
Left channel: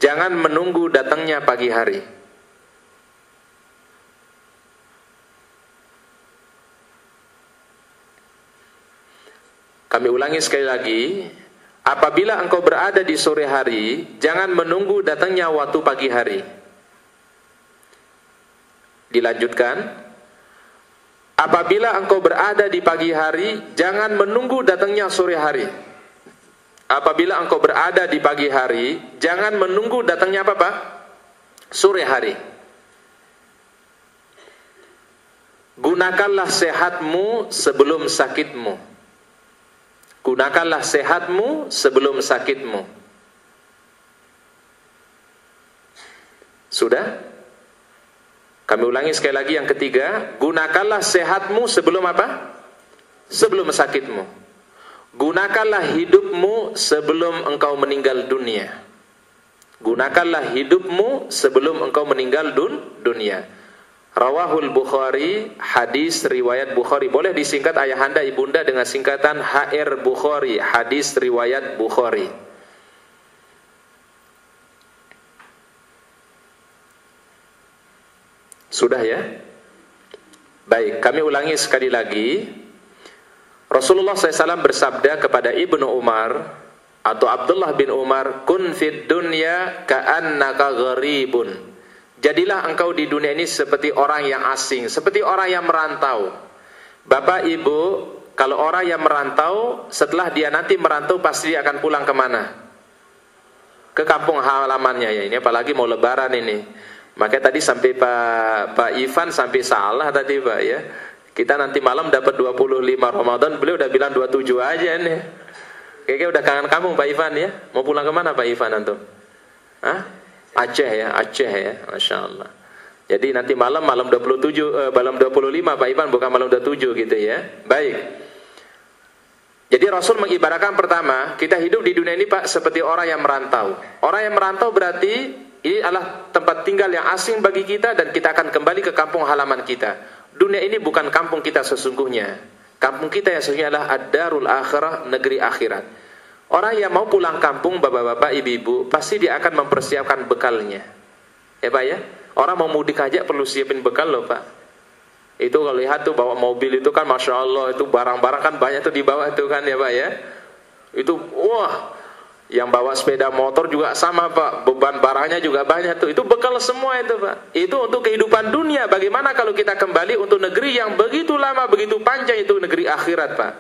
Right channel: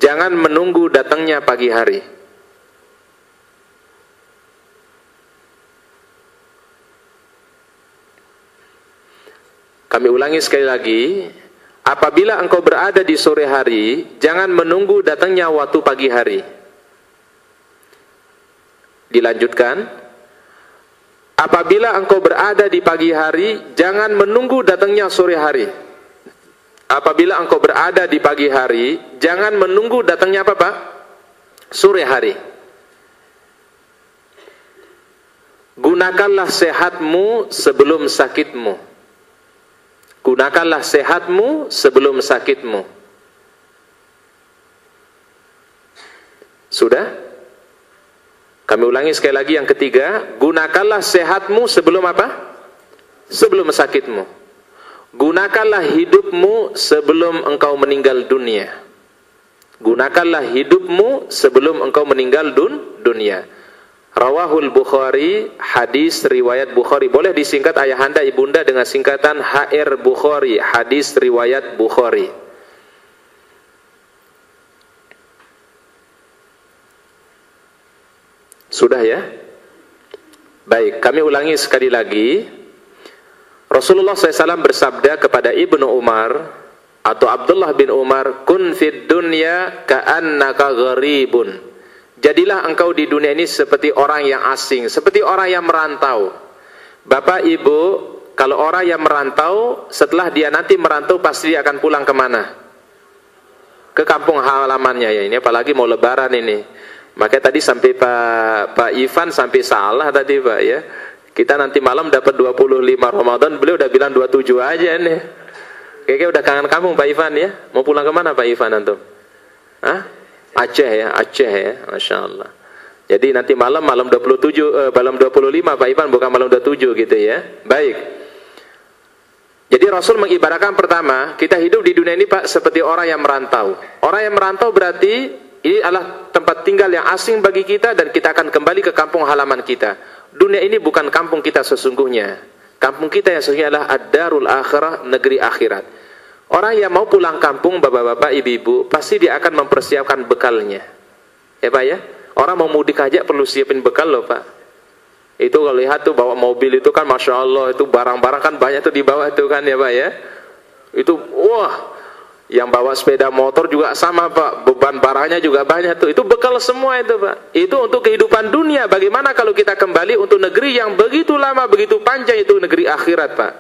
jangan menunggu datangnya pagi hari. Kami ulangi sekali lagi, apabila engkau berada di sore hari, jangan menunggu datangnya waktu pagi hari. Dilanjutkan, apabila engkau berada di pagi hari, jangan menunggu datangnya sore hari. Apabila engkau berada di pagi hari, jangan menunggu datangnya apa, Pak? Sore hari. Gunakanlah sehatmu sebelum sakitmu. Gunakanlah sehatmu sebelum sakitmu. Sudah? Kami ulangi sekali lagi yang ketiga. Gunakanlah sehatmu sebelum apa? Sebelum sakitmu. Gunakanlah hidupmu sebelum engkau meninggal dunia. Gunakanlah hidupmu sebelum engkau meninggal dunia. Rawahul Bukhari, hadis riwayat Bukhari. Boleh disingkat ayahanda ibunda dengan singkatan HR Bukhari, hadis riwayat Bukhari. Sudah ya? Baik, kami ulangi sekali lagi. Rasulullah SAW bersabda kepada Ibnu Umar atau Abdullah bin Umar, kun fid dunya ka'annaka gharibun. Jadilah engkau di dunia ini seperti orang yang asing, seperti orang yang merantau. Bapak, Ibu, kalau orang yang merantau, setelah dia nanti merantau, pasti dia akan pulang kemana? Ke kampung halamannya ya, ini apalagi mau lebaran ini. Makanya tadi sampai Pak Ivan sampai salah tadi, Pak ya. Kita nanti malam dapat 25 Ramadan, beliau udah bilang 27 aja nih. Kayaknya udah kangen kamu Pak Ivan ya. Mau pulang kemana Pak Ivan antum? Hah? Aceh ya, Masya Allah. Jadi nanti malam 27, malam 25 Pak Ivan, bukan malam 27 gitu ya. Baik. Jadi Rasul mengibaratkan pertama, kita hidup di dunia ini Pak seperti orang yang merantau. Orang yang merantau berarti ini adalah tempat tinggal yang asing bagi kita dan kita akan kembali ke kampung halaman kita. Dunia ini bukan kampung kita sesungguhnya. Kampung kita yang sesungguhnya adalah ad-darul akhirah, negeri akhirat. Orang yang mau pulang kampung, bapak-bapak, ibu-ibu, pasti dia akan mempersiapkan bekalnya. Ya Pak ya? Orang mau mudik aja perlu siapin bekal loh Pak. Itu kalau lihat tuh bawa mobil itu kan Masya Allah, itu barang-barang kan banyak tuh di bawah tuh kan ya Pak ya. Itu wah, Yang bawa sepeda motor juga sama Pak, beban barangnya juga banyak tuh. Itu bekal semua itu Pak. Itu untuk kehidupan dunia. Bagaimana kalau kita kembali untuk negeri yang begitu lama, begitu panjang, itu negeri akhirat Pak.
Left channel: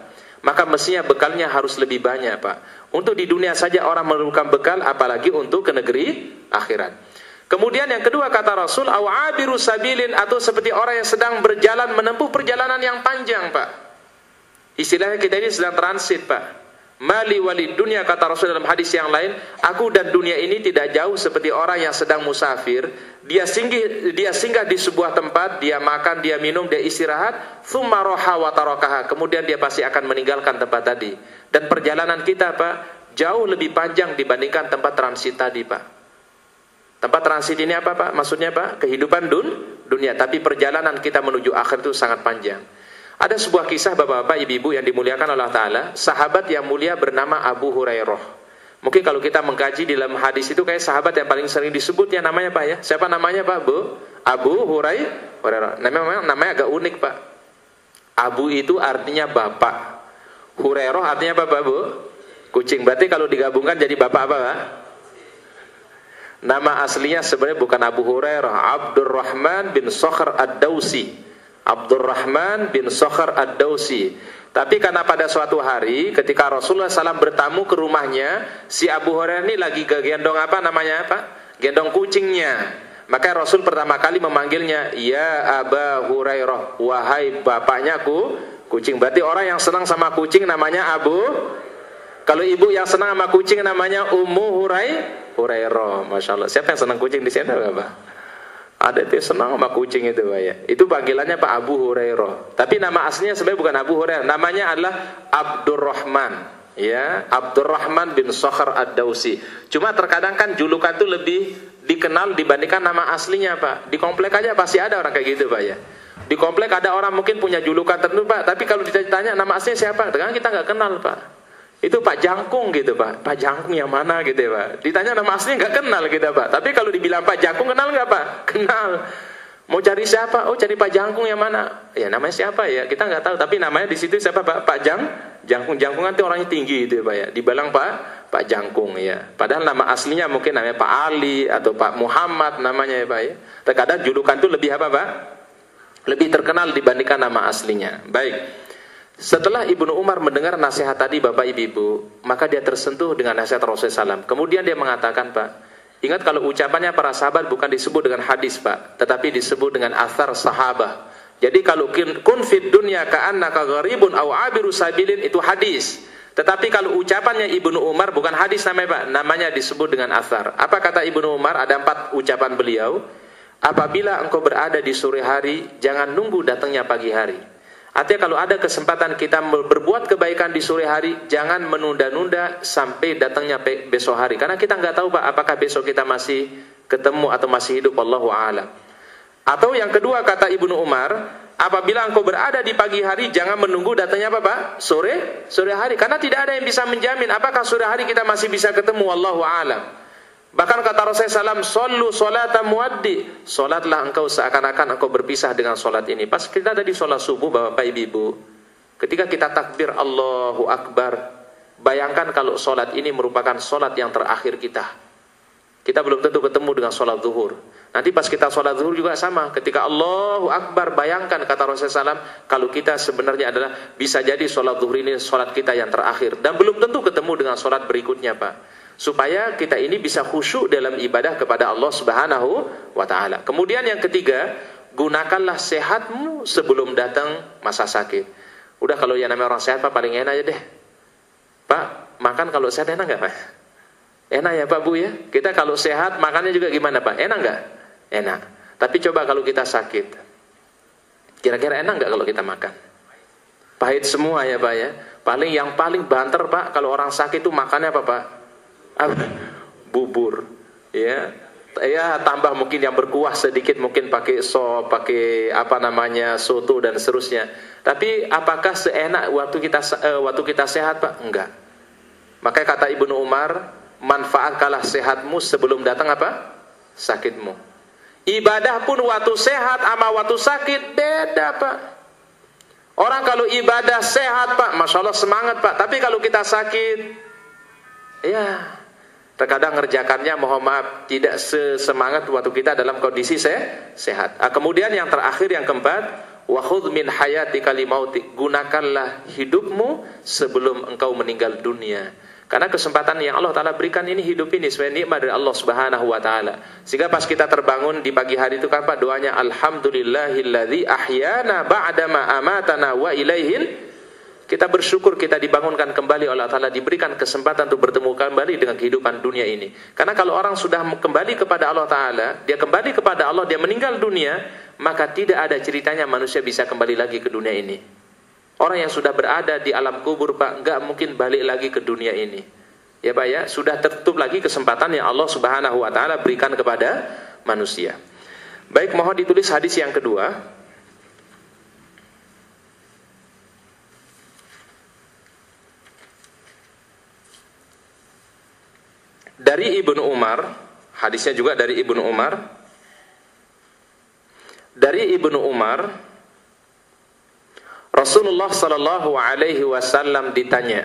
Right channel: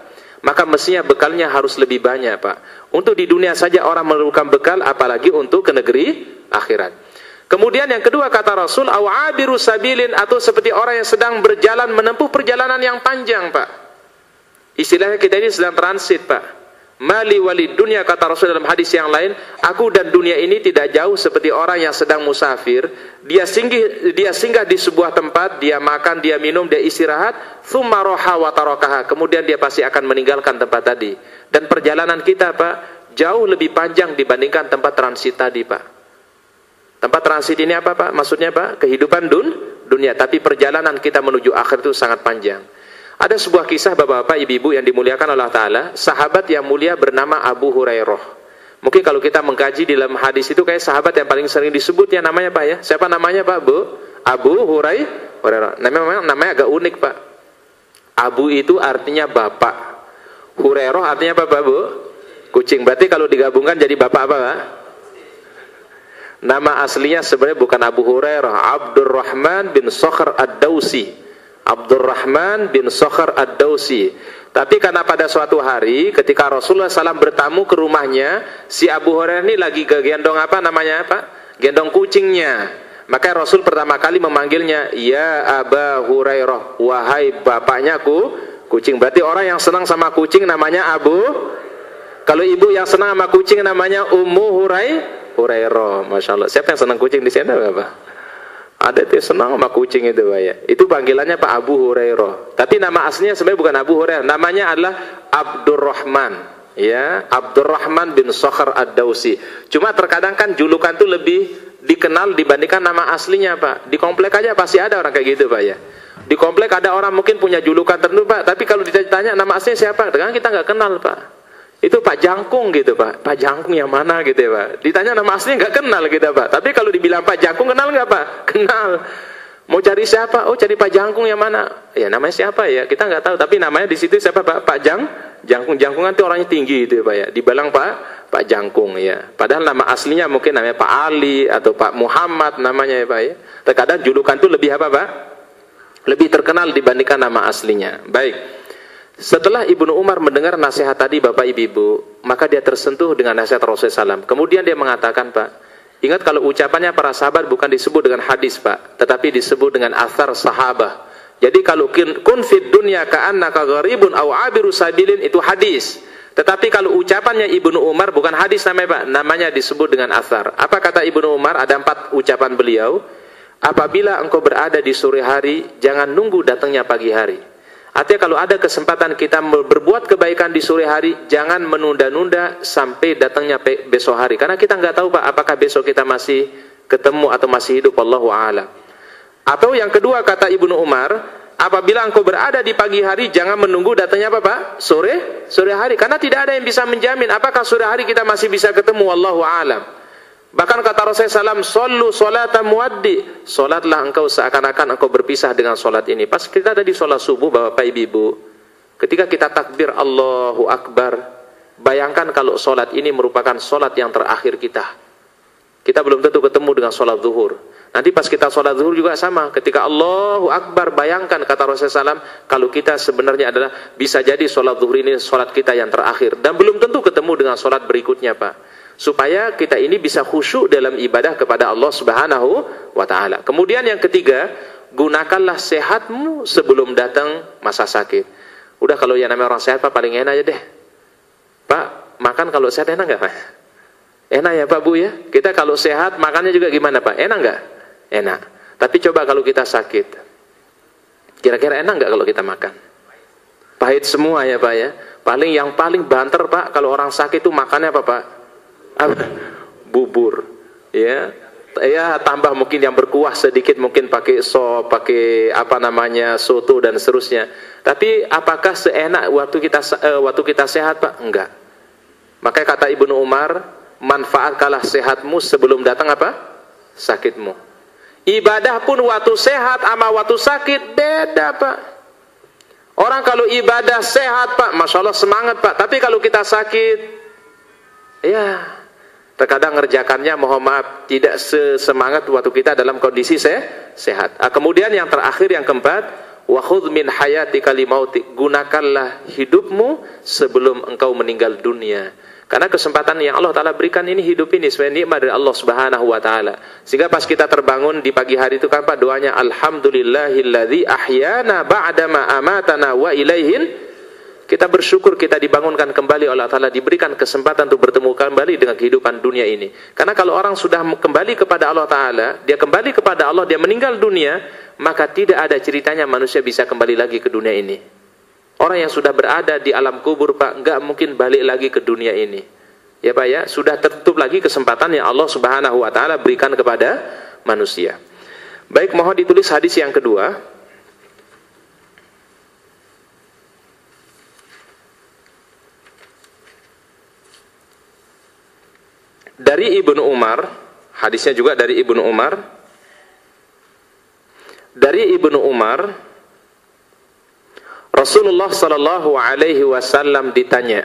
Maka mestinya bekalnya harus lebih banyak Pak. Untuk di dunia saja orang memerlukan bekal, apalagi untuk ke negeri akhirat. Kemudian yang kedua kata Rasul, au abiru sabilin, atau seperti orang yang sedang berjalan menempuh perjalanan yang panjang Pak. Istilahnya kita ini sedang transit Pak. Mali walid dunia, kata Rasul dalam hadis yang lain, aku dan dunia ini tidak jauh seperti orang yang sedang musafir. Dia singgah di sebuah tempat, dia makan, dia minum, dia istirahat, tsumma roha wa tarakaha, kemudian dia pasti akan meninggalkan tempat tadi. Dan perjalanan kita Pak jauh lebih panjang dibandingkan tempat transit tadi Pak. Tempat transit ini apa Pak? Maksudnya Pak, kehidupan dunia, tapi perjalanan kita menuju akhir itu sangat panjang. Ada sebuah kisah bapak-bapak, ibu-ibu yang dimuliakan Allah Ta'ala, sahabat yang mulia bernama Abu Hurairah. Mungkin kalau kita mengkaji di dalam hadis itu kayak sahabat yang paling sering disebut ya namanya Pak ya. Siapa namanya Pak Bu? Abu Hurairah. Namanya agak unik Pak. Abu itu artinya bapak. Hurairah artinya apa Pak Bu? Kucing. Berarti kalau digabungkan jadi bapak apa Pak? Nama aslinya sebenarnya bukan Abu Hurairah, Abdurrahman bin Sakhr ad-Dawsi. Abdurrahman bin Sakhr ad-Dawsi. Tapi karena pada suatu hari ketika Rasulullah SAW bertamu ke rumahnya, si Abu Hurairah ini lagi gendong apa namanya Pak? Gendong kucingnya. Maka Rasul pertama kali memanggilnya, ya Aba Hurairah, wahai bapaknya kucing. Berarti orang yang senang sama kucing namanya Abu. Kalau ibu yang senang sama kucing namanya Ummu Hurairah. Masya Allah. Siapa yang senang kucing di sini Bapak? Ada yang senang sama kucing itu Pak ya. Itu panggilannya Pak Abu Hurairah. Tapi nama aslinya sebenarnya bukan Abu Hurairah. Namanya adalah Abdurrahman. Ya, Abdurrahman bin Sakhr ad-Dawsi. Cuma terkadang kan julukan itu lebih dikenal dibandingkan nama aslinya Pak. Di komplek aja pasti ada orang kayak gitu Pak ya. Di komplek ada orang mungkin punya julukan tertentu Pak. Tapi kalau ditanya nama aslinya siapa? Dengan kita nggak kenal Pak. Itu Pak Jangkung gitu Pak. Pak Jangkung yang mana gitu ya Pak. Ditanya nama aslinya nggak kenal gitu Pak. Tapi kalau dibilang Pak Jangkung kenal nggak Pak? Kenal. Mau cari siapa? Oh cari Pak Jangkung yang mana? Ya namanya siapa ya? Kita nggak tahu. Tapi namanya di situ siapa Pak? Pak Jangkung. Jangkung nanti orangnya tinggi gitu ya Pak ya. Dibilang Pak Jangkung ya. Padahal nama aslinya mungkin namanya Pak Ali atau Pak Muhammad namanya ya Pak ya. Terkadang julukan itu lebih apa Pak? Lebih terkenal dibandingkan nama aslinya. Baik. Setelah Ibnu Umar mendengar nasihat tadi Bapak Ibu, maka dia tersentuh dengan nasihat Rasulullah SAW. Kemudian dia mengatakan Pak, ingat kalau ucapannya para sahabat bukan disebut dengan hadis Pak, tetapi disebut dengan athar sahabah. Jadi kalau kun fid dunya ka'annaka gharibun aw abiru sabilin itu hadis. Tetapi kalau ucapannya Ibnu Umar bukan hadis namanya Pak, namanya disebut dengan athar. Apa kata Ibnu Umar? Ada 4 ucapan beliau. Apabila engkau berada di sore hari, jangan nunggu datangnya pagi hari. Artinya kalau ada kesempatan kita berbuat kebaikan di sore hari, jangan menunda-nunda sampai datangnya besok hari. Karena kita nggak tahu Pak, apakah besok kita masih ketemu atau masih hidup, Wallahu a'lam. Atau yang kedua kata Ibnu Umar, apabila engkau berada di pagi hari, jangan menunggu datangnya apa Pak? Sore hari. Karena tidak ada yang bisa menjamin apakah sore hari kita masih bisa ketemu, Wallahu a'lam. Bahkan kata Rasulullah SAW, "Shollu sholata muaddi." Salatlah engkau seakan-akan engkau berpisah dengan salat ini. Pas kita ada di salat subuh Bapak Ibu, ketika kita takbir Allahu Akbar, bayangkan kalau salat ini merupakan salat yang terakhir kita. Kita belum tentu ketemu dengan salat zuhur. Nanti pas kita salat zuhur juga sama. Ketika Allahu Akbar, bayangkan kata Rasulullah SAW, kalau kita sebenarnya adalah bisa jadi salat zuhur ini salat kita yang terakhir. Dan belum tentu ketemu dengan salat berikutnya Pak. Supaya kita ini bisa khusyuk dalam ibadah kepada Allah Subhanahu wa Ta'ala. Kemudian yang ketiga, gunakanlah sehatmu sebelum datang masa sakit. Udah kalau yang namanya orang sehat Pak paling enak aja deh. Pak, makan kalau sehat enak nggak Pak? Enak ya Pak Bu ya. Kita kalau sehat makannya juga gimana Pak? Enak nggak? Enak. Tapi coba kalau kita sakit, kira-kira enak nggak kalau kita makan? Pahit semua ya Pak ya. Yang paling banter Pak kalau orang sakit itu makannya apa Pak? Bubur ya tambah mungkin yang berkuah sedikit, mungkin pakai sop, pakai apa namanya soto dan seterusnya. Tapi apakah seenak waktu kita sehat Pak? Enggak. Makanya kata Ibnu Umar, manfaatkanlah sehatmu sebelum datang apa? Sakitmu. Ibadah pun waktu sehat sama waktu sakit beda Pak. Orang kalau ibadah sehat Pak, Masya Allah semangat Pak. Tapi kalau kita sakit, ya Terkadang ngerjakannya mohon maaf tidak sesemangat waktu kita dalam kondisi sehat. Kemudian yang terakhir, yang keempat, wa khudh min hayatika limautik, gunakanlah hidupmu sebelum engkau meninggal dunia. Karena kesempatan yang Allah Ta'ala berikan ini, hidup ini sebagai nikmat dari Allah Subhanahu wa Ta'ala. Sehingga pas kita terbangun di pagi hari itu kan Pak, doanya alhamdulillahilladzi ahyana ba'dama amatana wa ilaihin. Kita bersyukur kita dibangunkan kembali oleh Allah Ta'ala, diberikan kesempatan untuk bertemu kembali dengan kehidupan dunia ini. Karena kalau orang sudah kembali kepada Allah Ta'ala, dia kembali kepada Allah, dia meninggal dunia, maka tidak ada ceritanya manusia bisa kembali lagi ke dunia ini. Orang yang sudah berada di alam kubur Pak, nggak mungkin balik lagi ke dunia ini. Ya Pak ya, sudah tertutup lagi kesempatan yang Allah Subhanahu wa Ta'ala berikan kepada manusia. Baik, mohon ditulis hadis yang kedua. Dari Ibnu Umar, hadisnya juga dari Ibnu Umar. Dari Ibnu Umar, Rasulullah sallallahu alaihi wasallam ditanya.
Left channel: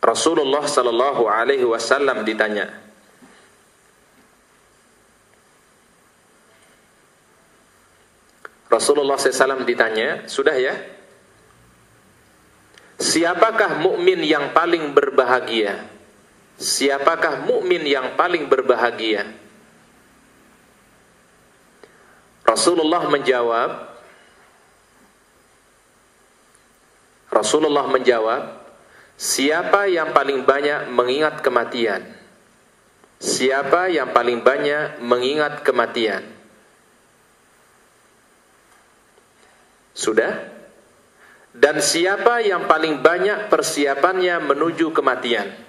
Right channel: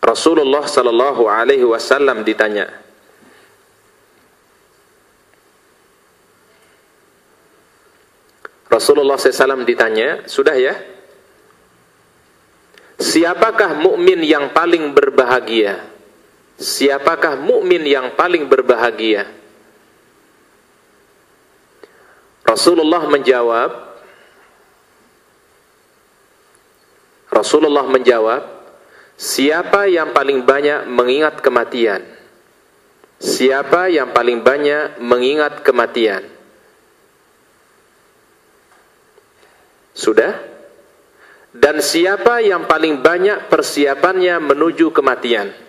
Rasulullah sallallahu alaihi wasallam ditanya. Rasulullah SAW ditanya, sudah ya? Siapakah mukmin yang paling berbahagia? Siapakah mukmin yang paling berbahagia? Rasulullah menjawab, siapa yang paling banyak mengingat kematian? Siapa yang paling banyak mengingat kematian? Sudah? Dan siapa yang paling banyak persiapannya menuju kematian?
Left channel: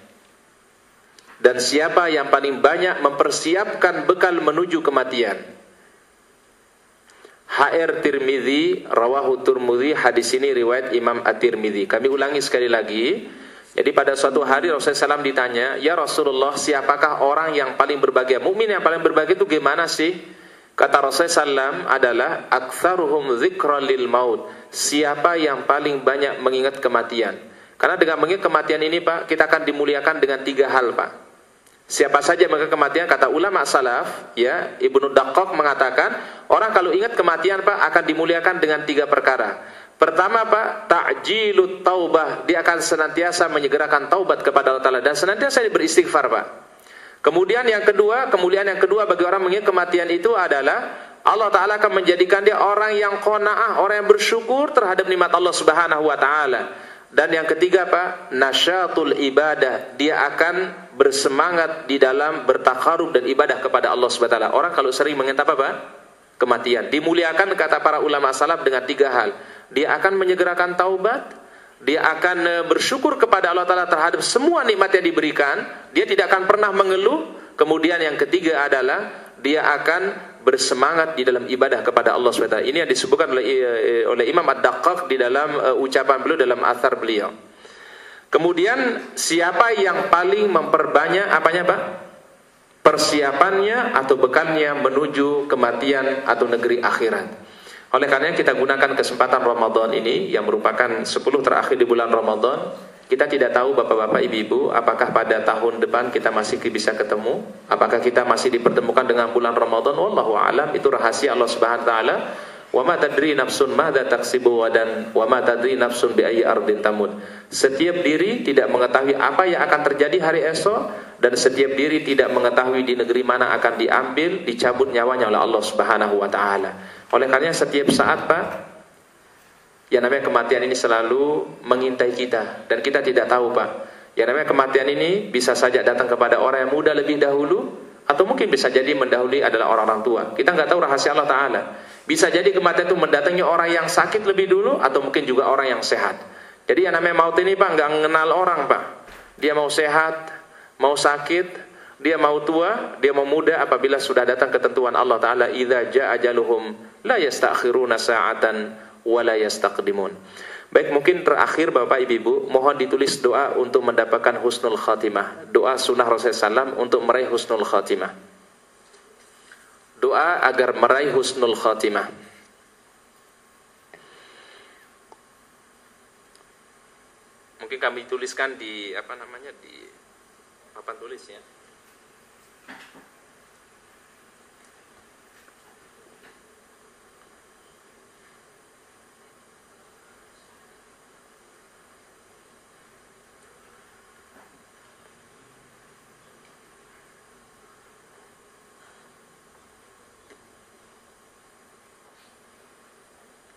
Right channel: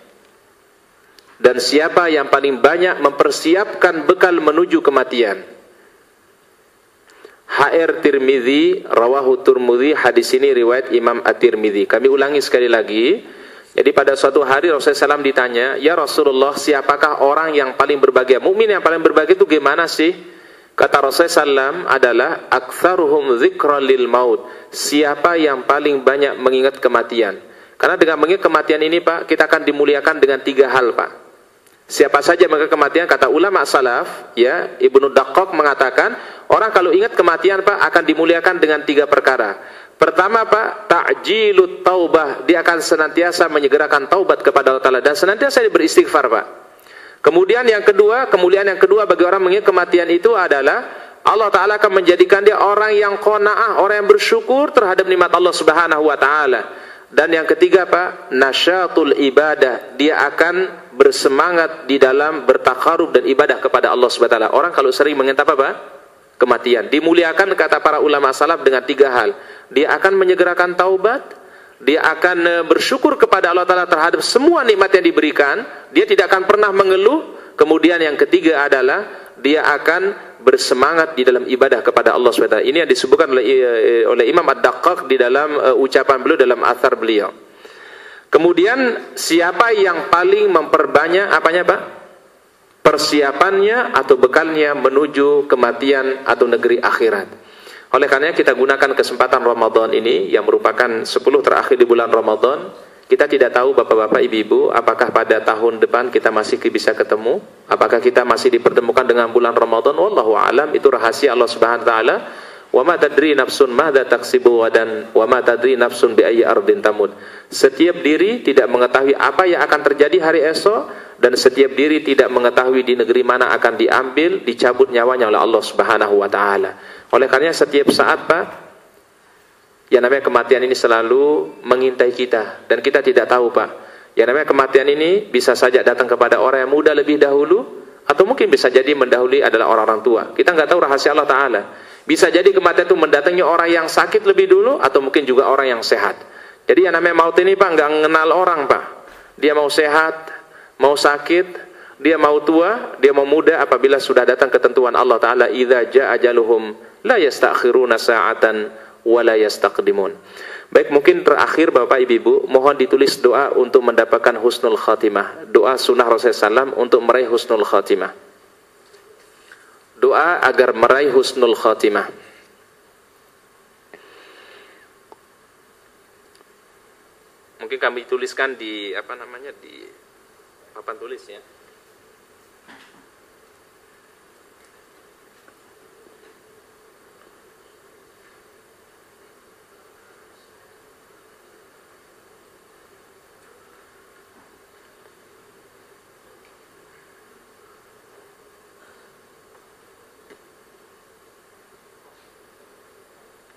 Dan siapa yang paling banyak mempersiapkan bekal menuju kematian? HR Tirmidzi, rawahu Tirmidzi, hadis ini riwayat Imam At-Tirmidzi. Kami ulangi sekali lagi. Jadi pada suatu hari Rasulullah SAW ditanya, ya Rasulullah, siapakah orang yang paling berbahagia? Mukmin yang paling berbahagia itu gimana sih? Kata Rasulullah SAW adalah aktsaruhum dzikran lil maut. Siapa yang paling banyak mengingat kematian? Karena dengan mengingat kematian ini Pak, kita akan dimuliakan dengan 3 hal Pak. Siapa saja mengingat kematian, kata ulama salaf, ya, Ibnu Daqqaq mengatakan, orang kalau ingat kematian Pak akan dimuliakan dengan 3 perkara. Pertama Pak, ta'jilut taubah, dia akan senantiasa menyegerakan taubat kepada Allah Ta'ala dan senantiasa beristighfar Pak. Kemudian yang kedua, kemuliaan yang kedua bagi orang mengingat kematian itu adalah Allah Ta'ala akan menjadikan dia orang yang qanaah, orang yang bersyukur terhadap nikmat Allah Subhanahu wa Ta'ala. Dan yang ketiga Pak, nasyatul ibadah, dia akan bersemangat di dalam bertakarub dan ibadah kepada Allah Subhanahu wa Ta'ala. Orang kalau sering mengingat apa Pak? Kematian. Dimuliakan kata para ulama salaf dengan 3 hal. Dia akan menyegerakan taubat, dia akan bersyukur kepada Allah Ta'ala terhadap semua nikmat yang diberikan, dia tidak akan pernah mengeluh. Kemudian yang ketiga adalah dia akan bersemangat di dalam ibadah kepada Allah SWT. Ini yang disebutkan oleh Imam Ad-Daqqaq di dalam ucapan beliau, dalam athar beliau. Kemudian siapa yang paling memperbanyak apanya Pak? Persiapannya atau bekalnya menuju kematian atau negeri akhirat. Oleh karenanya kita gunakan kesempatan Ramadan ini yang merupakan 10 terakhir di bulan Ramadan. Kita tidak tahu Bapak-bapak, Ibu-ibu, apakah pada tahun depan kita masih bisa ketemu, apakah kita masih dipertemukan dengan bulan Ramadan. Wallahu a'lam, itu rahasia Allah Subhanahu wa taala. Wa ma tadri nafsun madza taksibu wadan wa ma tadri nafsun bi ayyi ardin tamut. Setiap diri tidak mengetahui apa yang akan terjadi hari esok, dan setiap diri tidak mengetahui di negeri mana akan diambil, dicabut nyawanya oleh Allah Subhanahu wa taala. Oleh karenanya setiap saat Pak, yang namanya kematian ini selalu mengintai kita, dan kita tidak tahu Pak. Yang namanya kematian ini bisa saja datang kepada orang yang muda lebih dahulu, atau mungkin bisa jadi mendahului adalah orang-orang tua. Kita nggak tahu rahasia Allah Ta'ala. Bisa jadi kematian itu mendatangi orang yang sakit lebih dulu, atau mungkin juga orang yang sehat. Jadi yang namanya maut ini Pak nggak mengenal orang Pak. Dia mau sehat, mau sakit, dia mau tua, dia mau muda, apabila sudah datang ketentuan Allah Ta'ala, idza jaa ajaluhum la yastakhiruna sa'atan wa la yastaqdimun. Baik, mungkin terakhir Bapak Ibu, mohon ditulis doa untuk mendapatkan husnul khatimah. Doa sunnah Rasulullah SAW untuk meraih husnul khatimah. Doa agar meraih husnul khatimah. Mungkin kami tuliskan di di papan tulis ya.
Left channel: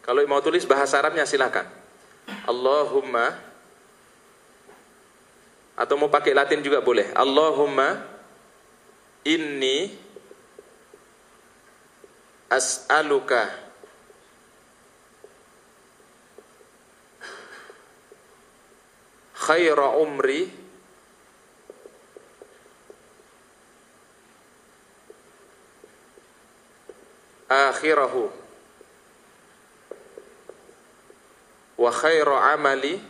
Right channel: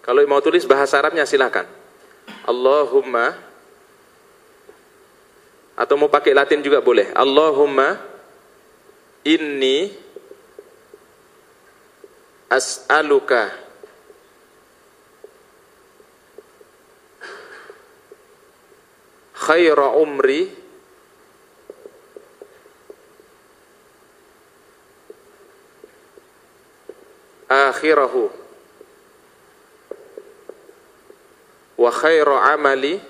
Kalau mau tulis bahasa Arabnya silakan. Allahumma, atau mau pakai Latin juga boleh. Allahumma inni as'aluka khaira umri akhirahu wa khaira amali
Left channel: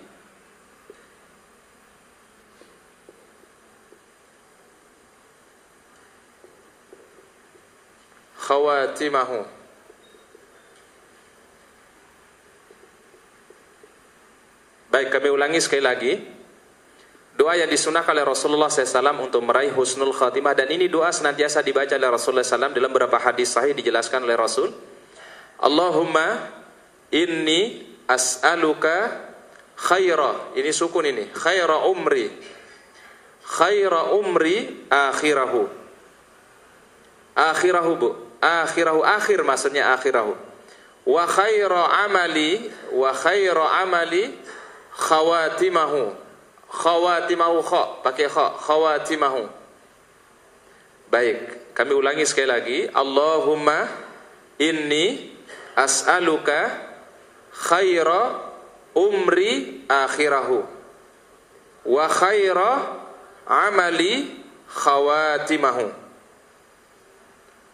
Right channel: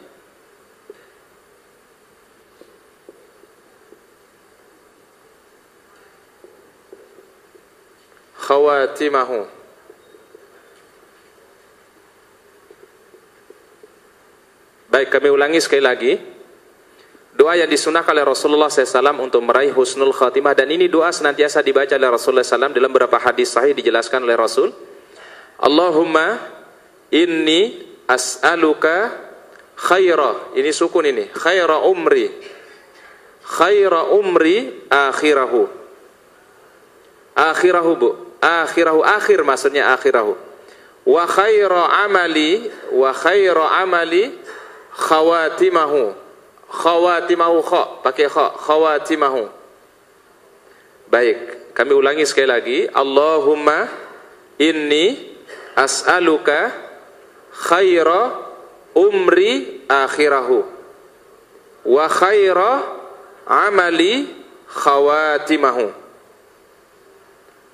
khawatimahu. Baik, kami ulangi sekali lagi. Doa yang disunahkan oleh Rasulullah SAW untuk meraih husnul khatimah, dan ini doa senantiasa dibaca oleh Rasulullah SAW dalam beberapa hadis sahih dijelaskan oleh Rasul. Allahumma inni as'aluka khaira, ini sukun ini, khaira umri akhirahu. Akhirahu bu, akhirahu akhir maksudnya akhirahu. Wa khaira amali khawatimahu. Khawatimahu kha, pakai kha, khawatimahu. Baik, kami ulangi sekali lagi. Allahumma inni as'aluka khaira umri akhirahu wa khaira amali khawatimahu.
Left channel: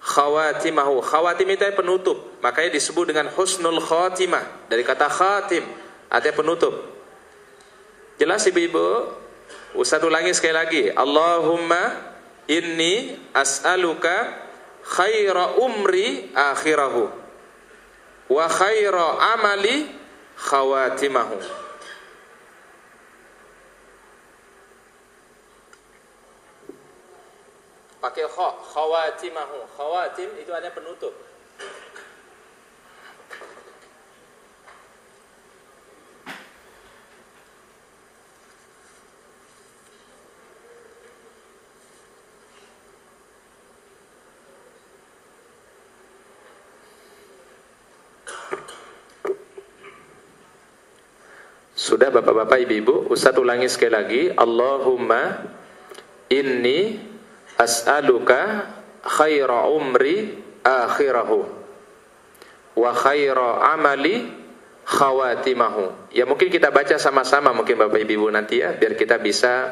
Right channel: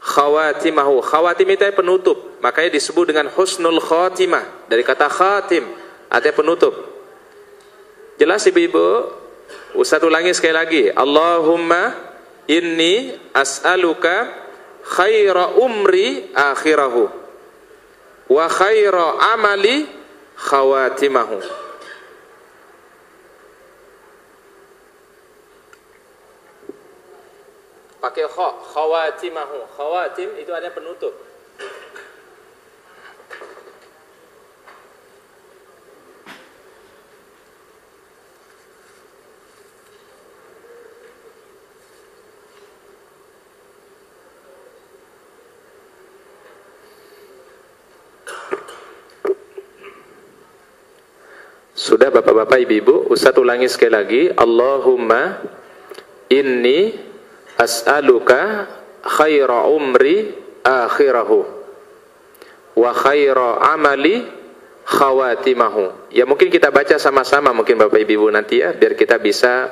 Khawatimahu, khawatim itu penutup, makanya disebut dengan husnul khatimah dari kata khatim, artinya penutup. Jelas ibu-ibu? Ustaz ulangi sekali lagi. Allahumma inni as'aluka khaira umri akhirahu wa khaira amali khawatimahu. Pakai kha, khawatimahu. Khawatim itu artinya penutup. Sudah bapak-bapak ibu-ibu, Ustaz ulangi sekali lagi. Allahumma inni as'aluka khaira umri akhirahu wa khaira amali khawatimahu. Ya mungkin kita baca sama-sama mungkin bapak ibu nanti ya, biar kita bisa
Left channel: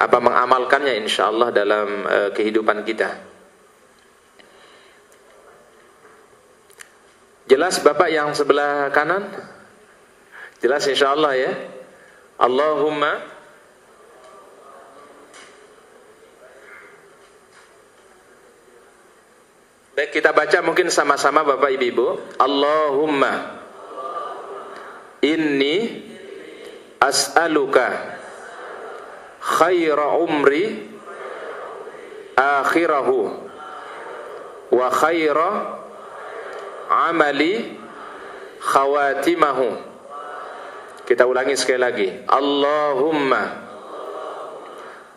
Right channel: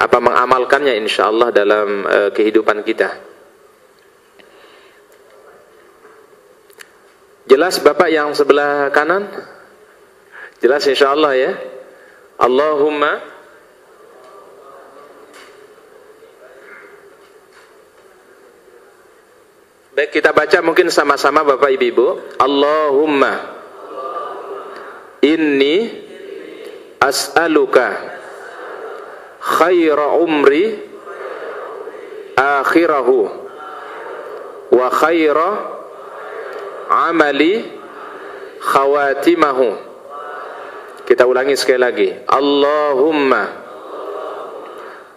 mengamalkannya insyaallah dalam kehidupan kita. Jelas bapak yang sebelah kanan? Jelas insyaallah ya. Allahumma baik, kita baca mungkin sama-sama bapak ibu. Allahumma inni as'aluka khaira umri akhirahu wa khaira amali khawatimahu. Kita ulangi sekali lagi. Allahumma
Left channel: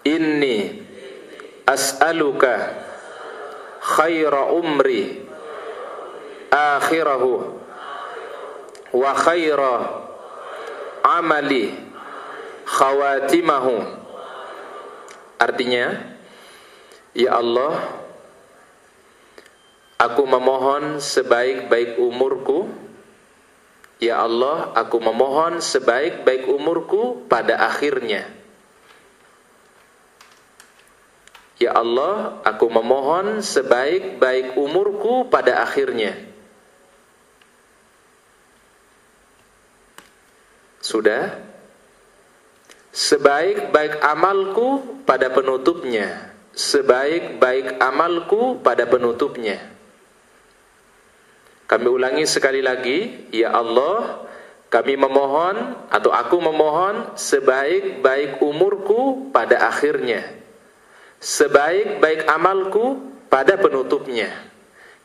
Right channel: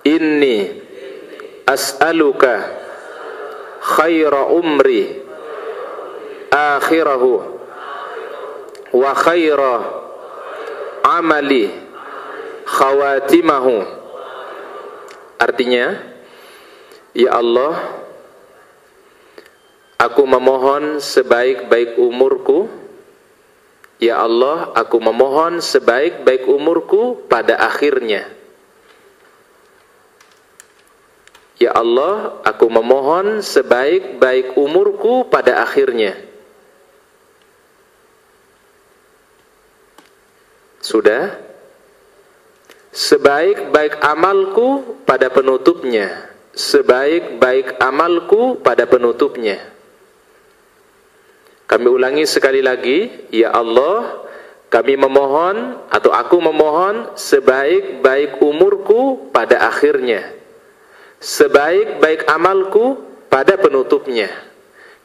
inni as'aluka khaira umri akhirahu wa khaira amali khawatimahu. Artinya, ya Allah, aku memohon sebaik-baik umurku. Ya Allah, aku memohon sebaik-baik umurku pada akhirnya. Ya Allah, aku memohon sebaik-baik umurku pada akhirnya. Sudah? Sebaik-baik amalku pada penutupnya. Sebaik-baik amalku pada penutupnya. Kami ulangi sekali lagi. Ya Allah, kami memohon atau aku memohon sebaik-baik umurku pada akhirnya. Sebaik-baik amalku pada penutupnya.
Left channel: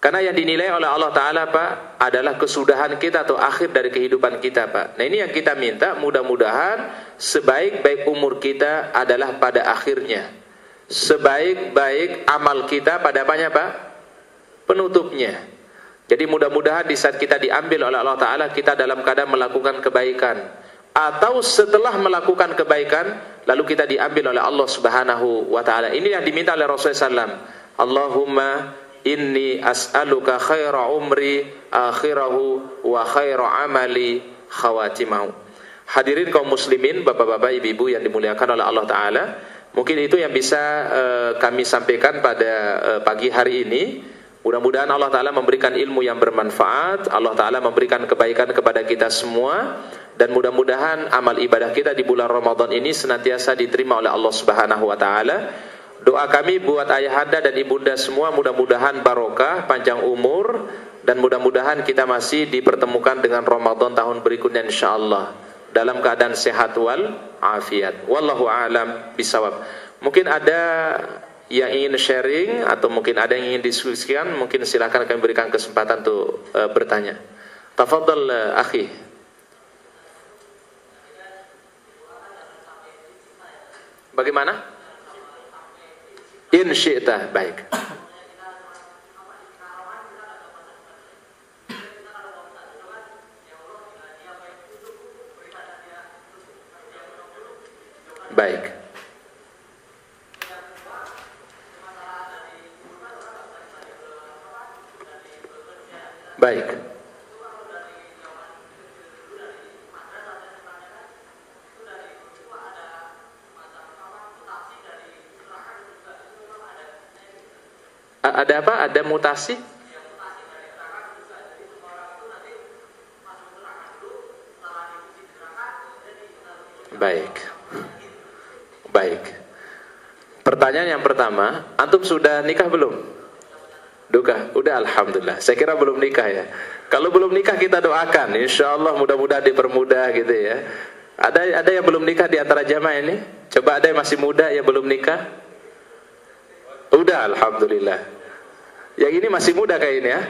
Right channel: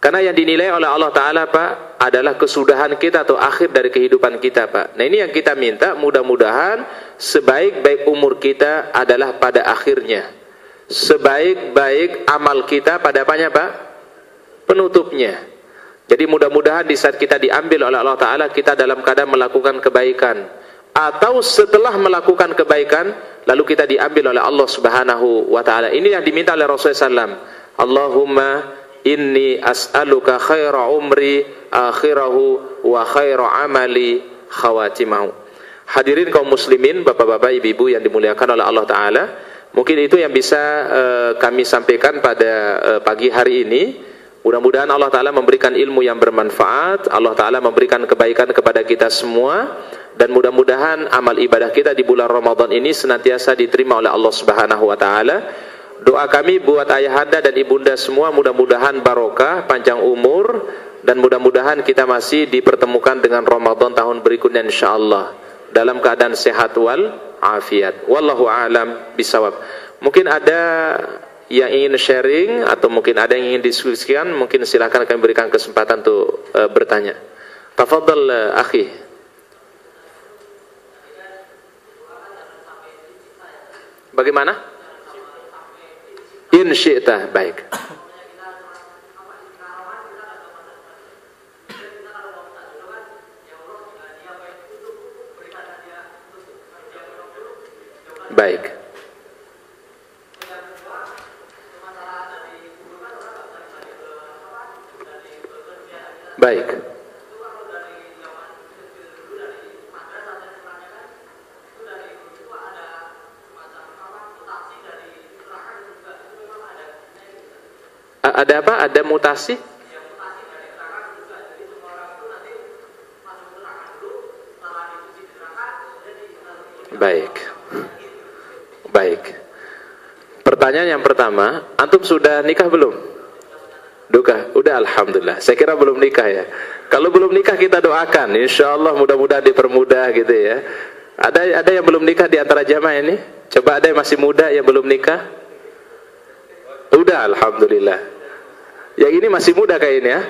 Karena yang dinilai oleh Allah Ta'ala Pak adalah kesudahan kita atau akhir dari kehidupan kita Pak. Nah ini yang kita minta, mudah-mudahan sebaik-baik umur kita adalah pada akhirnya. Sebaik-baik amal kita pada apanya Pak? Penutupnya. Jadi mudah-mudahan di saat kita diambil oleh Allah Ta'ala, kita dalam keadaan melakukan kebaikan. Atau setelah melakukan kebaikan, lalu kita diambil oleh Allah Subhanahu wa Ta'ala. Ini yang diminta oleh Rasulullah SAW. Allahumma inni as'aluka khaira umri akhirahu wa khaira amali khawatimahu. Hadirin kaum muslimin, bapak-bapak, ibu-ibu yang dimuliakan oleh Allah Ta'ala, mungkin itu yang bisa kami sampaikan pada pagi hari ini. Mudah-mudahan Allah Ta'ala memberikan ilmu yang bermanfaat, Allah Ta'ala memberikan kebaikan kepada kita semua, dan mudah-mudahan amal ibadah kita di bulan Ramadan ini senantiasa diterima oleh Allah Subhanahu wa Ta'ala. Doa kami buat ayahanda dan ibunda semua, mudah-mudahan barokah, panjang umur, dan mudah-mudahan kita masih dipertemukan dengan Ramadan tahun berikutnya insyaallah dalam keadaan sehat wal afiat. Wallahu a'lam bisawab. Mungkin ada yang ingin sharing atau mungkin ada yang ingin diskusikan, mungkin silakan kami berikan kesempatan untuk bertanya. Tafadhal akhi. Bagaimana? In syi'ta, baik. Baik. Baik. Ada apa? Ada mutasi? Baik. Baik. Pertanyaan yang pertama, antum sudah nikah belum? Udah, alhamdulillah. Saya kira belum nikah ya. Kalau belum nikah kita doakan, insya Allah mudah-mudahan dipermudah gitu ya. Ada yang belum nikah di antara jamaah ini? Coba ada yang masih muda yang belum nikah? Udah, alhamdulillah. Yang ini masih muda kayak ini ya?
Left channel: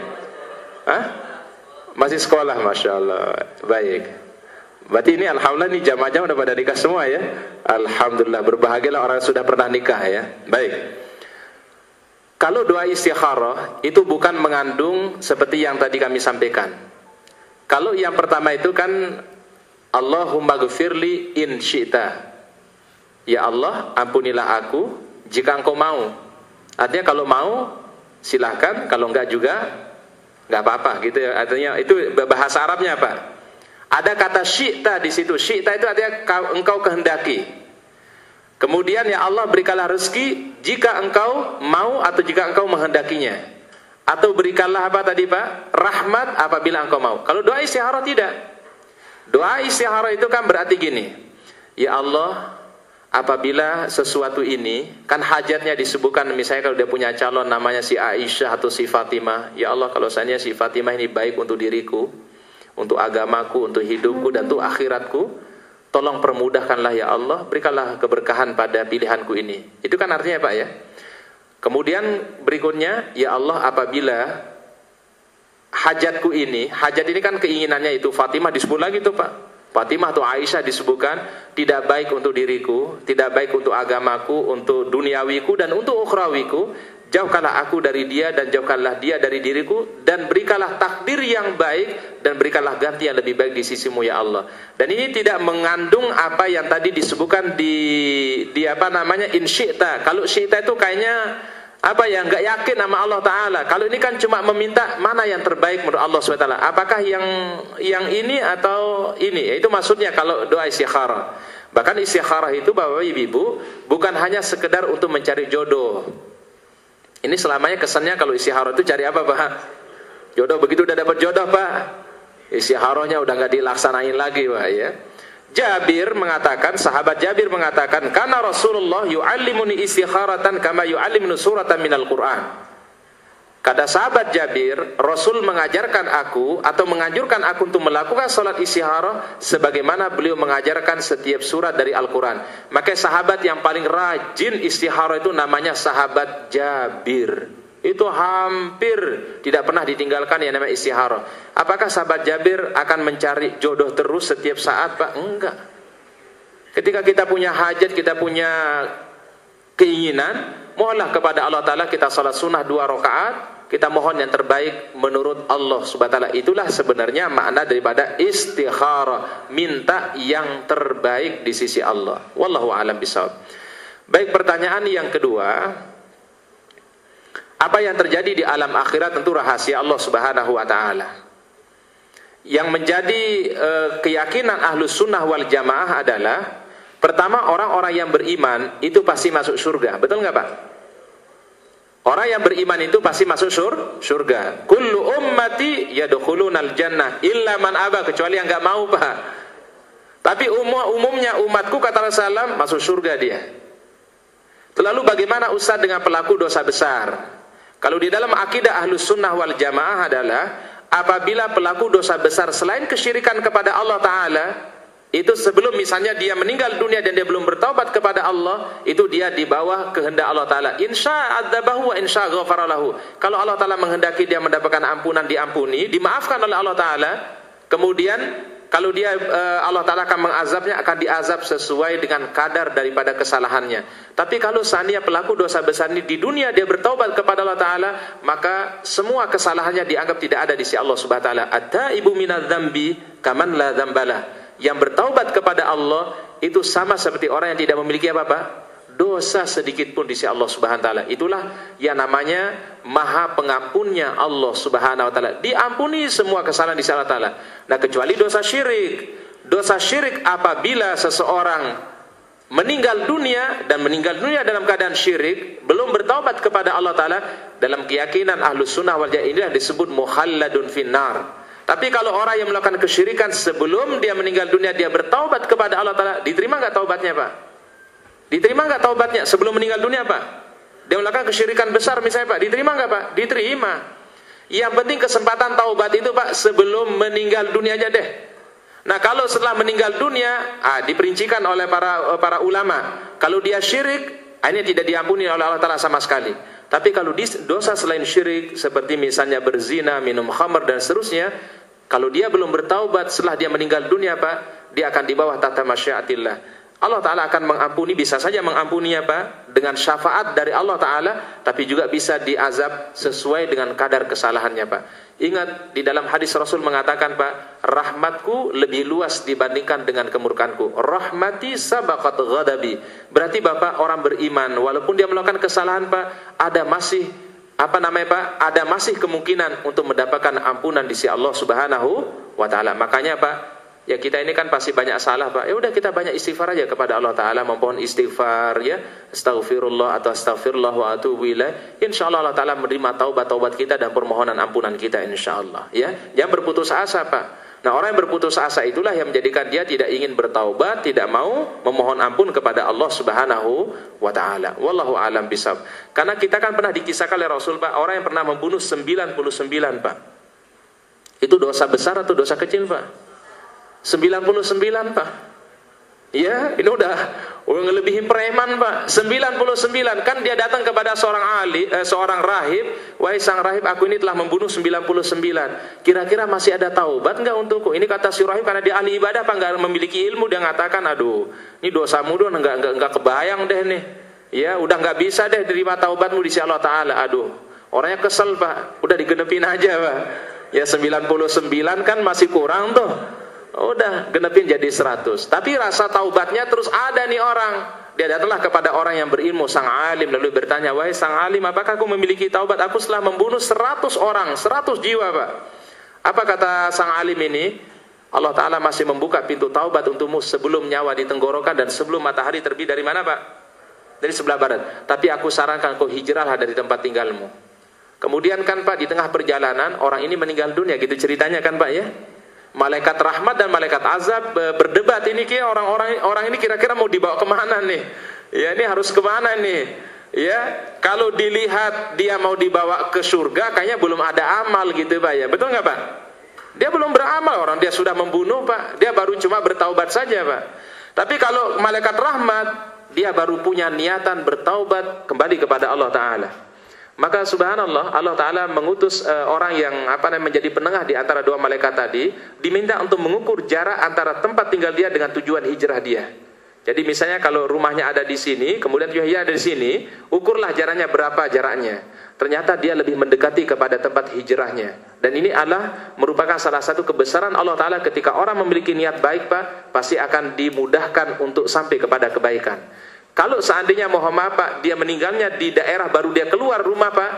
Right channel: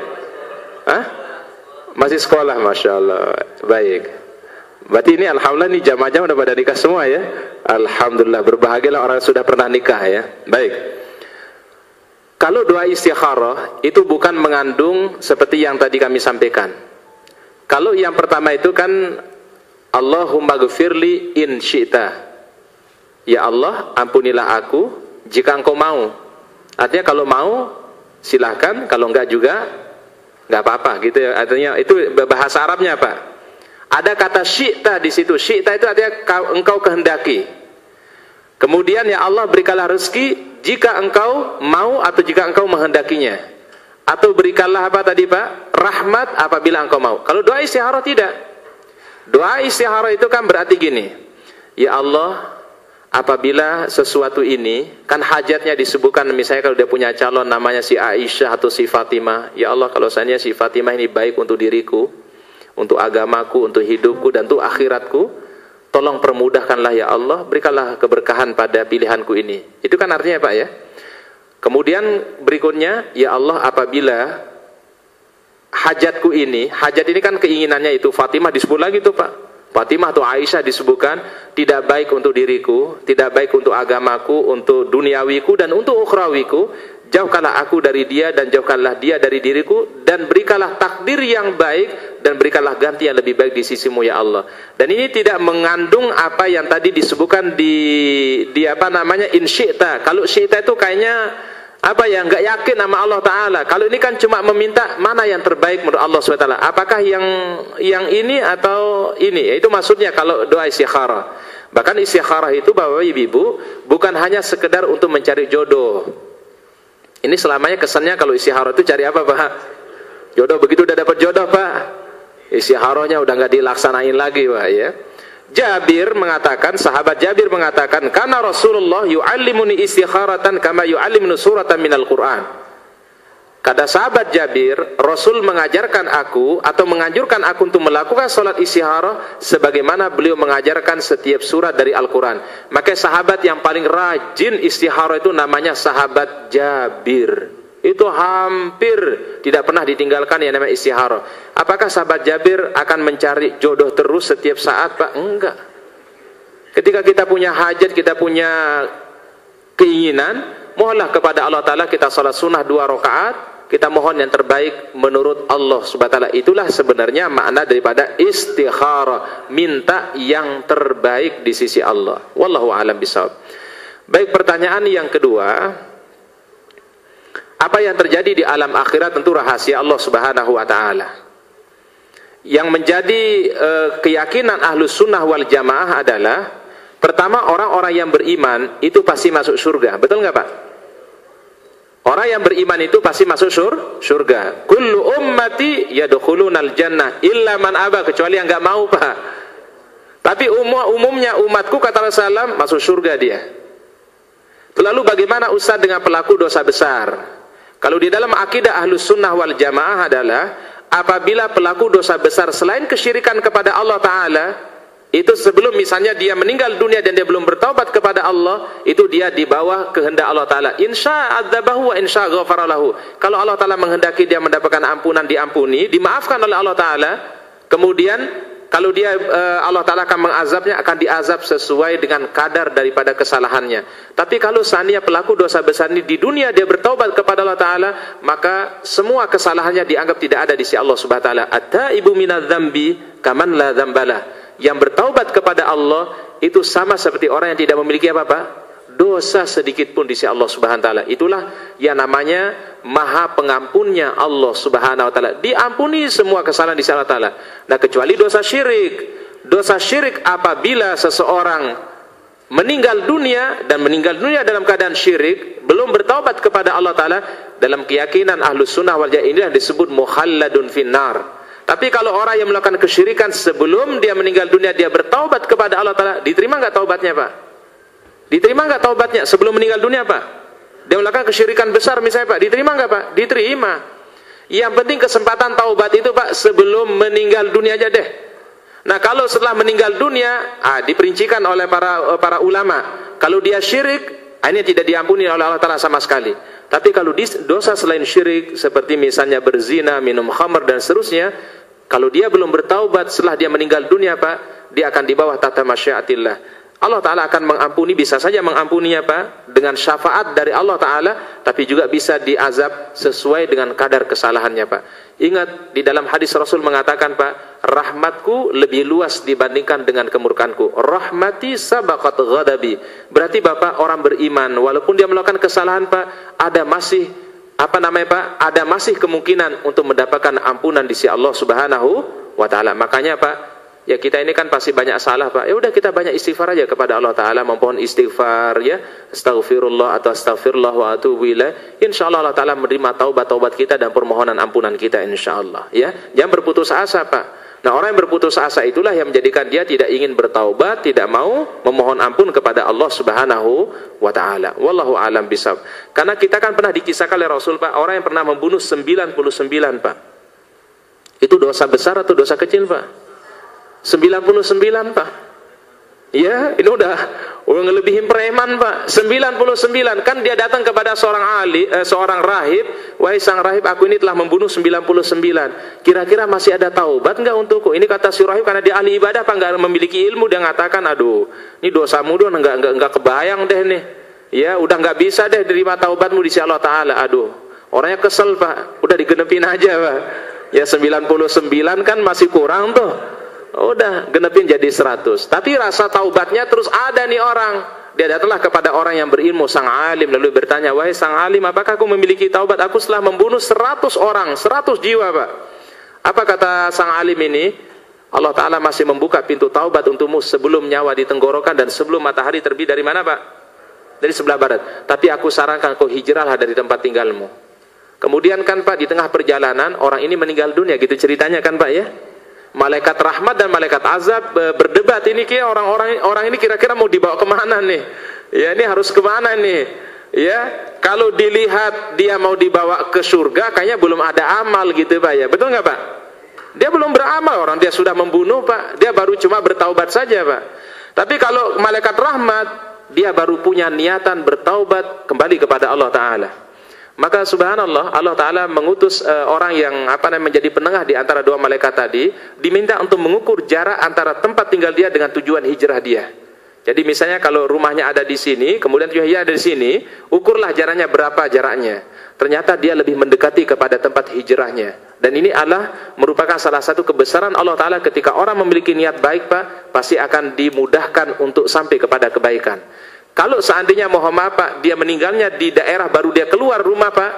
Hah? Masih sekolah, masya Allah. Baik. Berarti ini alhamdulillah nih jamaah-jamaah udah pada nikah semua ya. Alhamdulillah, berbahagialah orang yang sudah pernah nikah ya. Baik. Kalau doa istikharah itu bukan mengandung seperti yang tadi kami sampaikan. Kalau yang pertama itu kan Allahumma ghfirli in syi'ta. Ya Allah, ampunilah aku jika engkau mau. Artinya kalau mau silahkan, kalau enggak juga enggak apa-apa gitu ya. Artinya itu bahasa Arabnya apa? Ada kata syi'ta di situ. Syi'ta itu artinya engkau kehendaki. Kemudian ya Allah berikanlah rezeki jika engkau mau atau jika engkau menghendakinya. Atau berikanlah apa tadi Pak? Rahmat apabila engkau mau. Kalau doa istikharah tidak. Doa istikharah itu kan berarti gini. Ya Allah, apabila sesuatu ini, kan hajatnya disebutkan, misalnya kalau dia punya calon namanya si Aisyah atau si Fatimah. Ya Allah, kalau seandainya si Fatimah ini baik untuk diriku, untuk agamaku, untuk hidupku, dan untuk akhiratku, tolong permudahkanlah ya Allah, berikanlah keberkahan pada pilihanku ini. Itu kan artinya Pak ya. Kemudian berikutnya, ya Allah apabila hajatku ini, hajat ini kan keinginannya itu, Fatimah disebut lagi tuh Pak. Fatimah atau Aisyah disebutkan tidak baik untuk diriku, tidak baik untuk agamaku, untuk duniawiku dan untuk ukhrawiku. Jauhkanlah aku dari dia dan jauhkanlah dia dari diriku, dan berikanlah takdir yang baik dan berikanlah ganti yang lebih baik di sisimu ya Allah. Dan ini tidak mengandung apa yang tadi disebutkan di apa namanya in syi'ta. Kalau syi'ta itu kayaknya apa ya, nggak yakin sama Allah Ta'ala. Kalau ini kan cuma meminta mana yang terbaik menurut Allah SWT. Apakah yang ini atau ini? Itu maksudnya kalau doa istikharah. Bahkan istikharah itu Bapak Ibu bukan hanya sekedar untuk mencari jodoh. Ini selamanya kesannya kalau istikharah itu cari apa Pak? Jodoh. Begitu udah dapat jodoh Pak, istikharahnya udah nggak dilaksanain lagi Pak ya. Jabir mengatakan, sahabat Jabir mengatakan, karena Rasulullah yu'allimuni istikharatan kama yu'allimuni suratan minal Qur'an. Kata sahabat Jabir, Rasul mengajarkan aku atau menganjurkan aku untuk melakukan salat istikharah sebagaimana beliau mengajarkan setiap surat dari Al-Quran. Maka sahabat yang paling rajin istikharah itu namanya sahabat Jabir. Itu hampir tidak pernah ditinggalkan yang namanya istikharah. Apakah sahabat Jabir akan mencari jodoh terus setiap saat Pak? Enggak. Ketika kita punya hajat, kita punya keinginan, mohonlah kepada Allah Ta'ala kita salat sunnah 2 rakaat. kita mohon yang terbaik menurut Allah Subhanahu wa taala. Itulah sebenarnya makna daripada istikharah, minta yang terbaik di sisi Allah. Wallahu a'lam bishawab. Baik, pertanyaan yang kedua, apa yang terjadi di alam akhirat tentu rahasia Allah Subhanahu wa taala. Yang menjadi keyakinan Ahlus Sunnah wal Jamaah adalah, pertama, orang-orang yang beriman itu pasti masuk surga. Betul nggak Pak? Orang yang beriman itu pasti masuk surga. Kullu ummati yadkhulunal jannah illa man aba, kecuali yang nggak mau Pak. Tapi umumnya umatku, kata Rasulullah, masuk surga dia. Lalu bagaimana Ustaz dengan pelaku dosa besar? Kalau di dalam akidah Ahlus Sunnah wal Jamaah adalah, apabila pelaku dosa besar selain kesyirikan kepada Allah Ta'ala, itu sebelum misalnya dia meninggal dunia dan dia belum bertaubat kepada Allah, itu dia di bawah kehendak Allah Ta'ala. Insya adzabahu wa insya ghafaralahu. Kalau Allah Ta'ala menghendaki dia mendapatkan ampunan, diampuni, dimaafkan oleh Allah Ta'ala. Kemudian kalau dia Allah Ta'ala akan mengazabnya, akan diazab sesuai dengan kadar daripada kesalahannya. Tapi kalau seandainya pelaku dosa besar ini di dunia dia bertaubat kepada Allah Ta'ala, maka semua kesalahannya dianggap tidak ada di sisi Allah Subhanahu wa taala. At-taibu minadz-dzambi kaman la dzambalah. Yang bertaubat kepada Allah itu sama seperti orang yang tidak memiliki apa-apa dosa sedikit pun di sisi Allah Subhanahu wa taala. Itulah yang namanya Maha Pengampunnya Allah Subhanahu wa taala. Diampuni semua kesalahan di sisi Allah Taala. Nah, kecuali dosa syirik. Dosa syirik apabila seseorang meninggal dunia dan meninggal dunia dalam keadaan syirik, belum bertaubat kepada Allah Taala, dalam keyakinan Ahlus Sunnah wal Jamaah ini disebut mukhalladun finnar. Tapi kalau orang yang melakukan kesyirikan sebelum dia meninggal dunia dia bertaubat kepada Allah Ta'ala, diterima nggak taubatnya Pak? Diterima nggak taubatnya sebelum meninggal dunia Pak? Dia melakukan kesyirikan besar misalnya Pak, diterima nggak Pak? Diterima. Yang penting kesempatan taubat itu Pak sebelum meninggal dunia aja deh. Nah, kalau setelah meninggal dunia, diperincikan oleh para ulama, kalau dia syirik, ini tidak diampuni oleh Allah Ta'ala sama sekali. Tapi kalau dosa selain syirik, seperti misalnya berzina, minum khamr dan seterusnya, kalau dia belum bertaubat setelah dia meninggal dunia Pak, dia akan di bawah tahta masyiatillah. Allah Ta'ala akan mengampuni, bisa saja mengampuninya Pak, dengan syafaat dari Allah Ta'ala, tapi juga bisa diazab sesuai dengan kadar kesalahannya Pak. Ingat, di dalam hadis Rasul mengatakan Pak, rahmatku lebih luas dibandingkan dengan kemurkanku. Rahmati sabaqat ghadabi. Berarti Bapak orang beriman, walaupun dia melakukan kesalahan Pak, ada masih Pak? Ada masih kemungkinan untuk mendapatkan ampunan di sisi Allah Subhanahu wa taala. Makanya Pak, ya kita ini kan pasti banyak salah Pak. Ya udah kita banyak istighfar aja kepada Allah Taala, memohon istighfar ya. Astaghfirullah atau astaghfirullah wa atubu ilaih. Insyaallah Allah Taala menerima taubat kita dan permohonan ampunan kita insyaallah ya. Jangan berputus asa Pak. Nah, orang yang berputus asa itulah yang menjadikan dia tidak ingin bertaubat, tidak mau memohon ampun kepada Allah Subhanahu wa taala. Wallahu a'lam bishawab. Karena kita kan pernah dikisahkan oleh Rasul Pak, orang yang pernah membunuh 99 Pak. Itu dosa besar atau dosa kecil Pak? 99 Pak. Ya, ini udah ngelebihin preman Pak. 99, kan dia datang kepada seorang rahib, wahai sang rahib, aku ini telah membunuh 99. Kira-kira masih ada taubat enggak untukku? Ini kata si rahib, karena dia ahli ibadah Pak, enggak memiliki ilmu, dia mengatakan, aduh, ini dosamu doang enggak kebayang deh nih. Ya, udah enggak bisa deh terima taubatmu di sisi Allah Taala. Aduh, orangnya kesel Pak, udah digenepin aja Pak. Ya 99 kan masih kurang tuh. Udah genepin jadi 100. Tapi rasa taubatnya terus ada nih orang. Dia datanglah kepada orang yang berilmu, sang alim, lalu bertanya, wahai sang alim, apakah aku memiliki taubat? Aku setelah membunuh 100 orang, 100 jiwa Pak. Apa kata sang alim ini? Allah Ta'ala masih membuka pintu taubat untukmu sebelum nyawa di tenggorokan dan sebelum matahari terbit dari mana Pak? Dari sebelah barat. Tapi aku sarankan kau hijrahlah dari tempat tinggalmu. Kemudian kan Pak, di tengah perjalanan orang ini meninggal dunia, gitu ceritanya kan Pak ya. Malaikat rahmat dan malaikat azab berdebat, ini orang ini kira-kira mau dibawa kemana nih? Ya, ini harus kemana nih? Ya, kalau dilihat dia mau dibawa ke surga, kayaknya belum ada amal gitu Pak ya. Betul nggak Pak? Dia belum beramal, orang dia sudah membunuh Pak. Dia baru cuma bertaubat saja Pak. Tapi kalau malaikat rahmat, dia baru punya niatan bertaubat kembali kepada Allah Ta'ala. Maka subhanallah, Allah Ta'ala mengutus orang yang menjadi penengah di antara dua malaikat tadi, diminta untuk mengukur jarak antara tempat tinggal dia dengan tujuan hijrah dia. Jadi misalnya kalau rumahnya ada di sini, kemudian tujuan hijrah ada di sini, ukurlah jaraknya berapa jaraknya. ternyata dia lebih mendekati kepada tempat hijrahnya. Dan ini adalah merupakan salah satu kebesaran Allah Ta'ala ketika orang memiliki niat baik, Pak, pasti akan dimudahkan untuk sampai kepada kebaikan. Kalau seandainya mohon maaf, Pak, dia meninggalnya di daerah baru dia keluar rumah, Pak,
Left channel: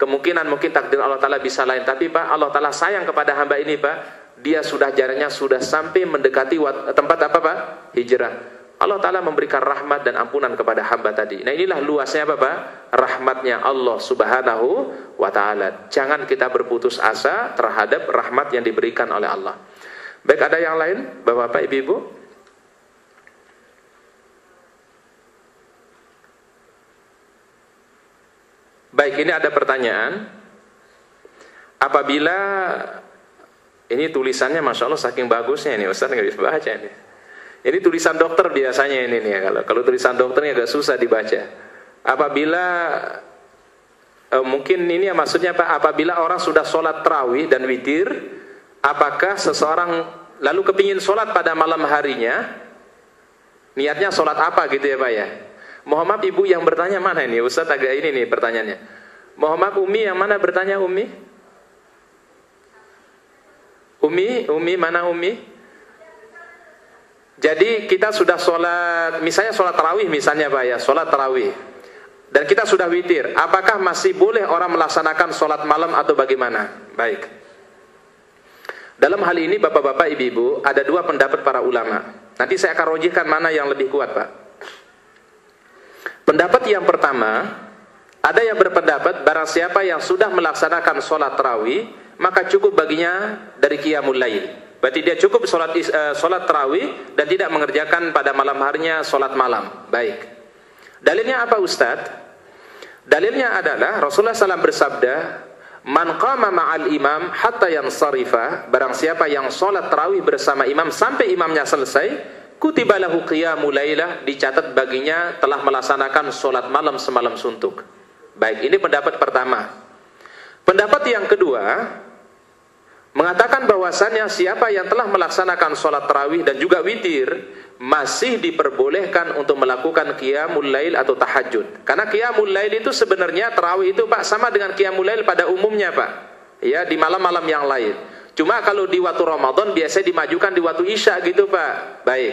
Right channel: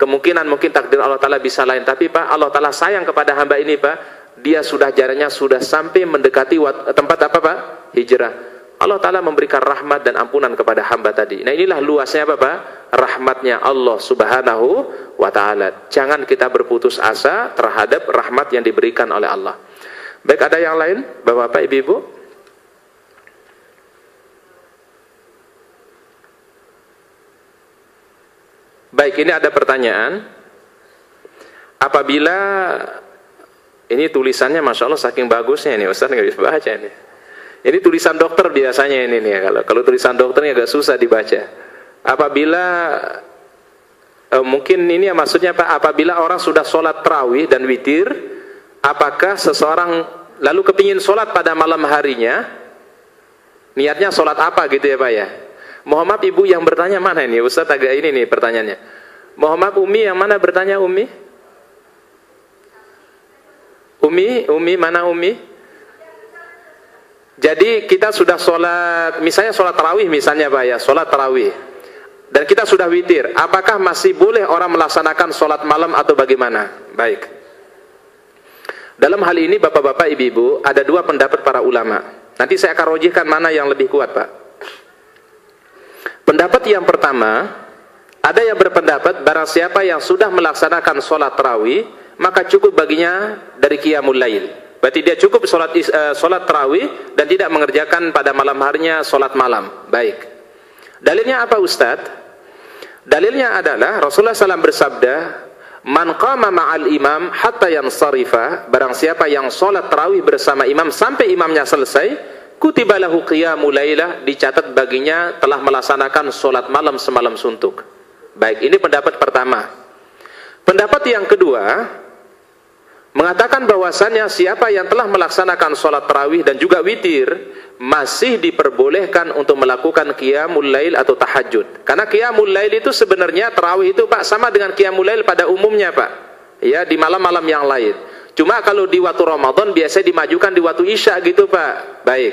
kemungkinan mungkin takdir Allah Ta'ala bisa lain. Tapi Pak, Allah Ta'ala sayang kepada hamba ini, Pak, dia sudah jaraknya sudah sampai mendekati tempat apa, Pak? Hijrah. Allah Ta'ala memberikan rahmat dan ampunan kepada hamba tadi. Nah, inilah luasnya apa, Pak? Rahmatnya Allah Subhanahu wa Ta'ala. Jangan kita berputus asa terhadap rahmat yang diberikan oleh Allah. Baik, ada yang lain, Bapak-bapak, Ibu-ibu? Baik, ini ada pertanyaan. Apabila ini tulisannya Masya Allah saking bagusnya ini, Ustaz nggak bisa baca ini. Ini tulisan dokter biasanya ini nih. Kalau tulisan dokternya agak susah dibaca. Apabila mungkin ini ya maksudnya Pak, apabila orang sudah sholat tarawih dan witir, apakah seseorang lalu kepingin sholat pada malam harinya, niatnya sholat apa gitu ya Pak ya? Mohon maaf Ibu yang bertanya mana ini? Ustaz agak ini nih pertanyaannya. Mohon maaf Umi yang mana bertanya Umi? Umi mana Umi? Jadi kita sudah sholat, misalnya sholat tarawih misalnya Pak ya, sholat tarawih. Dan kita sudah witir. Apakah masih boleh orang melaksanakan sholat malam atau bagaimana? Baik. Dalam hal ini Bapak-bapak Ibu-ibu ada dua pendapat para ulama. Nanti saya akan rojihkan mana yang lebih kuat Pak. Pendapat yang pertama, ada yang berpendapat barang siapa yang sudah melaksanakan sholat tarawih, maka cukup baginya dari qiyamul lail. Berarti dia cukup sholat tarawih dan tidak mengerjakan pada malam harinya sholat malam. Baik. Dalilnya apa Ustadz? Dalilnya adalah Rasulullah SAW bersabda, Man qama ma'al imam hatta yansarifa, barang siapa yang sholat tarawih bersama imam sampai imamnya selesai, kutiba lahu qiyamul lailah, dicatat baginya telah melaksanakan sholat malam semalam suntuk. Baik, ini pendapat pertama. Pendapat yang kedua mengatakan bahwasannya siapa yang telah melaksanakan sholat tarawih dan juga witir masih diperbolehkan untuk melakukan qiyamul lail atau tahajud. Karena qiyamul lail itu sebenarnya tarawih itu Pak sama dengan qiyamul lail pada umumnya Pak. Ya, di malam-malam yang lain. Cuma kalau di waktu Ramadan biasanya dimajukan di waktu Isya gitu Pak. Baik.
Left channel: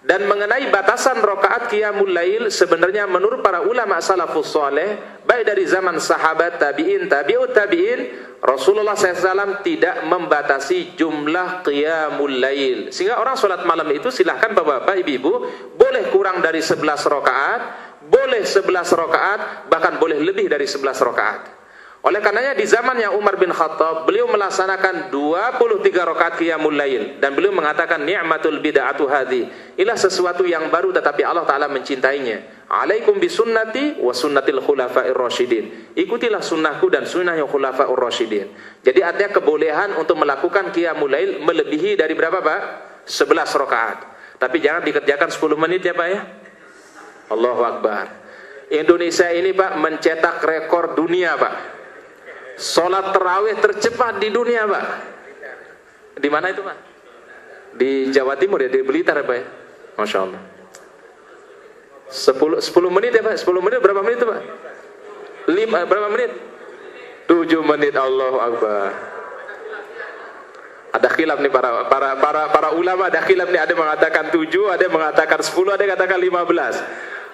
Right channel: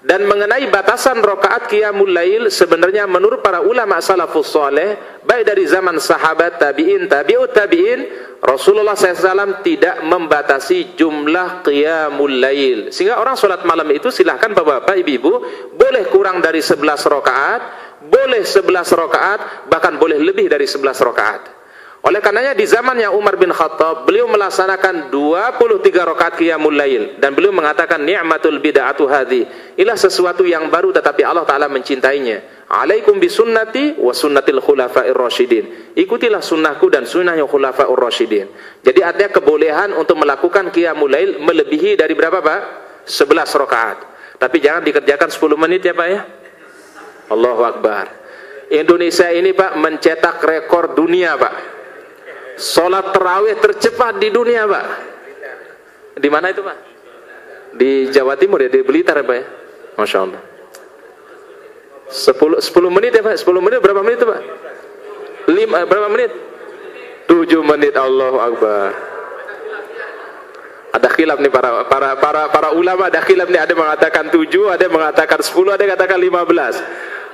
Dan mengenai batasan rakaat qiyamul lail sebenarnya menurut para ulama salafus saleh baik dari zaman sahabat, tabi'in, tabi'ut tabi'in, Rasulullah SAW tidak membatasi jumlah qiyamul lail. Sehingga orang sholat malam itu silahkan Bapak-bapak, Ibu-ibu, boleh kurang dari 11 rakaat, boleh 11 rakaat, bahkan boleh lebih dari 11 rakaat. Oleh karenanya di zamannya Umar bin Khattab, beliau melaksanakan 23 rakaat qiyamul lail dan beliau mengatakan ni'matul bid'atu hadhi. Inilah sesuatu yang baru tetapi Allah Taala mencintainya. Alaikum bisunnati wa sunnatil khulafa'ir rasyidin. Ikutilah sunnahku dan sunnahnya khulafa'ur rasyidin. Jadi ada kebolehan untuk melakukan qiyamul lail melebihi dari berapa Pak? 11 rakaat. Tapi jangan dikerjakan 10 menit ya Pak ya. Allahu Akbar. Indonesia ini Pak mencetak rekor dunia Pak. Sholat tarawih tercepat di dunia Pak. Di mana itu Pak? Di Jawa Timur ya, di Blitar ya Pak ya. Masya Allah. 10 menit ya Pak. 10 menit berapa menit itu Pak? Berapa menit? 7 menit. Allahu Akbar. Ada khilaf nih para ulama, ada khilaf nih, ada mengatakan 7, ada yang mengatakan 10, ada yang mengatakan 15.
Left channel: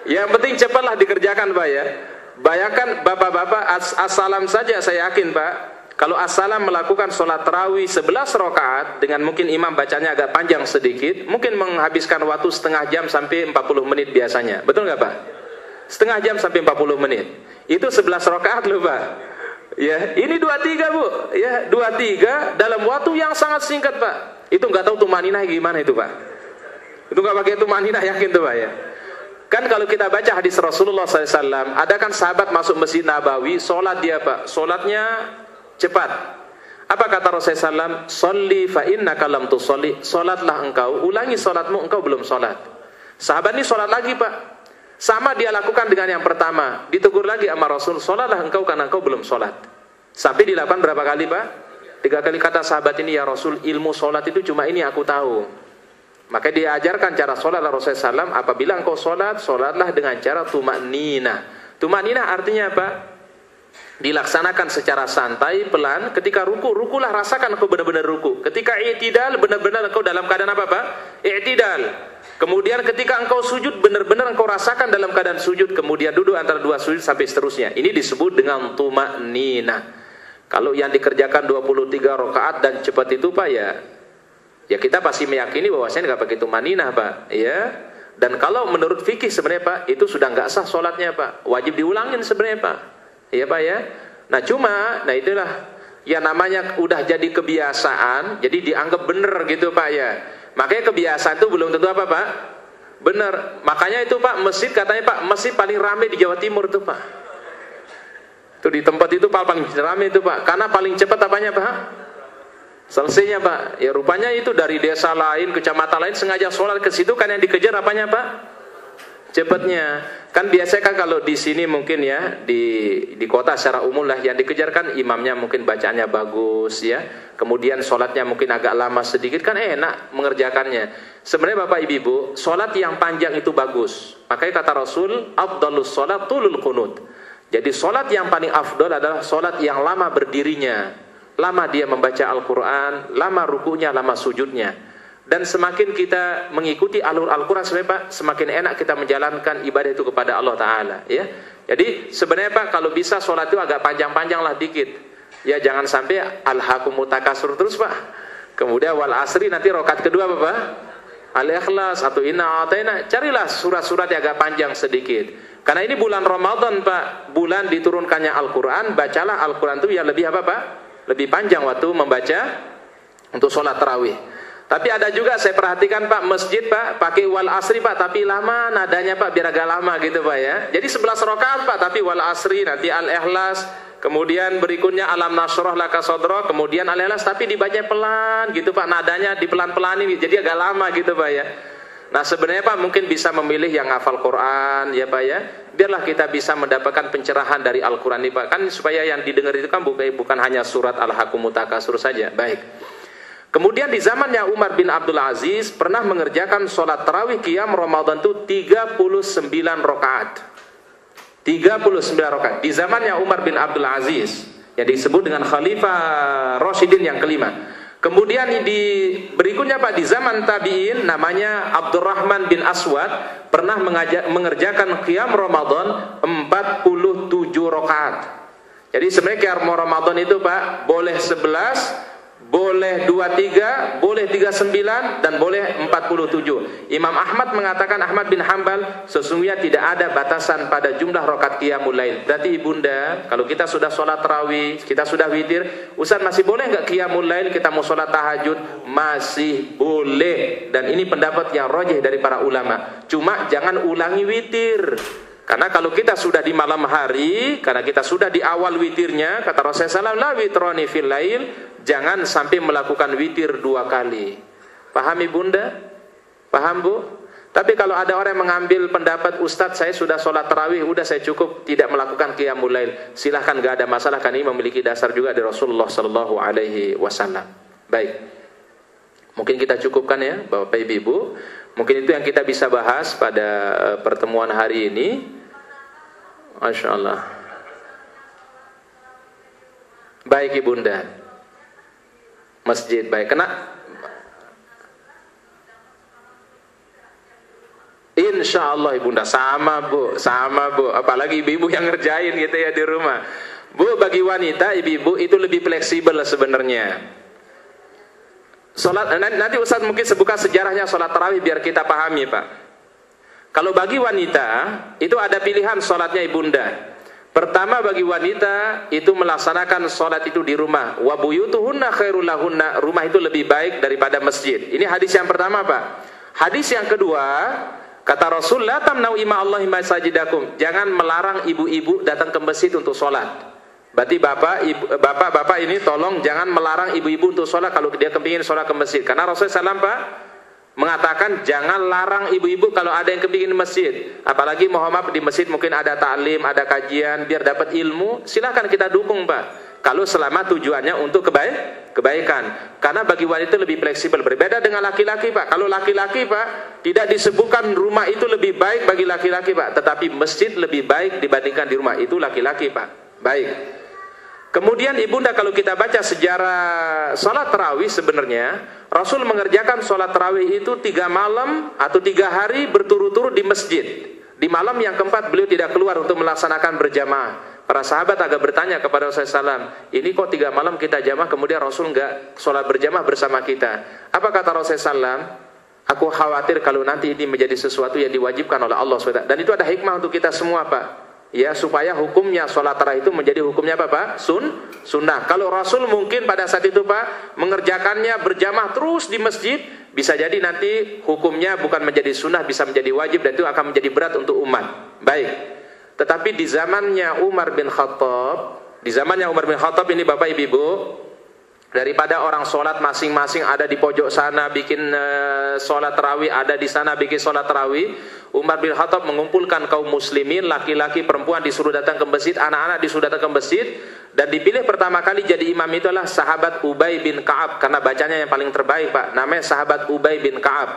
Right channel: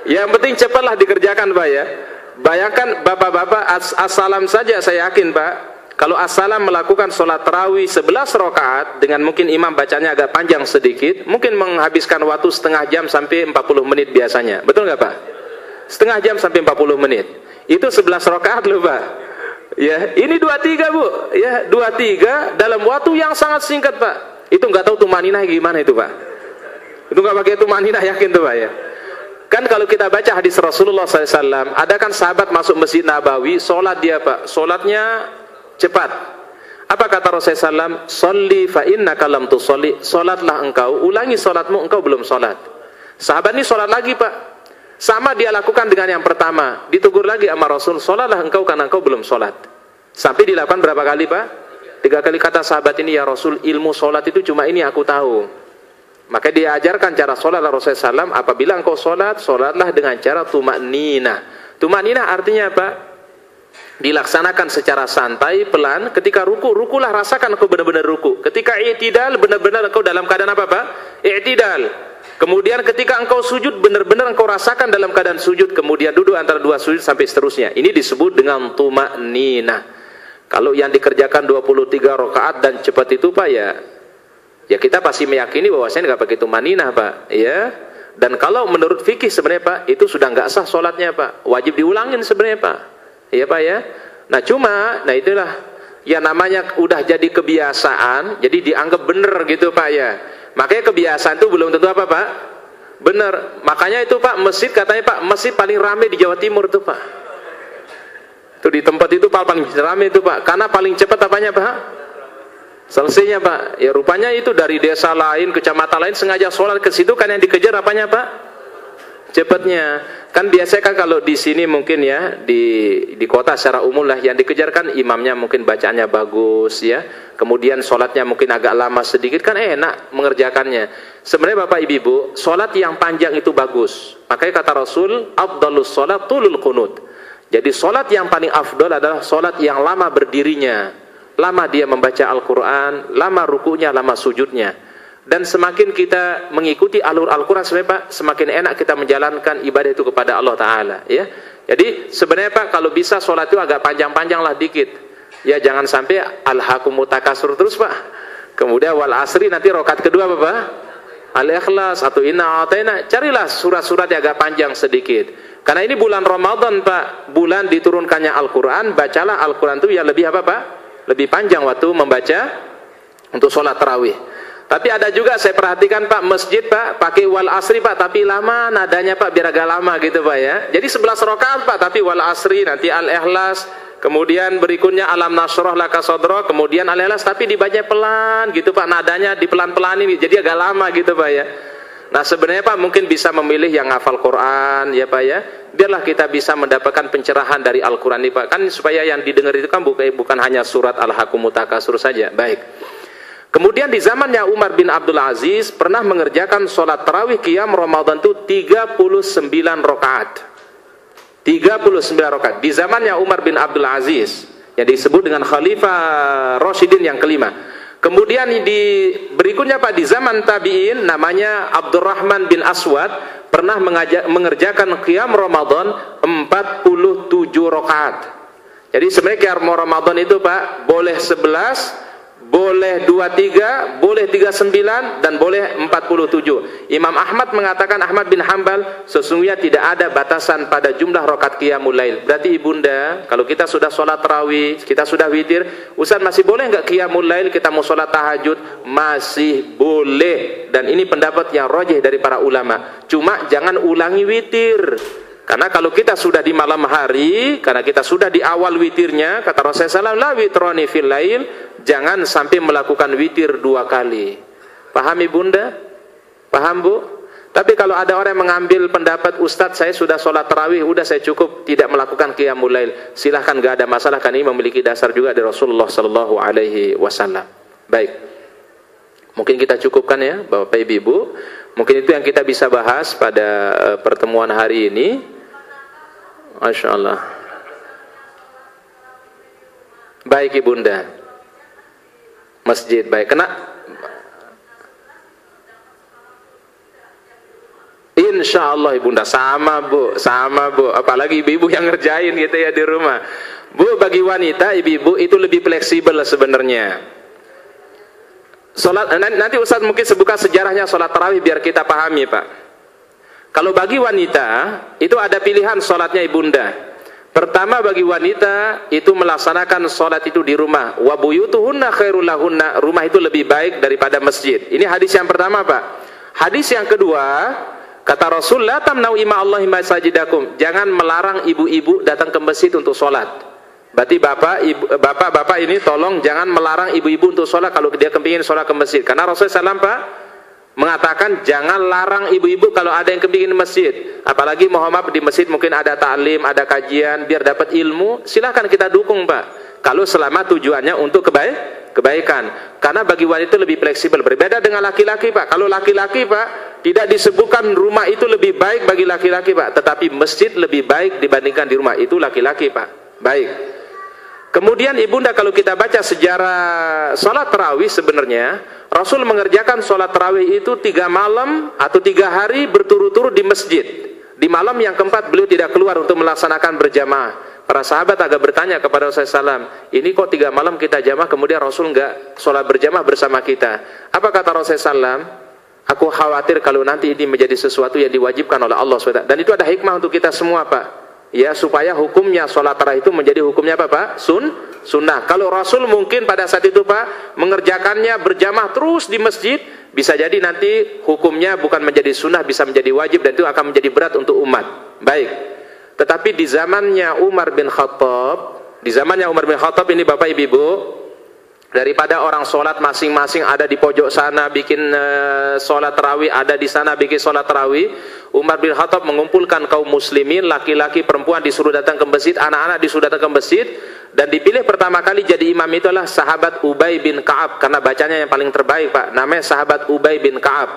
Yang penting cepatlah dikerjakan Pak ya. Bayangkan Bapak-bapak as-salam saja saya yakin Pak, kalau as-salam melakukan sholat tarawih 11 rakaat dengan mungkin imam bacanya agak panjang sedikit, mungkin menghabiskan waktu setengah jam sampai 40 menit biasanya. Betul nggak Pak? Setengah jam sampai 40 menit. Itu 11 rakaat loh Pak. Ya, ini 23 Bu. Ya, 23 dalam waktu yang sangat singkat Pak. Itu nggak tahu tumaninah gimana itu Pak. Itu nggak pakai tumaninah yakin tuh Pak ya. Kan kalau kita baca hadis Rasulullah SAW, ada kan sahabat masuk Masjid Nabawi, sholat dia Pak, sholatnya cepat. Apa kata Rasulullah SAW? Sholli fa innaka lam tusolli, sholatlah engkau, ulangi sholatmu, engkau belum sholat. Sahabat ini sholat lagi Pak, sama dia lakukan dengan yang pertama, ditegur lagi sama Rasul, sholatlah engkau karena engkau belum sholat. Sampai dilakukan berapa kali Pak? 3 kali. Kata sahabat ini, ya Rasul, ilmu sholat itu cuma ini aku tahu. Maka dia ajarkan cara sholat Rasulullah SAW. Apabila engkau sholat, sholatlah dengan cara tumakninah. Tumakninah artinya apa? dilaksanakan secara santai, pelan. Ketika ruku, rukulah rasakan engkau benar-benar ruku. Ketika i'tidal, benar-benar engkau dalam keadaan apa Pak? I'tidal. Kemudian ketika engkau sujud, benar-benar engkau rasakan dalam keadaan sujud. Kemudian duduk antara dua sujud sampai seterusnya. Ini disebut dengan tuma'ninah. Kalau yang dikerjakan 23 rakaat dan cepat itu Pak, ya kita pasti meyakini bahwasanya nggak pakai tuma'ninah Pak, ya. Dan kalau menurut fikih sebenarnya Pak, itu sudah nggak sah sholatnya Pak. Wajib diulangin sebenarnya Pak. Iya Pak ya. Nah itulah yang namanya udah jadi kebiasaan, jadi dianggap benar gitu Pak ya. Makanya kebiasaan itu belum tentu apa Pak? Benar. Makanya itu Pak, masjid katanya Pak, masjid paling ramai di Jawa Timur tuh Pak. Itu di tempat itu paling ramai itu Pak. Karena paling cepat apanya Pak? Selesainya Pak. Ya rupanya itu dari desa lain, kecamatan lain sengaja sholat ke situ kan yang dikejar apanya Pak? Cepatnya. Kan biasanya kan kalau di sini mungkin ya di kota secara umum lah yang dikejar kan imamnya mungkin bacaannya bagus ya. Kemudian sholatnya mungkin agak lama sedikit kan enak mengerjakannya. Sebenarnya Bapak Ibu, sholat yang panjang itu bagus. Makanya kata Rasul, afdalus sholat tulul qunut. Jadi sholat yang paling afdal adalah sholat yang lama berdirinya, lama dia membaca Al-Quran, lama rukunya, lama sujudnya. Dan semakin kita mengikuti alur Al-Quran sebenarnya Pak, semakin enak kita menjalankan ibadah itu kepada Allah Ta'ala ya. Jadi sebenarnya Pak, kalau bisa sholat itu agak panjang-panjang lah dikit ya, jangan sampai alhaqumut takasur terus Pak. Kemudian wal asri nanti rakaat kedua apa Pak? Al-Ikhlas atau Inna A'taina. Carilah surat-surat yang agak panjang sedikit. Karena ini bulan Ramadan Pak, bulan diturunkannya Al-Quran. Bacalah Al-Quran itu ya lebih apa Pak? Lebih panjang waktu membaca untuk sholat tarawih. Tapi ada juga saya perhatikan Pak, masjid Pak pakai wal asri Pak, tapi lama nadanya Pak, biar agak lama gitu Pak ya. Jadi 11 rakaat Pak, tapi wal asri, nanti Al-Ikhlas, kemudian berikutnya alam nasroh laka sodro, kemudian Al-Ikhlas, tapi dibaca pelan gitu Pak, nadanya di pelan-pelan ini, jadi agak lama gitu Pak ya. Nah sebenarnya Pak mungkin bisa memilih yang hafal Quran ya Pak ya. Biarlah kita bisa mendapatkan pencerahan dari Al-Quran ini Pak. Kan supaya yang didengar itu kan bukan hanya surat Al-Hakumut Takasur saja. Baik. Kemudian di zamannya Umar bin Abdul Aziz pernah mengerjakan sholat tarawih qiyam Ramadan itu 39 rakaat. 39 rakaat. Di zamannya Umar bin Abdul Aziz yang disebut dengan Khalifah Rasyidin yang kelima. Kemudian di berikutnya Pak, di zaman tabi'in namanya Abdurrahman bin Aswad pernah mengerjakan qiyam Ramadan 47 rakaat. Jadi sebenarnya qiyam Ramadan itu Pak boleh 11, boleh 23, boleh 39, dan boleh 47. Imam Ahmad mengatakan, Ahmad bin Hanbal, sesungguhnya tidak ada batasan pada jumlah rakaat qiyamul lail. Berarti ibunda, kalau kita sudah sholat tarawih, kita sudah witir, Ustaz masih boleh nggak qiyamul lail, kita mau sholat tahajud? Masih boleh. Dan ini pendapat yang rajih dari para ulama. Cuma jangan ulangi witir. Karena kalau kita sudah di malam hari, karena kita sudah di awal witirnya, kata Rasulullah SAW, la witrani fil lail, jangan sampai melakukan witir 2 kali. Paham ibunda? Paham Bu? Tapi kalau ada orang yang mengambil pendapat, Ustadz saya sudah sholat tarawih, udah saya cukup tidak melakukan qiyamul lail, silahkan, gak ada masalah, kan ini memiliki dasar juga dari Rasulullah SAW. Baik, mungkin kita cukupkan ya Bapak Ibu. Mungkin itu yang kita bisa bahas pada pertemuan hari ini. Masya Allah. Baik ibunda, masjid baik. Kena insya Allah ibunda sama Bu, apalagi ibu-ibu yang ngerjain gitu ya di rumah. Bu, bagi wanita ibu-ibu itu lebih fleksibel sebenarnya. Salat nanti Ustaz mungkin sebuka sejarahnya salat tarawih biar kita pahami Pak. Kalau bagi wanita itu ada pilihan salatnya ibunda. Pertama bagi wanita itu melaksanakan sholat itu di rumah. Wa buyutuhunna khairul lahunna, rumah itu lebih baik daripada masjid. Ini hadis yang pertama Pak. Hadis yang kedua, kata Rasul, la tamna'u ima Allahi masajidakum, jangan melarang ibu-ibu datang ke masjid untuk sholat. Berarti bapak ini tolong jangan melarang ibu-ibu untuk sholat kalau dia kepingin sholat ke masjid. Karena Rasulullah SAW Pak mengatakan jangan larang ibu-ibu kalau ada yang kepingin masjid. Apalagi Muhammad di masjid mungkin ada ta'lim, ada kajian, biar dapat ilmu, silahkan kita dukung Pak. Kalau selama tujuannya untuk kebaikan. Karena bagi wanita lebih fleksibel. Berbeda dengan laki-laki Pak. Kalau laki-laki Pak, tidak disebutkan rumah itu lebih baik bagi laki-laki Pak. Tetapi masjid lebih baik dibandingkan di rumah. Itu laki-laki Pak. Baik. Kemudian ibunda, kalau kita baca sejarah sholat tarawih, sebenarnya Rasul mengerjakan sholat tarawih itu 3 malam atau 3 hari berturut-turut di masjid. Di malam yang keempat beliau tidak keluar untuk melaksanakan berjamaah. Para sahabat agak bertanya kepada Rasulullah SAW, ini kok 3 malam kita jamaah, kemudian Rasul enggak sholat berjamaah bersama kita. Apa kata Rasulullah SAW? Aku khawatir kalau nanti ini menjadi sesuatu yang diwajibkan oleh Allah SWT. Dan itu ada hikmah untuk kita semua, Pak. Ya, supaya hukumnya sholat tarawih itu menjadi hukumnya apa, Pak? Sunnah. Kalau Rasul mungkin pada saat itu, Pak, mengerjakannya berjamaah terus di masjid, bisa jadi nanti hukumnya bukan menjadi sunnah, bisa menjadi wajib, dan itu akan menjadi berat untuk umat. Baik. Tetapi di zamannya Umar bin Khattab ini, Bapak Ibu, daripada orang sholat masing-masing ada di pojok sana bikin sholat tarawih, ada di sana bikin sholat tarawih, Umar bin Khattab mengumpulkan kaum muslimin, laki-laki, perempuan disuruh datang ke masjid, anak-anak disuruh datang ke masjid, dan dipilih pertama kali jadi imam itu adalah sahabat Ubay bin Ka'ab, karena bacanya yang paling terbaik, Pak, namanya sahabat Ubay bin Ka'ab.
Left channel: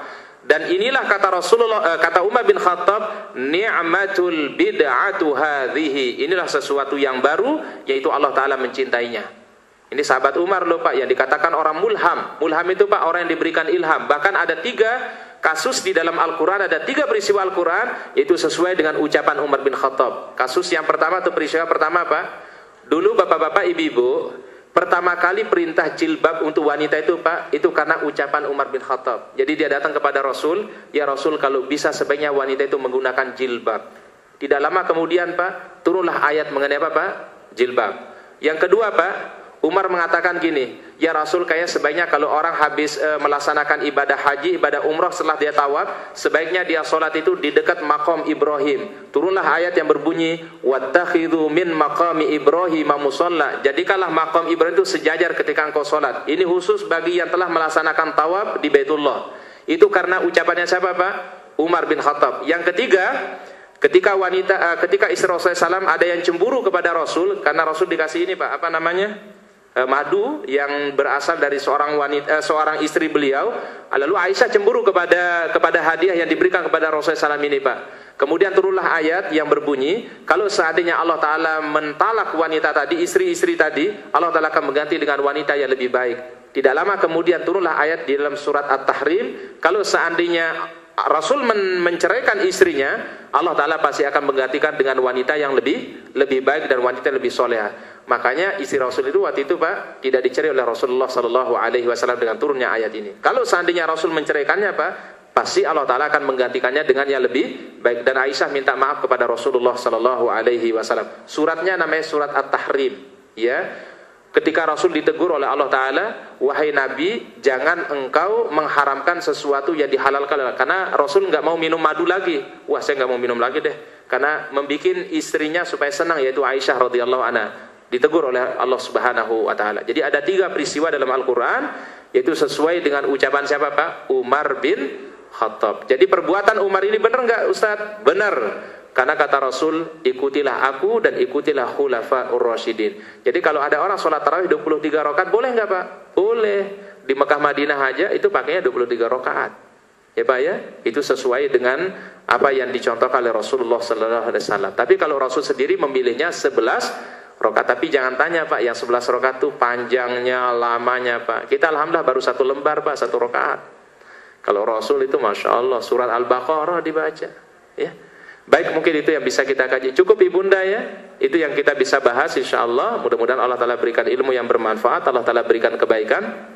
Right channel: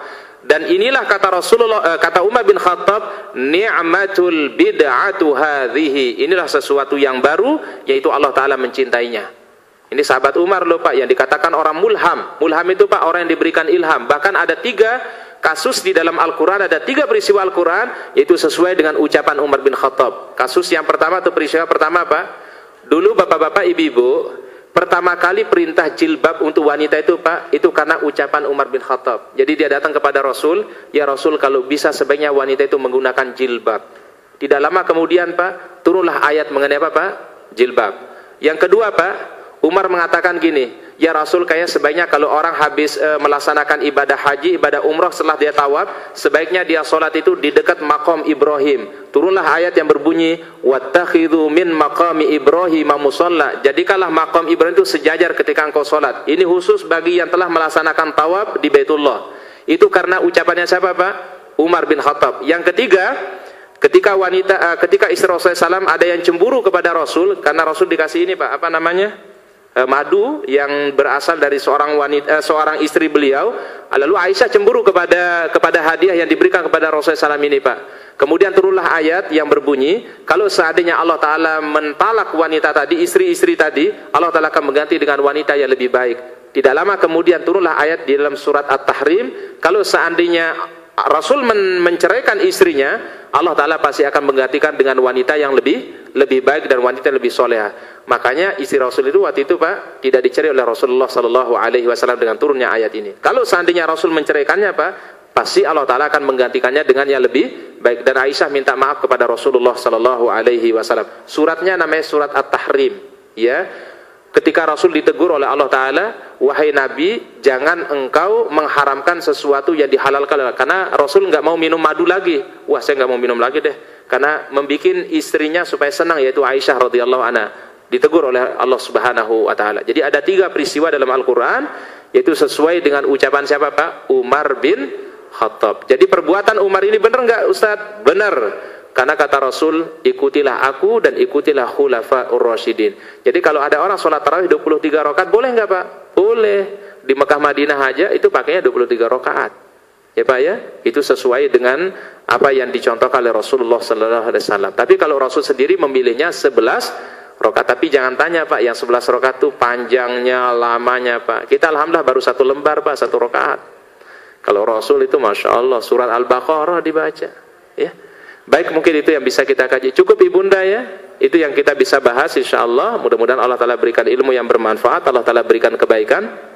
Dan inilah kata Rasulullah, kata Umar bin Khattab, ni'matul bid'atu hadhihi, inilah sesuatu yang baru, yaitu Allah Ta'ala mencintainya. Ini sahabat Umar loh, Pak, yang dikatakan orang mulham. Mulham itu, Pak, orang yang diberikan ilham. Bahkan ada 3 kasus di dalam Al-Quran, ada 3 peristiwa Al-Quran, yaitu sesuai dengan ucapan Umar bin Khattab. Kasus yang pertama atau peristiwa pertama, Pak, dulu bapak-bapak, ibu-ibu, pertama kali perintah jilbab untuk wanita itu, Pak, itu karena ucapan Umar bin Khattab. Jadi dia datang kepada Rasul, ya Rasul, kalau bisa sebaiknya wanita itu menggunakan jilbab. Tidak lama kemudian, Pak, turunlah ayat mengenai apa, Pak? Jilbab. Yang kedua, Pak, Umar mengatakan gini, ya Rasul, kayak sebaiknya kalau orang habis melaksanakan ibadah haji, ibadah umrah, setelah dia tawaf, sebaiknya dia sholat itu di dekat maqam Ibrahim. Turunlah ayat yang berbunyi, wattakhidhu min maqami Ibrahim musalla. Jadikanlah maqam Ibrahim itu sejajar ketika engkau sholat. Ini khusus bagi yang telah melaksanakan tawaf di Baitullah. Itu karena ucapannya siapa, Pak? Umar bin Khattab. Yang ketiga, ketika istri Rasulullah SAW ada yang cemburu kepada Rasul, karena Rasul dikasih ini, Pak, apa namanya? Madu yang berasal dari seorang istri beliau. Lalu Aisyah cemburu kepada hadiah yang diberikan kepada Rasulullah SAW ini, Pak. Kemudian turunlah ayat yang berbunyi, kalau seandainya Allah Ta'ala mentalak wanita tadi, istri-istri tadi, Allah Ta'ala akan mengganti dengan wanita yang lebih baik. Tidak lama kemudian turunlah ayat di dalam surat At-Tahrim, kalau seandainya Rasul menceraikan istrinya, Allah Ta'ala pasti akan menggantikan dengan wanita yang lebih baik dan wanita yang lebih soleha. Makanya istri Rasul itu waktu itu, Pak, tidak dicerai oleh Rasulullah SAW dengan turunnya ayat ini. Kalau seandainya Rasul menceraikannya, Pak, pasti Allah Ta'ala akan menggantikannya dengan yang lebih baik. Dan Aisyah minta maaf kepada Rasulullah SAW. Suratnya namanya surat At-Tahrim. Ya, ketika Rasul ditegur oleh Allah Ta'ala, wahai Nabi, jangan engkau mengharamkan sesuatu yang dihalalkan. Karena Rasul nggak mau minum madu lagi. Wah, saya nggak mau minum lagi deh. Karena membikin istrinya supaya senang, yaitu Aisyah radhiyallahu anha. Ditegur oleh Allah Subhanahu wa Ta'ala. Jadi ada 3 peristiwa dalam Al-Quran, yaitu sesuai dengan ucapan siapa, Pak? Umar bin Khattab. Jadi perbuatan Umar ini benar nggak, Ustaz? Benar. Karena kata Rasul, ikutilah aku dan ikutilah khulafa'ur rasyidin. Jadi kalau ada orang sholat tarawih 23 rakaat, boleh nggak, Pak? Boleh. Di Mekah Madinah aja itu pakainya 23 rakaat. Ya, Pak, ya? Itu sesuai dengan apa yang dicontohkan oleh Rasulullah SAW. Tapi kalau Rasul sendiri memilihnya 11 rakaat. Tapi jangan tanya, Pak, yang 11 rakaat itu panjangnya, lamanya, Pak. Kita alhamdulillah baru 1 lembar, Pak, 1 rakaat. Kalau Rasul itu Masya Allah, surat Al-Baqarah dibaca. Ya. Baik, mungkin itu yang bisa kita kaji. Cukup, Ibunda, ya. Itu yang kita bisa bahas, insya Allah. Mudah-mudahan Allah Ta'ala berikan ilmu yang bermanfaat, Allah Ta'ala berikan kebaikan.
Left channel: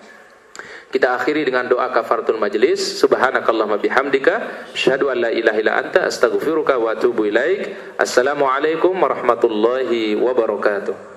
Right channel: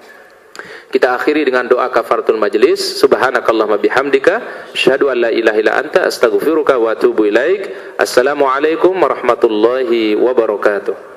Kita akhiri dengan doa kafaratul majlis. Subhanakallahumma bihamdika, asyhadu an la ilaha illa anta, astaghfiruka wa atubu ilaik. Assalamualaikum warahmatullahi wabarakatuh.